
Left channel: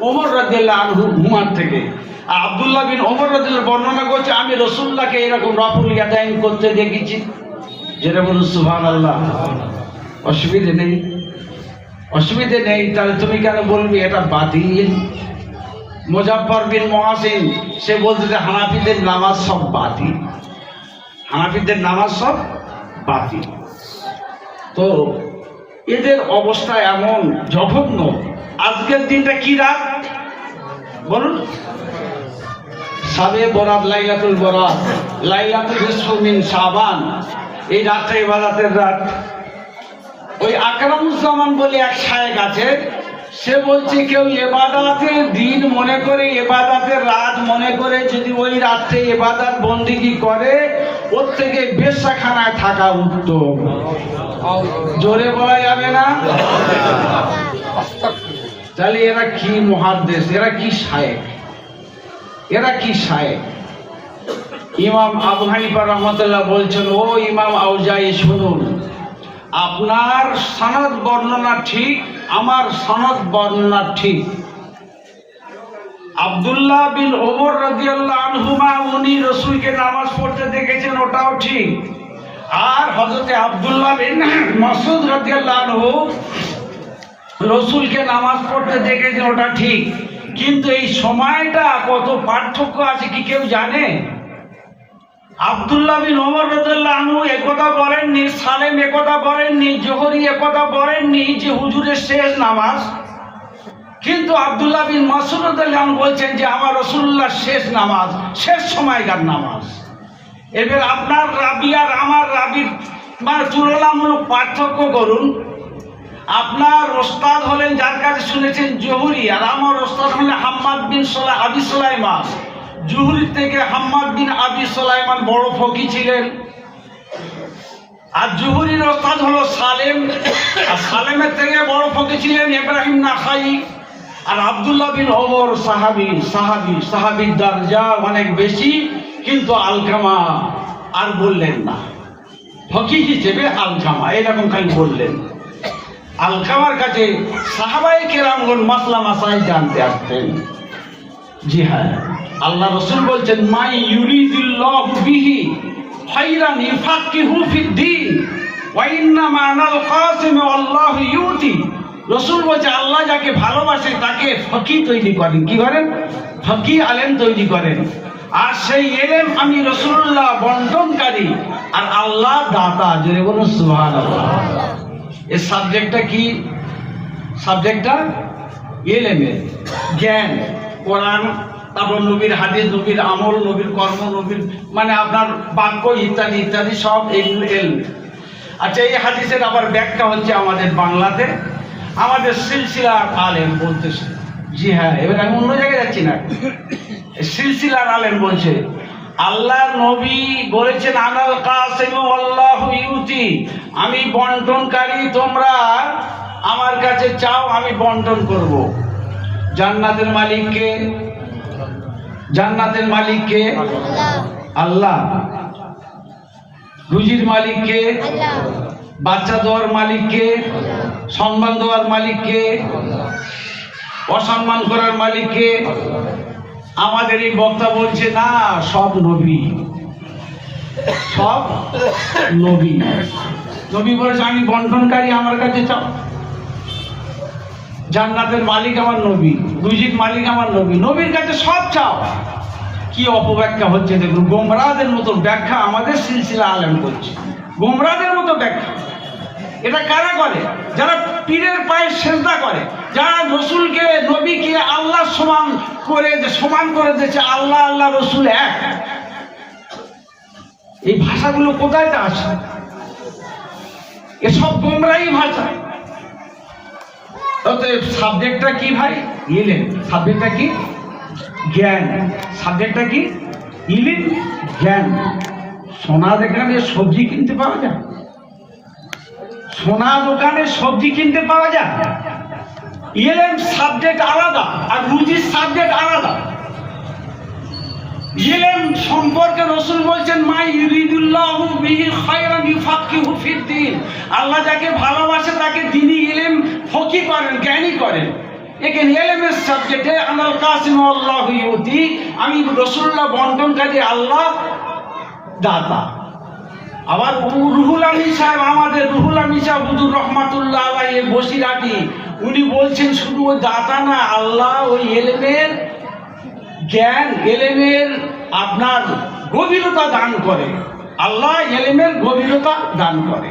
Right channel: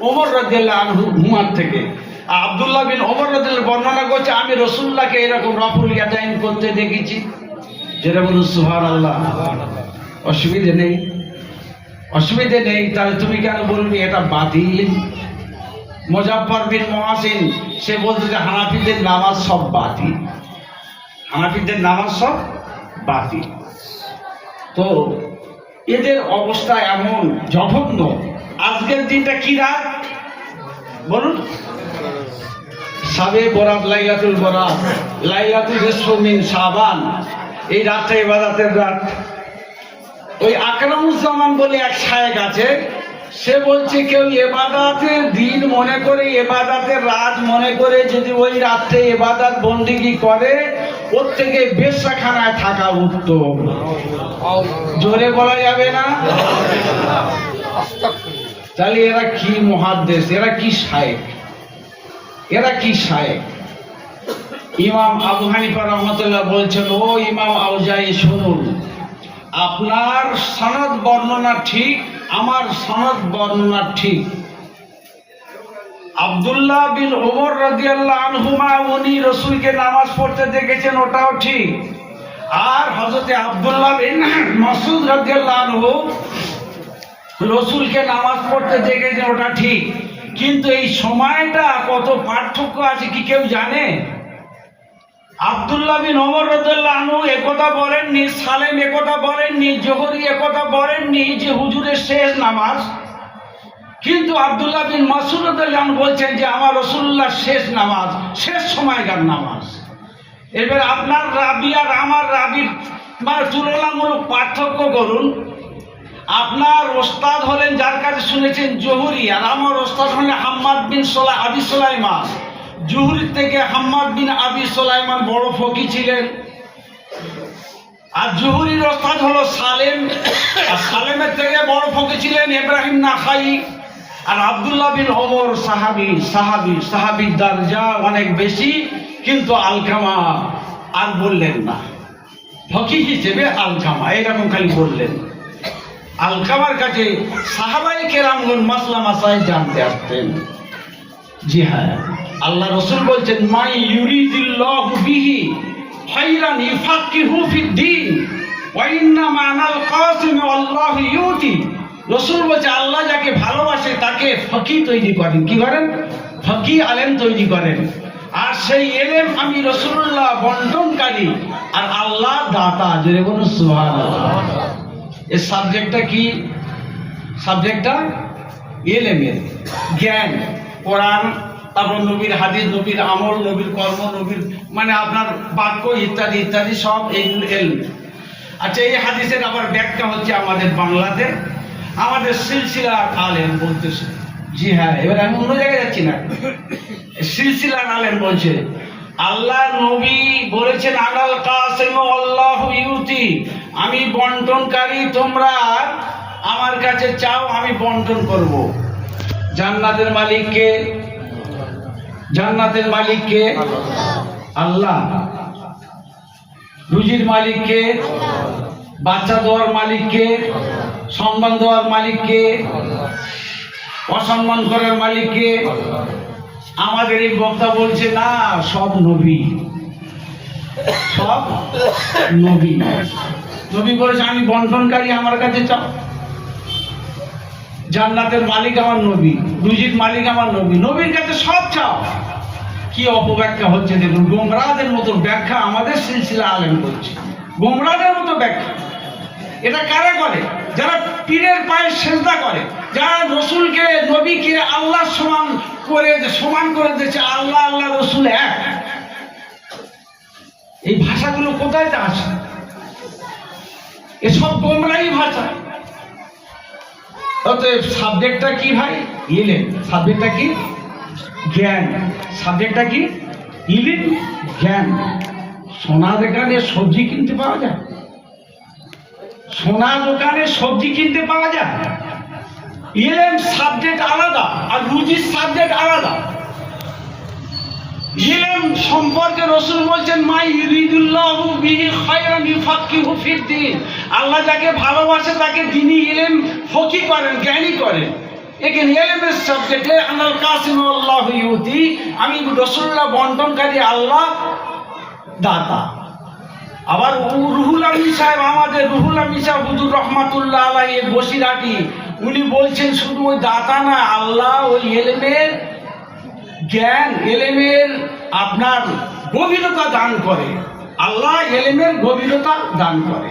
ওমর রাদিয়াল্লাহু আনহু হুমার থেকে। আর আব্দুল্লাহ বিন ওমর রাদিয়াল্লাহু বর্ণনা করছে, আমি রাসূলুল্লাহকে এরকম রাফুল ইয়াদাইন করতে দেখেছি। যেটা বলুন সুবহানাল্লাহ। অসুবিধে নেই, অসুবিধে নেই। তাহলে তুমি কেন বলবি এটা বাতিল? মুজাফফর বিন মুহাসিন সে বলছে যে হানাফিদের নামাজ সব বাতিল, হানাফিদের নামাজ সব বাতিল। তো এদের অবস্থা এমন জঘন্য। আজকের দিনটা কি রাত বলুন? সাবে বরাত, লাইলাতুল বরাত, লাইলাতুল নিসফু মিন শাবান। এই রাতটা ইবাদতের রাত। ওই আকরামুজ্জামান বলে এক শায়েখ আছে, সে বলছে কেউ ইবাদতের দিন মনে করে, ইবাদতের রাত মনে করে যদি ওই রাতে ইবাদত বন্দেগী করে, ওর থেকে বেশ্যাখানায় থাকা উত্তম। জোরে বলা যাবে না? তাহলে এরা কি মুহাদ্দিস, এরা কি শায়েখ, এরা কি শায়েখ? ইমাম আবু হানিফা রাহমাতুল্লাহ বলছেন, ও ইমাম আউজাই শুনুন, আপনার সনদ বর্ণনা ঠিক, আমার সনদ বর্ণনা ঠিক। আব্দুল্লাহ বিন ওমর রাদিয়াল্লাহু আনহুমা উনি রাসূলকে নামাজ পড়তে দেখেছেন, ওটাও ঠিক। আর হযরত আব্দুল্লাহ বিন মাসউদ রাদিয়াল্লাহু আনহু রাসূলকে নামাজ পড়তে দেখেছেন, ওটা ঠিক। কিন্তু এই সময়টা কত পার্থক্য আছে কি কেউ জানে? আব্দুল্লাহ বিন ওমর রাদিয়াল্লাহু আনহু একথা বলেননি, সালেম একথা বলেননি, জোহরি একথা বলেননি যে হুজুরের শেষ নামাজ। কিন্তু আব্দুল্লাহ বিন মাসউদ রাদিয়াল্লাহু আনহু বলছেন যে আমার রাসূলুল্লাহ শেষ নামাজ, শেষ সময়কার নামাজ। এবার আপনার রাবি আর আমার রাবির মানে তুলনামূলক পার্থক্য করুন। আপনার ওস্তাদ হলেন, যার কাছে শুনেছেন, জোহরি, আর আমার ওস্তাদ হলেন হাম্মাদ বিন আবি সুলাইমান। জুহরি থেকে হাম্মাদ বিন আবি সুলাইমান বড় ফকি ছিলেন, আর জুহরির ওস্তাদ হলো সালেম, আর সালেমের থেকে বড় ফকি ছিলেন ইব্রাহিম নাখাই। আর আব্দুল্লাহ বিন ওমর সাহাবীর দরজা অনেক বেশি, কিন্তু আলকামা আর বললেন না, ফকি হিসেবে আলকামা এরকম খালি বললেন। আলকামার কাছে সাহাবায়ে কেরামগণ মাসলা মাসাইল জানতে আসতেন। জি হ্যাঁ, আল্লাহ রাসূল বলছেন, মাই ইউরিদিল্লাহু বিহি খায়রান ইউফাক্কিহু ফিদ্দীন ওয়া ইন্নামা আনাল কাসিম আল্লাহু ইউতি। রাসূল বলছে, আল্লাহ যাকে ভালোবাসে তাকে ফকি তৈরি করেন। কি করেন? ফকি, আলেম তৈরি করেন। আর সেই এলেম আমি রাসূলুল্লাহ বন্টনকারী, আর আল্লাহ দাতা, জোরে বলুন সুবহানাল্লাহ। এই সাবজেক্টটা কি? সাবজেক্টটা ইলমের, জ্ঞান, কোরআন, তারপর নবীর হাদিস, নবীর আমল, নবীর কর্ম, নবীর মানে আপনার বাক্য ইত্যাদি ইত্যাদি সব এলম। আচ্ছা, এই হাদিসের আবার ব্যাখ্যা হচ্ছে আমাদের বাংলাতে আমাদের সিলসিলার আলেম বলতেছে। জি হ্যাঁ, এবার আমি অন্য জায়গায় যাচ্ছি না, সিলসিলার আলেম বলছে আল্লাহর নবী বলেছেন আনাল কাসিম আল্লাহু ইউতি, আমি বন্টনকারী, তোমরা আমার কাছে চাও, আমি বন্টন করব। জান্নাতের মালিক কে? জান্নাতের মালিক কে? আল্লাহ। রুজির মালিক কে? বাচ্চা দেওয়ার মালিক কে? সম্মান দেওয়ার মালিক কে? অসম্মান করার মালিক কে? আমাদের এই বক্তা বলছে না, সব নবী, সব নবী। নবী বলেছে আমি বন্টনকারী, আমার কাছে চাও। জান্নাতের মালিক আমার নবী, রুজির মালিক আমার নবী, নবীর কাছে সব চাও। কি অপব্যাখ্যা হচ্ছে দেখুন, গোমরাদের মতো ব্যাখ্যা আমাদের সিলসিলা আলেম করছে, গোমরাদের মতো ব্যাখ্যা। এটা কারা করে? যারা পীরের পায়ে সেজদা করে, যারা রসুলকে, নবীকে আল্লাহ সমান করে দিয়েছে, আল্লাহ আল্লাহ রসুল এক। এই ভাষাগুলো কোথায় আছে? এসব গোমরাই ভাষা। অতএব সাবজেক্টটা কি ভাই? ইলম। সাবজেক্টটা কি? জ্ঞান। সাবজেক্টটা কি? ইলম, জ্ঞান। সোনা দোকানে সবজি কিনতে পাওয়া যায়? সোনা দোকানে সবজি কিনতে পাওয়া যায়? ইলম সাবজেক্ট আলাদা আর রুজির সাবজেক্ট আলাদা। ইলম সম্পর্কে রাসূল বলেছেন মা ইউরিদুল্লাহু বিহি খায়রান ইউফাক্কিহু ফিদ্দীন, আল্লাহ যাকে ভালোবাসে তাকে দ্বীনি ইলম ফকি করেন, জ্ঞানী করেন। এখানে ইলমের সাবজেক্টে আনাল কাসিম আল্লাহু ইউতি, আমি রাসূলুল্লাহ বন্টনকারী, আল্লাহ দাতা। আবার রুহুল আমিন সাহেব, আমাদের রুহুল আমিন সাহেব হুজুর রহমাতুল্লাহ আলাইহি বসিরাটি, উনি বলছেন শুধু ওই দাতা না, আল্লাহ ওই ইলমের জ্ঞান, ইলমের আপনার গভীরতা দান করে। আল্লাহ ইলমের গভীরতা দান করে।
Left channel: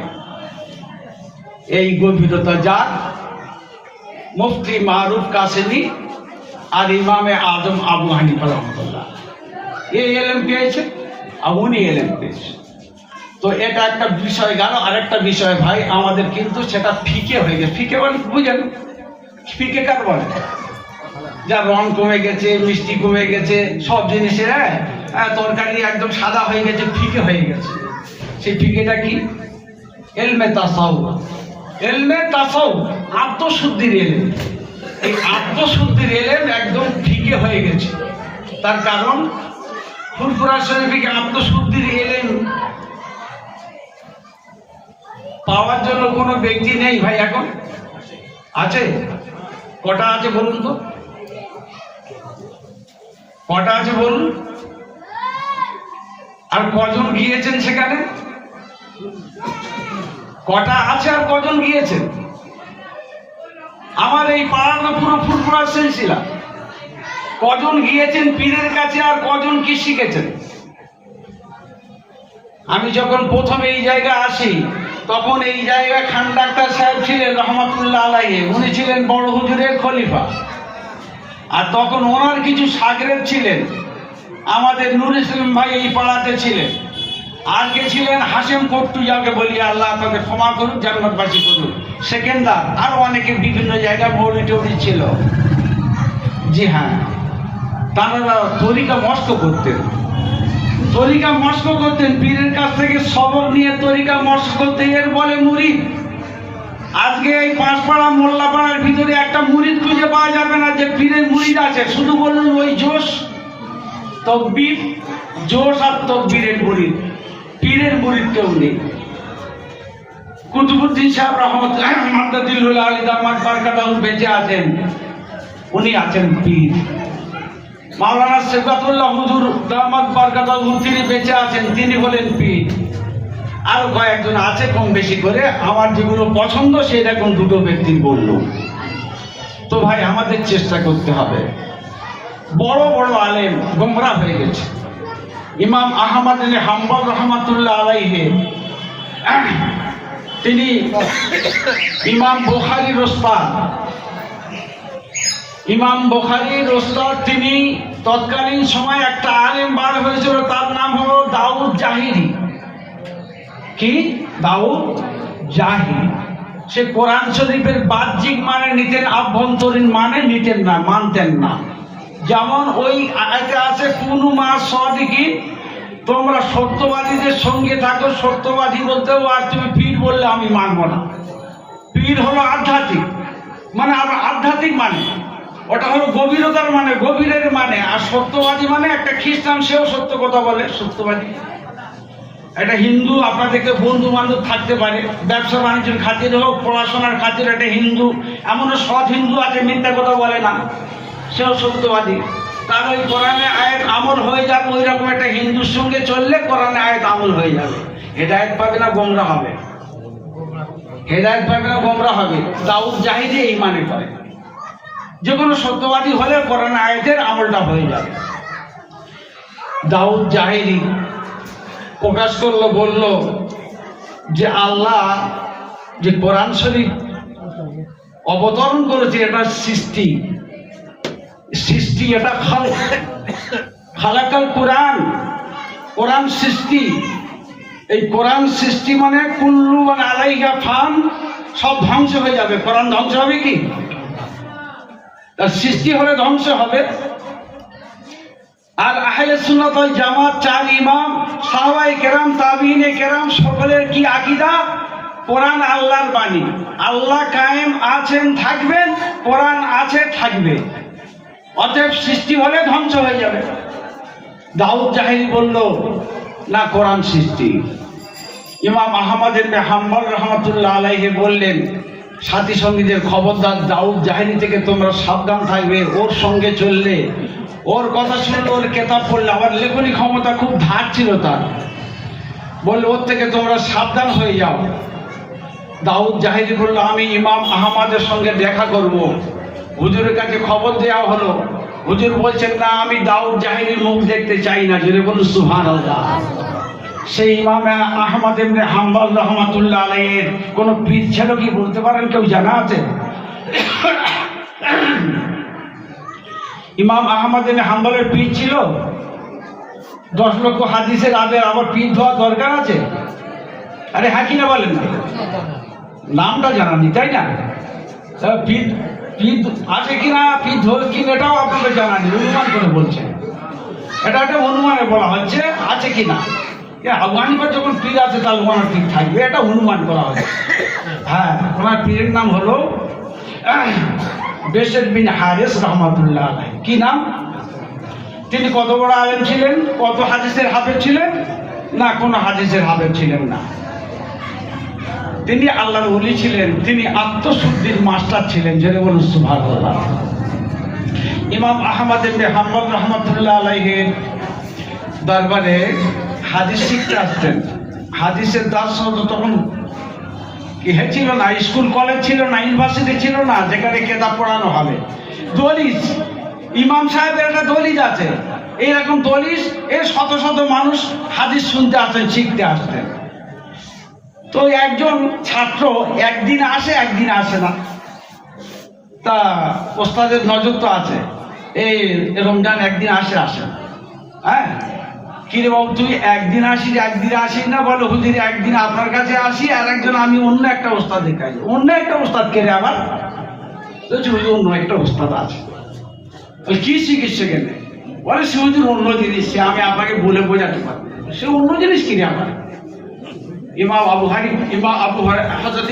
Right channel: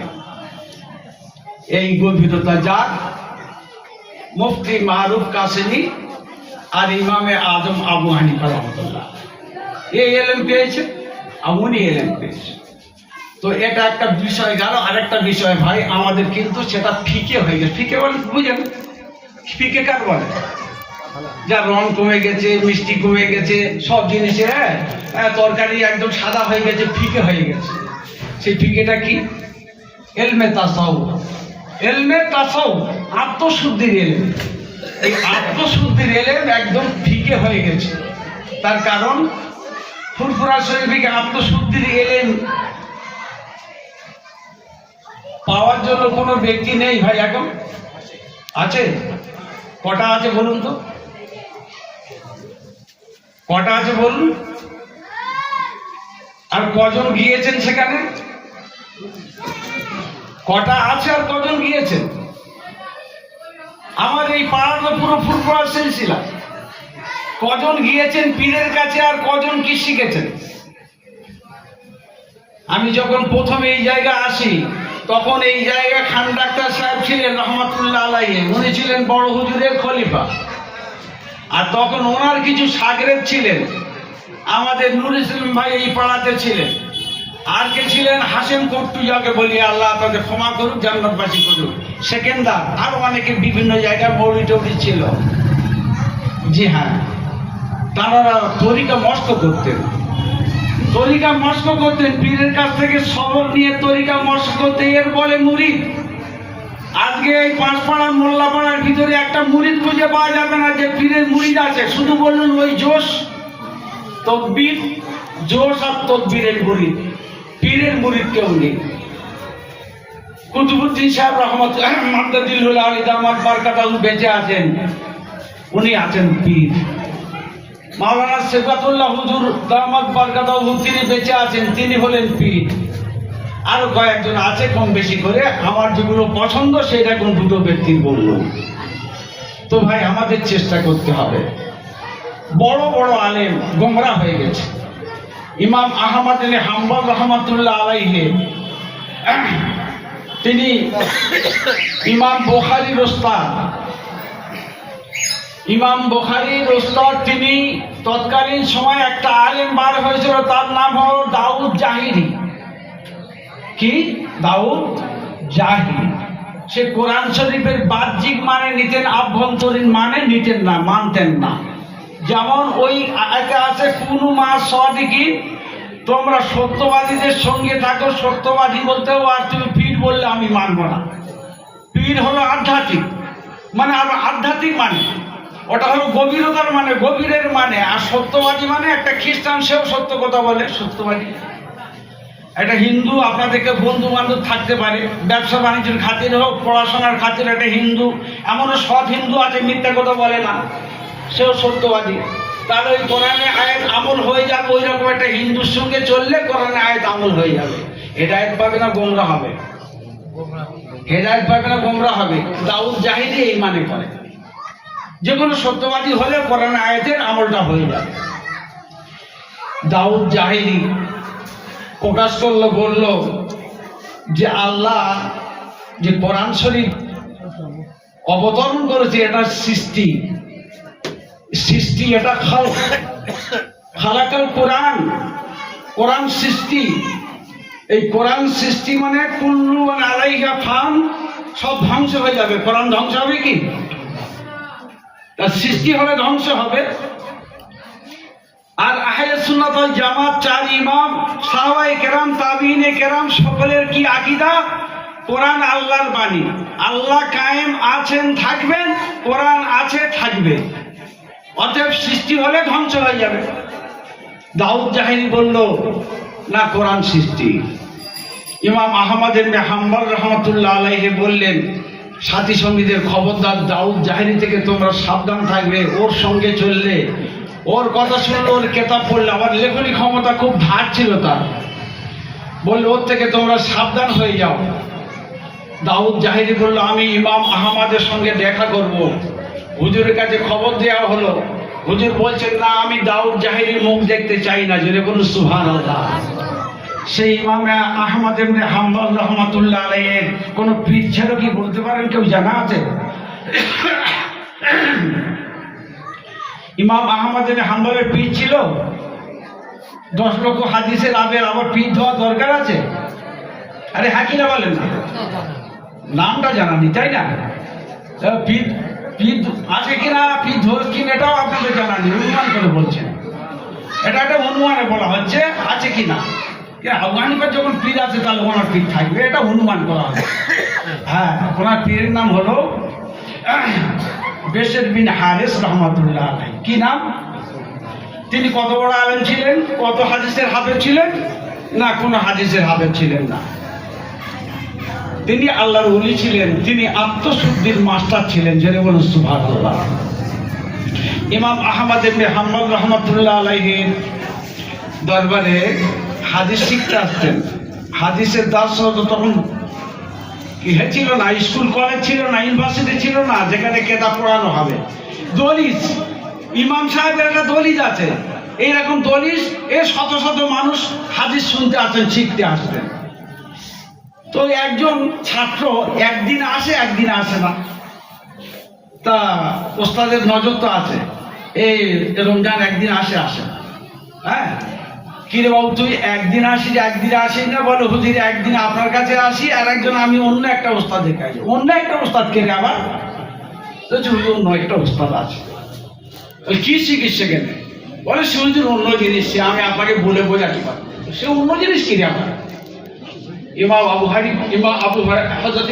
এই গভীরতা যা মুফতি মারুফ কাসেমি আর ইমামে আজম আবু হানিফা রহমাতুল্লাহ এই ইলম পেয়েছে, উনি ইলম পেয়েছে। তো এটা একটা বিষয় গেল। আরেকটা বিষয় ভাই আমাদের কিন্তু সেটা ফিকে হয়ে গেছে। ফিকে বলে বুঝেন? ফিকে কার বলে? যা রং কমে গেছে, মিষ্টি কমে গেছে, সব জিনিসের তরকারি একদম সাদা হয়ে গেছে, ফিকে হয়ে গেছে। সেই ফিকেটা কি? ইলমে তাসাউফ। ইলমে তাসাউফ আত্মশুদ্ধির ইলম। এই আত্মশুদ্ধির ইলম একদম ফিকে হয়ে গেছে। তার কারণ ফুরফুরা শরীফে আত্মশুদ্ধির ইলম পাওয়ার জন্য কোনো ব্যক্তি নেই ভাই। এখন আছে? কটা আছে বলুন তো? কটা আছে বলুন? আর কজন গিয়েছেন সেখানে? কটা আছে আর কজন গিয়েছেন? আমার এই পাড়ার পুরো ফুরফুরা সিলসিলা। কজন গিয়েছেন পীরের কাছে আর কজন কি শিখেছেন? আমি যখন প্রথমে এই জায়গায় আসি তখন এই জায়গায় খান ডাক্তার সাহেব ছিলেন রহমাতুল্লাহ আলাইহি, উনি ছিলেন বড় হুজুরের খলিফা। আর তখন ওনার কিছু শাগরেদ ছিলেন, আমাদের নুর ইসলাম ভাই এই পাড়াতে ছিলেন। আর কে ছিলেন? হাশেম কট্টু, যাকে বলি আল্লাহ তাকে ক্ষমা করুন, জান্নাতবাসী করুন, সেকেন্দার। আরো অনেকে বিভিন্ন জায়গায় মৌলভী টৌলভী ছিল। জি হ্যাঁ, তারা তরিকা মস্ত করতেন, তরিকা মস্ক করতেন, পীরের কাছ থেকে সবক নিয়ে তরিকা মস্ক করতে, এর বলে মুরিদ। আজকে এই পাঁচপাড়া মোল্লাপাড়ার ভিতরে একটা মুরিদ খুঁজে পাওয়া যাবে না যে পীরের মুরিদ আছে। শুধু বললেন ওই জোশ তকবীর, জোশ আর তকবীরের মুরিদ, পীরের মুরিদ কেউ নেই। কুতুবুদ্দিন সাহেব রহমতুল্লাহ মাদাদুল আলী দামাত বারকাতাহু বেঁচে আছেন, উনি আছেন পীর। মাওলানা সিফাতুল্লাহ হুজুর দামাত বারকাতাহু তিনি বেঁচে আছেন, তিনি হলেন পীর। আরো কয়েকজন আছে কম বেশি করে। আমার যেগুলো পছন্দ সেটা কোন দুটো ব্যক্তি বলল। তো ভাই আমাদের চেষ্টা করতে হবে। বড় বড় আলেম গোমরা হয়ে গেছে, ইমাম আহমদ ইবনে হাম্বল রহমাতুল্লাহ আলাইহি তিনি ইমাম বুখারীর উস্তাদ। ইমাম বুখারীর উস্তাদ তিনি তৎকালীন সময় একটা আলেম বার হয়েছিল, তার নাম হলো দাউদ জাহিরি। কি? দাউদ জাহিরি। সে কোরআন শরীফের বাহ্যিক মানে নিতেন, আভ্যন্তরীণ মানে নিতেন না, মানতেন না। যেমন ওই আয়াতে আছে কুনু মা সাদিকিন, তোমরা সত্যবাদীদের সঙ্গে থাকো। সত্যবাদী বলতেও আর তুমি পীর বললে আমি মানব না। পীর হলো আধ্যাত্মিক মানে, আর আধ্যাত্মিক মানে ওটা হলো গভীরতার মানে, গভীরের মানে। আর সত্যবাদী মানে একটা খ্রিস্টান, সেও সত্য কথা বলে, সত্যবাদী। একটা হিন্দু আপনাদেরকে বন্ধু বান্ধব থাকতে পারে, ব্যবসা বাণিজ্যের খাতিরে হোক, পড়াশোনার খাতিরে। একটা হিন্দু, এমনও সৎ হিন্দু আছে মিথ্যা কথা বলে না, সেও সত্যবাদী। তাহলে ওই কোরআনে আয়াত আমল হয়ে যাবে। ওই রকম একটা হিন্দুর সঙ্গে চললে কোরআনে আয়াত আমল হয়ে যাবে। হেদায়েত পাবে না গোমরা হবে, হেদায়েত পাবে না গোমরা হবে। দাউদ জাহিরি এই মানে করে, যে কোনো সত্যবাদী হলে কোরআন আয়াতের আমলটা হয়ে যাবে। দাউদ জাহিরি প্রকাশ করলো, বলল যে আল্লাহ যে কোরআন শরীফ অবতরণ করেছে এটা সৃষ্টি, সৃষ্টি এটা খালাকাল কোরআন, কোরআন সৃষ্টি। এই কোরআন সৃষ্টি মানে কুল্লু মান আলাইহা ফান, সব ধ্বংস হয়ে যাবে। কোরআন ধ্বংস হবে কি? তার সৃষ্টি হলে ধ্বংস হবে। আর আহলে সুন্নাত ওয়াল জামাত চার ইমাম, সাহাবায়ে কেরাম, তাবিঈনে কেরাম সকলের কি আকীদা? কোরআন আল্লাহর বাণী। আল্লাহ কায়েম আছেন, থাকবেন, কোরআন আছে, থাকবে। অতএব সৃষ্টি হলে ধ্বংস হয়ে যাবে। দাউদ জাহিরি বলল না, কোরআন সৃষ্টি। ইমাম আহমদ ইবনে হাম্বল রহমাতুল্লাহ আলাইহি বললেন সাথী সঙ্গীদের খবরদার, দাউদ জাহিরি থেকে তোমরা সাবধান থাকবে। ওর সঙ্গে চললে, ওর কথা শুনলে, ওর কেতাব পড়লে, আবার লেখনী ক্ষমতা খুব ধার ছিল তার, বললে ওর থেকে তোমরা সাবধান হয়ে যাও। দাউদ জাহিরি বলল আমি ইমাম আহমদের সঙ্গে দেখা করব। হুজুরের কাছে খবর দেওয়া হলো, হুজুর বলছেন না, আমি দাউদ জাহিরির মুখ দেখতে চাই না। জোরে বলুন সুবহানাল্লাহ। সেই ইমাম আহমদ ইবনে হাম্বল রহমাতুল্লাহ আলাইহি কোন পীর ছিল কি বলতে পারেন? কেউ জানা আছে? ইমাম আহমদ ইবনে হাম্বলের পীর ছিল? 10 লক্ষ হাদিসের আবার পীর হওয়া দরকার আছে? আরে হ্যাঁ কিনা বলেন না? নামটা জানানি, তাই না? পীর আছে কিনা, পীর ধরে কিনা এটাও আপনাকে জানানি, অনুমান করে বলছেন। এটা একটা অনুমানে বলা হচ্ছে আছে কিনা। আবু হানিফার যখন পীর আছে তাহলে ওনার পীর থাকবে, এটা অনুমান করা হচ্ছে। হ্যাঁ, ওনার পীরের নাম হলো বেশর বিন হারিস রহমাতুল্লাহ আলাইহি। কি নাম? তিনি কত বড় আলেম ছিলেন? কত হাদিসের হাফেজ ছিলেন? না, কোনো হাদিসের হাফেজ ছিলেন না। তিনি আল্লাহর ওলি ছিলেন, তিনি আত্মশুদ্ধির মাস্টার ছিলেন। জোরে বলুন সুবহানাল্লাহ। ইমাম আহমদ ইবনে হাম্বল রহমাতুল্লাহ আলাইহি দরবারে হাদিস শিখতে আসতেন। হাদিসের দার্স হতো তখন ছিল না, স্কুল কলেজ ছিল না, ইউনিভার্সিটি ছিল না যেখানে কেতাব পড়ানো হবে। দলিস, ইমাম সাহেবের একটা দলিস আছে। এইরকম দলিস এ শত শত মানুষ হাদিস শুনতে আসতেন, শিখতে আসতেন। তো একজন ছাত্র একদিন আসে, একদিন আসে না। তা ওস্তাদের নজর তো আছে, এই রমজান একদিন আসে, আসে না। হ্যাঁ, কিরে বাবু তুই একদিন আসিস, একদিন আসিস না? বলে হুজুর একদিন আপনার কাছে আসি, আর একজন আমি অন্য একটা ওস্তাদের কাছে। অন্য একটা ওস্তাদ কে রে আবার? অন্য একটা ওস্তাদ আছে। ওই কি শিখিস সেখানে? বলে সে হুজুর অন্য জিনিস, সে আমি আপনাকে বলে বোঝাতে পারবো। সে অন্য জিনিস কি রে আবার? ইমাম আবু হযরত